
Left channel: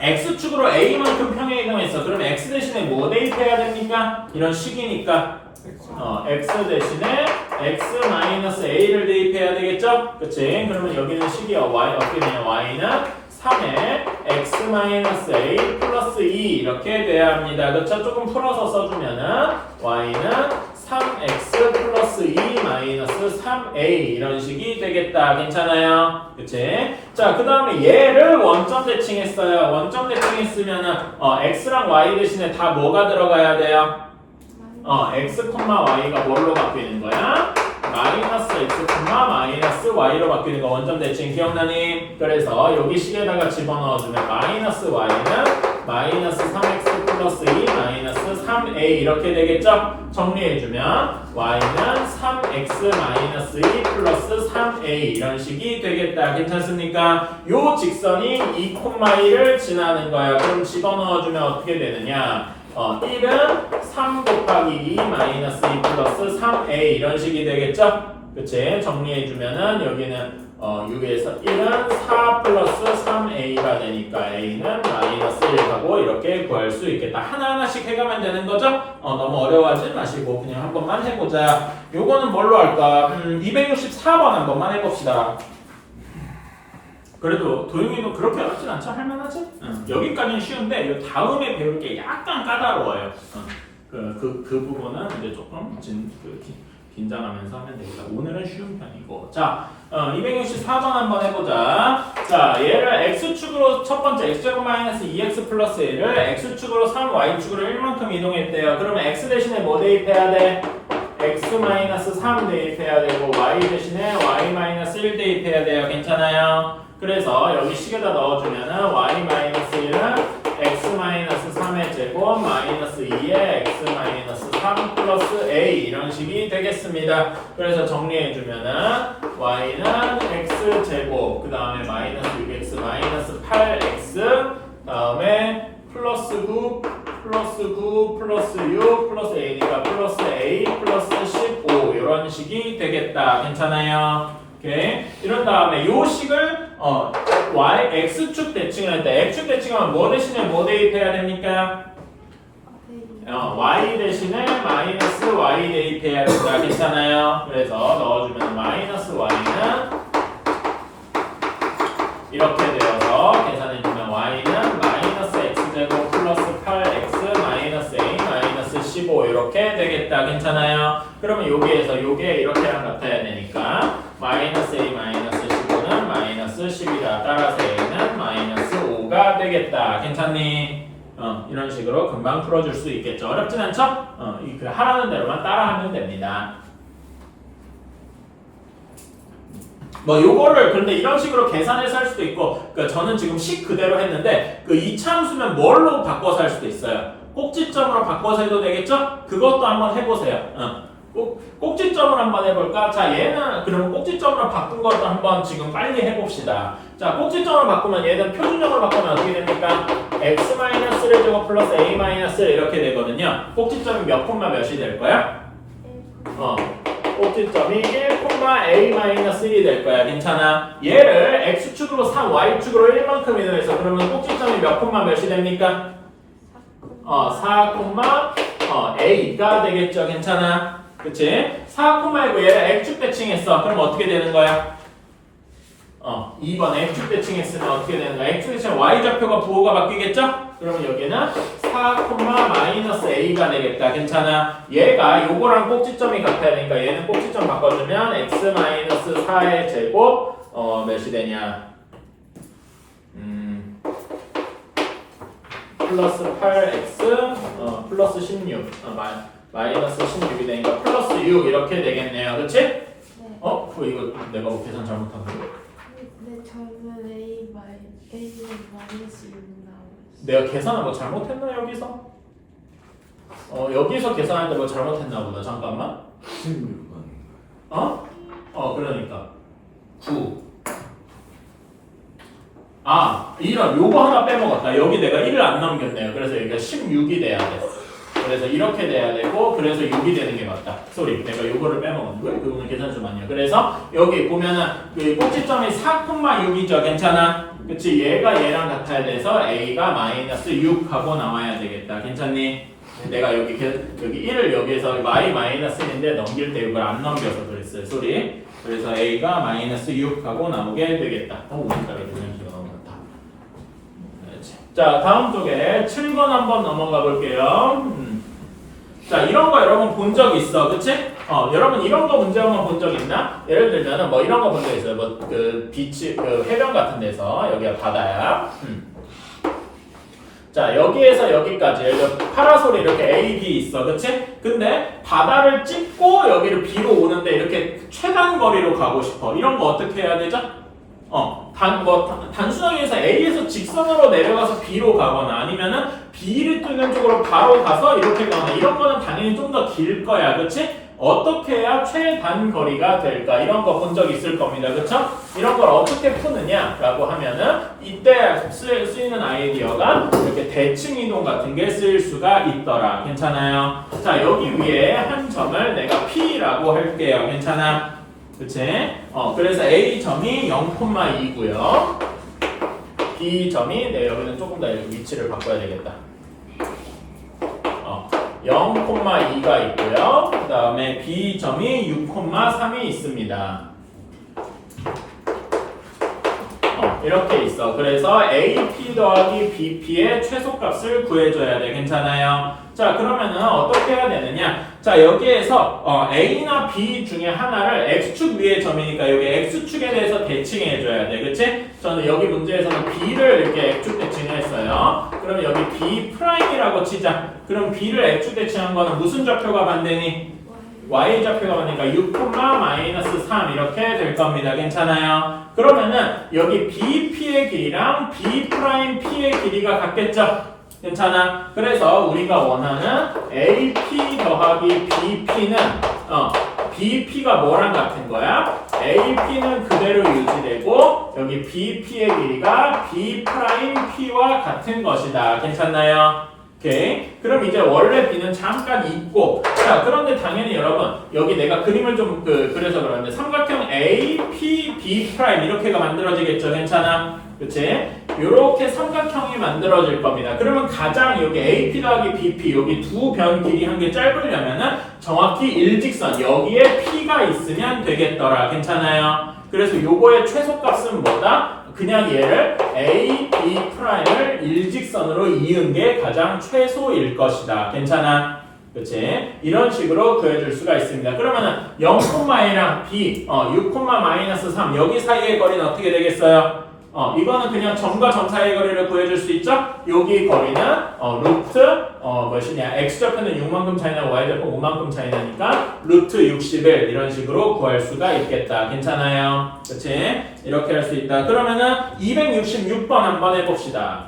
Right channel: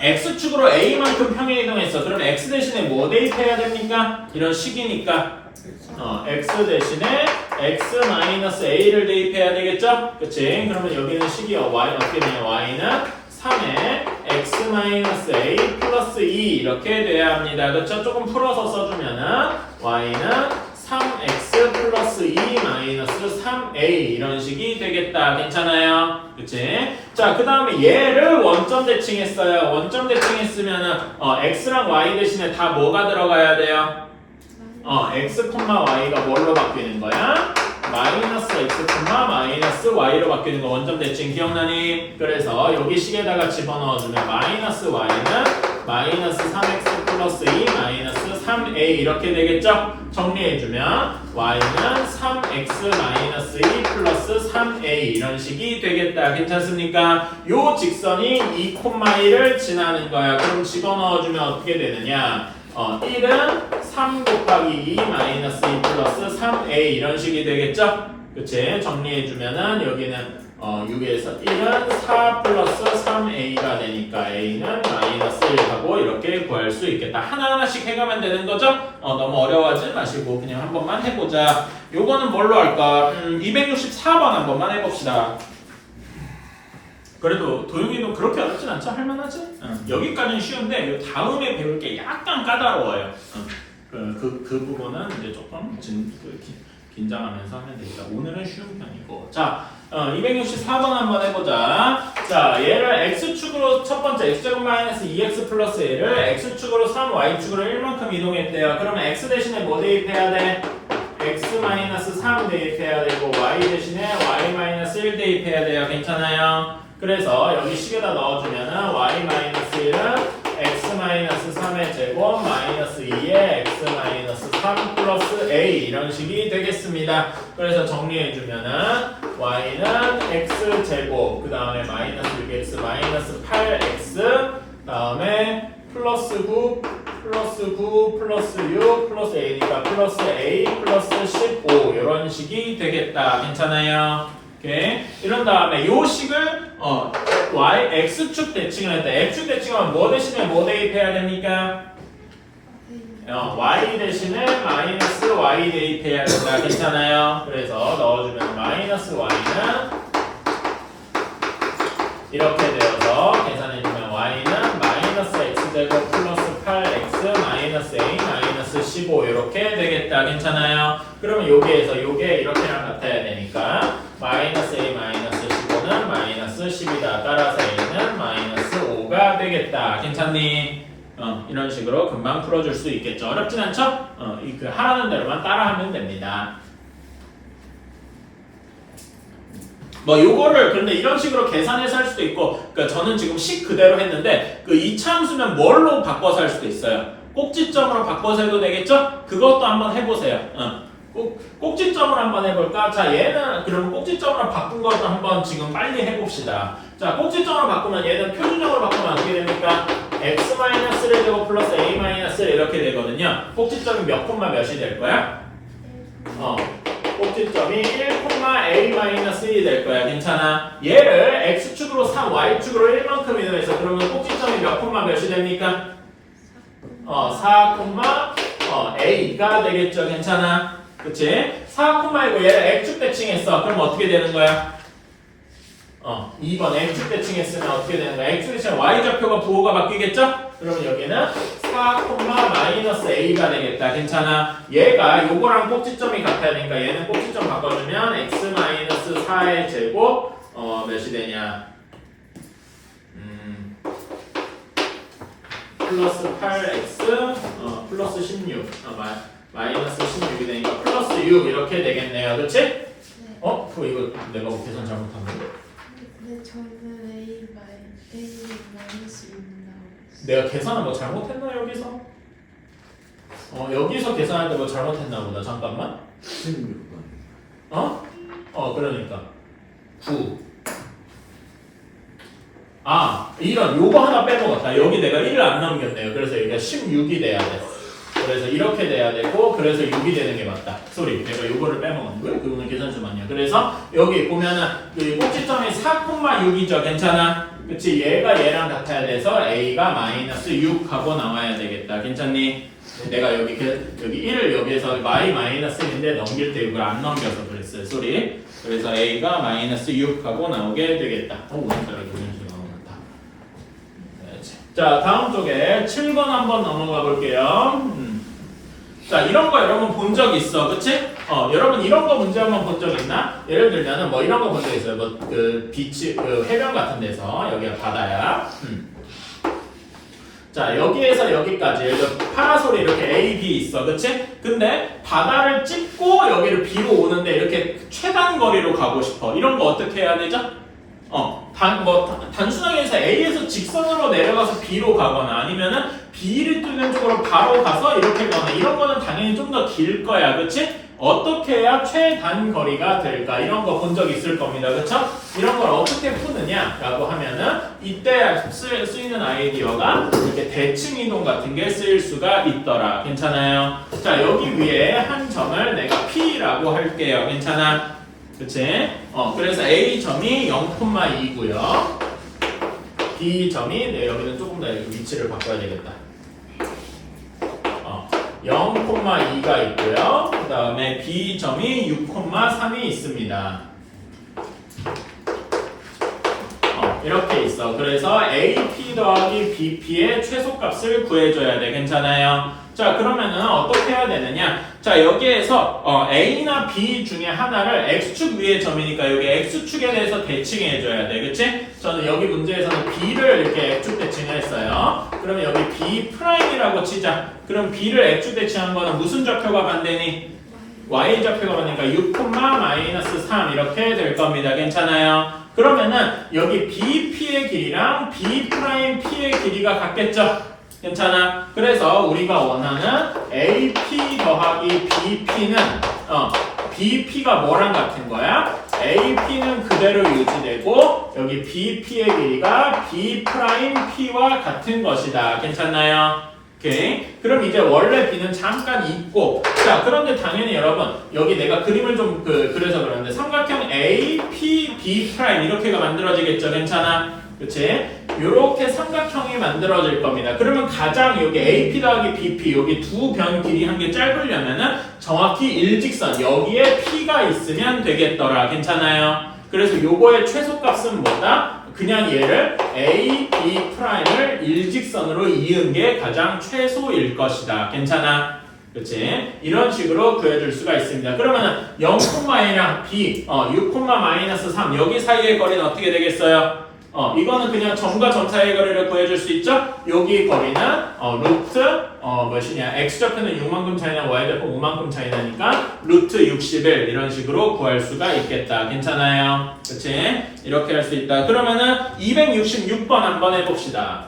x축으로 a만큼 평행이동했어. 그러면 x 대신에 뭐 대입해야 됩니까? 이런 식이니까 x 대신에 x-a를 대입해야 되겠죠? 그치? 그러면 여기는 식이 어떻게 되냐? y는 3에 x-a 플러스 2 이렇게 돼야 합니다. 그렇죠? 조금 풀어서 써주면은 y는 3x 플러스 2 마이너스 3a 이런 식이 되겠다. 괜찮아요? 그치? 자, 그 다음에 얘를 원점 대칭했어요. 원점 대칭했으면은 x랑 y 대신에 다 뭐가 들어가야 돼요? x, y가 뭘로 바뀌는 거야? 마이너스 x, 마이너스 y로 바뀌는 거 원점 대칭 기억나니? 그래서 여기 식에다가 집어넣어주면 마이너스 y는 마이너스 3x 플러스 2 마이너스 3a 이렇게 되겠죠? 정리해주면 y는 3x 마이너스 2 플러스 3a 이런 식이 되겠다. 괜찮습니까? 요 직선이 2,1을 지나는 거야. 그럼 집어넣어주면 어떻게 되느냐? 1은 3 곱하기 2 마이너스 2 플러스 3a 이런 식이 되겠죠? 그치? 정리해주면은 여기는 6에서 1은 4 플러스 3a가 되니까 a는 마이너스 1하고 이렇게 구할 수 있겠다. 하나하나씩 해가면 되는 거죠? 너무 어려워하지 마시고 그냥 한 번만 해보자. 요거는 뭘로 할까? 264번 한 번만 해봅시다. 그래도 도용이도 그렇게 어렵진 않죠? 할만하지? 여기까지는 쉬운데 요 다음에 배울 게 약간 까다로워요. 그 부분은 이제 조금 긴장하면서 하면 되겠다. 오늘은 쉬운 편이고. 자, 264번 한번 해보자. 자, 얘를 x축으로 첫 번째 x제곱 마이너스 2x 플러스 1을 x축으로 3, y축으로 1만큼 이동했대요. 그러면 x 대신에 뭐 대입해야 돼? x 마이너스 3 대입해야 되고 y 대신에 y 마이너스 1 대입해야 돼요. 괜찮아요? 그래서 여기 식에다 넣어주면은 y 마이너스 1은 x 마이너스 3의 3의 제곱 마이너스 2의 x 마이너스 3 플러스 a 이런 식이 되겠습니다. 그래서 정리해주면은 y는 x 제곱 그 다음에 마이너스 6x 마이너스 8x 다음에 플러스 9 플러스 9 플러스 6 플러스 a니까 플러스 a 플러스 15 이런 식이 되겠다. 괜찮아요? 오케이. 이런 다음에 요 식을 y x축 대칭을 했다. x축 대칭하면 뭐 대신에 뭐 대입해야 됩니까? y 대신에 마이너스 y 대입해야 된다. 괜찮아요? 그래서 넣어주면 마이너스 y는 이렇게 되어서 계산해주면 y는 마이너스 x제곱 플러스 8x 마이너스 a 마이너스 15 이렇게 되겠다. 괜찮아요? 그러면 여기에서 요게 이렇게랑 같아야 되니까 마이너스 a 마이너스 15는 마이너스 10이다. 따라서 a는 마이너스 5가 되겠다. 괜찮니? 이런 식으로 금방 풀어줄 수 있겠죠. 어렵진 않죠? 그 하라는 대로만 따라하면 됩니다. 뭐 요거를 근데 이런 식으로 계산해서 할 수도 있고, 그러니까 저는 지금 식 그대로 했는데 그 이차함수면 뭘로 바꿔서 할 수도 있어요. 꼭지점으로 바꿔서 해도 되겠죠? 그것도 한번 해보세요. 꼭지점으로 한번 해볼까? 자, 얘는 그러면 꼭지점으로 바꾼 것도 한번 지금 빨리 해봅시다. 자, 꼭지점으로 바꾸면 얘는 표준점으로 바꾸면 어떻게 됩니까? x-를 제곱 플러스 a-를 이렇게 되거든요. 꼭지점이 몇 콤마 몇이 될 거야? 꼭지점이 1,a-1이 될 거야. 괜찮아? 얘를 x축으로 3, y축으로 1만큼 이동해서 그러면 꼭지점이 몇 콤마 몇이 됩니까? 4, a가 되겠죠. 괜찮아? 그치? 4,1고 얘를 x축 대칭했어. 그럼 어떻게 되는 거야? 2번 x축 대칭했으면 어떻게 되는 거야? x축 대칭 y좌표가 부호가 바뀌겠죠? 그러면 여기는 4,-a가 되겠다. 괜찮아? 얘가 요거랑 꼭지점이 같아야 되니까 얘는 꼭지점 바꿔주면 x-4의 제곱 몇이 되냐? 플러스 8x 플러스 16 마이너스 16이 되니까 플러스 6 이렇게 되겠네요. 그치? 네. 이거 내가 뭐 계산 잘못한 거? 네, 저는 A 마이너스 6 나오고 내가 계산을 뭐 잘못했나 여기서? 여기서 계산할 때 뭐 잘못했나 보다. 잠깐만. 그러니까 9. 이런 요거 하나 빼먹었다. 여기 내가 1을 안 넘겼네요. 그래서 여기가 16이 돼야 돼. 그래서 이렇게 돼야 되고 그래서 6이 되는 게 맞다. 쏘리, 내가 요거를 빼먹었는데 왜 그거는 계산 좀 아니야. 그래서 여기 보면은 그 꼭지점이 4,6이죠. 괜찮아? 그치? 얘가 얘랑 같아야 돼서 a가 마이너스 6하고 나와야 되겠다. 괜찮니? 내가 여기 1을 여기에서 마이너스1인데 넘길 때 이걸 안 넘겨서 그랬어요. 쏘리. 그래서 a가 마이너스 6하고 나오게 되겠다. 오늘따라 그냥 기가 나온다. 자, 다음 쪽에 7번 한번 넘어가 볼게요. 자, 이런 거 여러분 본 적 있어. 그치? 여러분 이런 거 문제 한번 본 적 있나? 예를 들면은 뭐 이런 거 본 적 있어요. 뭐 그 비치, 그 해변 같은 데서 여기가 바다야. 자, 여기에서 여기까지 예를 들어 파라솔이 이렇게 A, B 있어. 그치? 근데 바다를 찍고 여기를 B로 오는데 이렇게 최단 거리로 가고 싶어. 이런 거 어떻게 해야 되죠? 단순하게 해서 A에서 직선으로 내려가서 B로 가거나 아니면은 B를 뚫는 쪽으로 바로 가서 이렇게 가거나 이런 거는 당연히 좀 더 길 거야. 그치? 어떻게 해야 최단 거리가 될까? 이런 거 본 적 있을 겁니다. 그쵸? 이런 걸 어떻게 푸느냐? 라고 하면은 이때 쓰이는 아이디어가 이렇게 대칭 이동 같은 게 쓰일 수가 있더라. 괜찮아요? 자, 여기 위에 한 점을 내가 P라고 할게요. 괜찮아? 그치? 그래서 A점이 0,2고요. B점이 여기는 조금 더 위치를 바꿔야 되겠다. 0,2가 있고요. 그 다음에 B점이 6,3이 있습니다. 이렇게 있어. 그래서 AP 더하기 BP의 최소값을 구해줘야 돼. 괜찮아요? 자, 그러면은 어떻게 해야 되느냐? 자, 여기에서 A나 B 중에 하나를 X축 위의 점이니까 여기 X축에 대해서 대칭해줘야 돼. 그치? 저는 여기 문제에서는 B를 이렇게 X축 대칭을 했어요. 그러면 여기 B'이라고 치자. 그럼 B를 X축 대칭한 거는 무슨 좌표가 반대니? Y좌표가 반대니까 6,-3 이렇게 될 겁니다. 괜찮아요? 그러면은 여기 BP의 길이랑 B'P의 길이가 같겠죠? 괜찮아? 그래서 우리가 원하는 AP 더하기 BP는 BP가 뭐랑 같은 거야? AP는 그대로 유지되고 여기 BP의 길이가 B'P와 같은 것이다. 괜찮나요? 오케이. 그럼 이제 원래 B는 잠깐 잊고 자 그런데 당연히 여러분 여기 내가 그림을 좀 그래서 그러는데 삼각형 AP, B' 이렇게가 만들어지겠죠. 괜찮아? 그치? 요렇게 삼각형이 만들어질 겁니다. 그러면 가장 여기 AP 더하기 BP 여기 두 변 길이 한 개 짧으려면은 정확히 일직선 여기에 P가 있으면 되겠더라. 괜찮아요? 그래서 요거의 최소값은 뭐다? 그냥 얘를 A, B'을 일직선으로 이은 게 가장 최소일 것이다. 괜찮아? 그치? 이런 식으로 구해줄 수가 있습니다. 그러면은 0,A랑 B, 6,-3 여기 사이의 거리는 어떻게 되겠어요? 이거는 그냥 점과 점 사이의 거리를 구해줄 수 있죠? 여기 거리는 루트 몇이냐? x좌표는 6만큼 차이나 y좌표 5만큼 차이 나니까 루트 61 이런 식으로 구할 수가 있겠다. 괜찮아요? 그치? 이렇게 할 수 있다. 그러면은 266번 한번 해봅시다.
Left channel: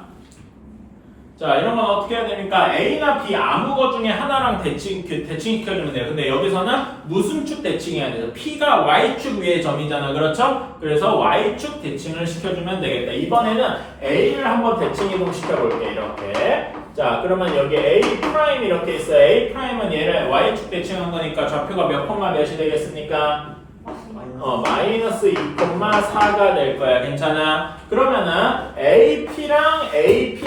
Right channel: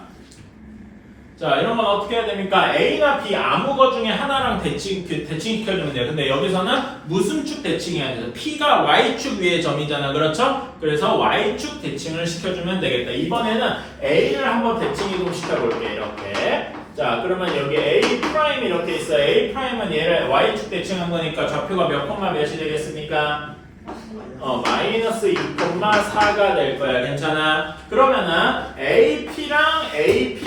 자, 이런 건 어떻게 해야 됩니까? A나 B 아무 것 중에 하나랑 대칭시켜주면 돼요. 근데 여기서는 무슨 축 대칭해야 돼요? P가 Y축 위의 점이잖아. 그렇죠? 그래서 Y축 대칭을 시켜주면 되겠다. 이번에는 A를 한번 대칭 이동 시켜볼게. 이렇게. 자, 그러면 여기 A' 이렇게 있어요. A'은 얘를 Y축 대칭한 거니까 좌표가 몇 콤마 몇이 되겠습니까? 마이너스 2,4가 될 거야. 괜찮아? 그러면은 AP랑 AP'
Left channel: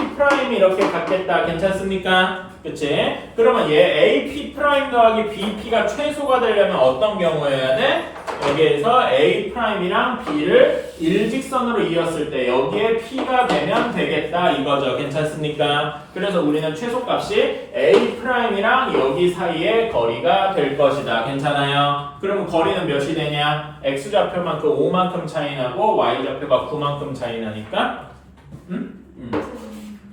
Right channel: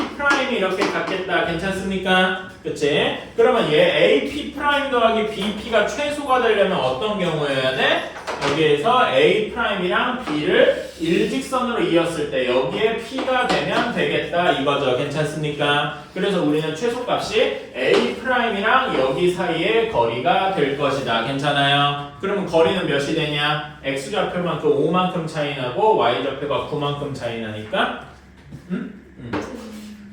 이렇게 같겠다. 괜찮습니까? 그치? 그러면 얘 AP' 더하기 BP가 최소가 되려면 어떤 경우여야 돼? 여기에서 A'이랑 B를 일직선으로 이었을 때 여기에 P가 되면 되겠다 이거죠. 괜찮습니까? 그래서 우리는 최소값이 A'이랑 여기 사이의 거리가 될 것이다. 괜찮아요? 그러면 거리는 몇이 되냐? X좌표만큼 5만큼 차이 나고 Y좌표가 9만큼 차이 나니까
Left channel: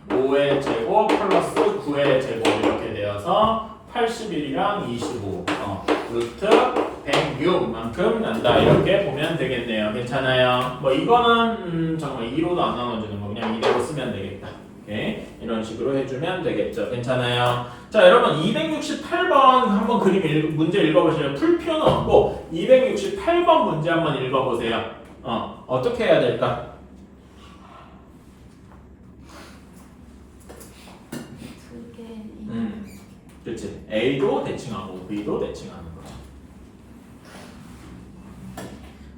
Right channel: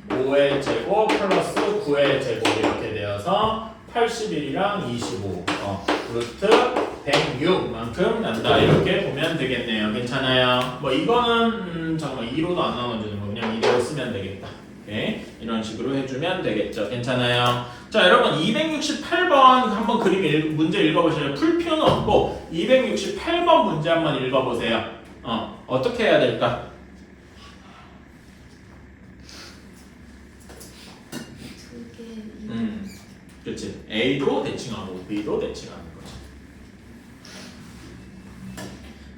5의 제곱 플러스 9의 제곱 이렇게 되어서 81이랑 25 루트 106만큼 난다. 이렇게 보면 되겠네요. 괜찮아요? 뭐 이거는 잠깐만 2로도 안 나눠주는 거 그냥 이대로 쓰면 되겠다. 오케이? 이런 식으로 해주면 되겠죠. 괜찮아요? 자, 여러분 268번 한번 문제 읽어보실래요? 풀 필요는 없고 268번 문제 한번 읽어보세요. 어떻게 해야 될까? 그렇지. A도 대칭하고 B도 대칭하는 거죠.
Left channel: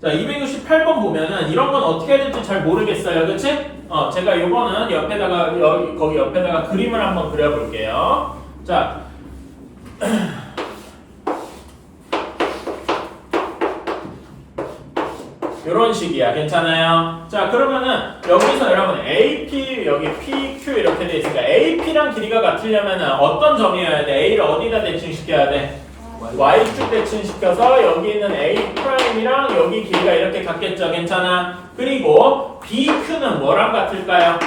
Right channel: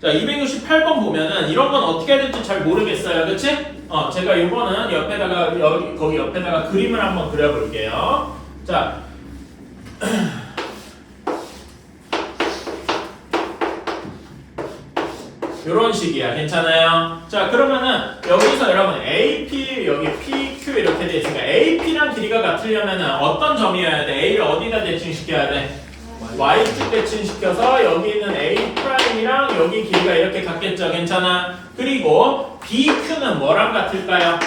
자, 268번 보면은 이런 건 어떻게 해야 될지 잘 모르겠어요. 그렇지? 제가 요거는 옆에다가 거기 옆에다가 그림을 한번 그려볼게요. 자, 이런 식이야. 괜찮아요? 자, 그러면은 여기서 여러분 AP 여기 PQ 이렇게 돼 있으니까 AP랑 길이가 같으려면은 어떤 점이어야 돼? A를 어디다 대칭시켜야 돼? Y축 대칭시켜서 여기 있는 A'이랑 여기 길이가 이렇게 같겠죠. 괜찮아? 그리고 BQ는 뭐랑 같을까요?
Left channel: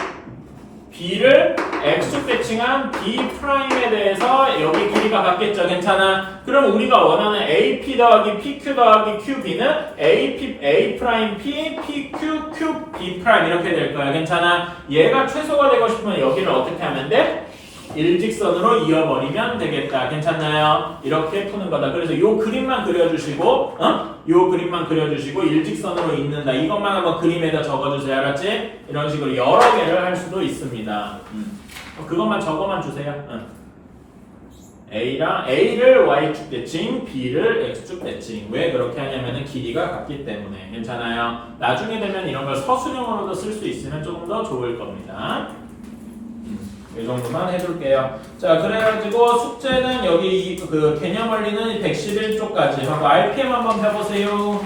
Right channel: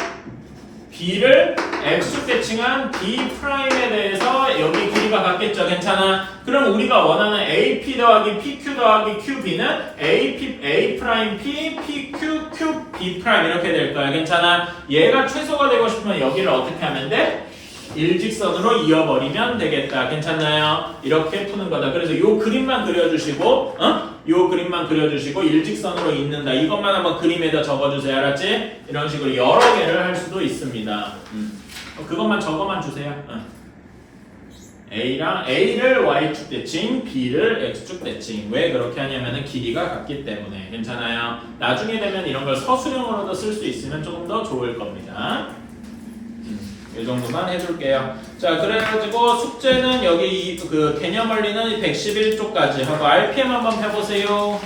B를 X축 대칭한 B'에 대해서 여기 길이가 같겠죠. 괜찮아? 그럼 우리가 원하는 AP 더하기 PQ 더하기 QB는 AP, A'P, PQ, QB' 이렇게 될 거야. 괜찮아? 얘가 최소가 되고 싶으면 여기를 어떻게 하면 돼? 일직선으로 이어버리면 되겠다. 괜찮나요? 이렇게 푸는 거다. 그래서 요 그림만 그려주시고 요 그림만 그려주시고 일직선으로 잇는다. 이것만 한번 그림에다 적어주세요. 알았지? 이런 식으로 여러 개를 할 수도 있습니다. 그것만 적어만 주세요. A를 Y축 대칭, B를 X축 대칭. 왜 그렇게 하냐면은 길이가 같기 때문에. 괜찮아요? 나중에 되면 이런 걸 서술형으로도 쓸 수 있으면 조금 더 좋을 겁니다. 이 정도만 해줄게요. 자, 그래가지고 숙제는 여기 그 개념 원리는 111쪽까지 하고 RPM 한번 해보세요.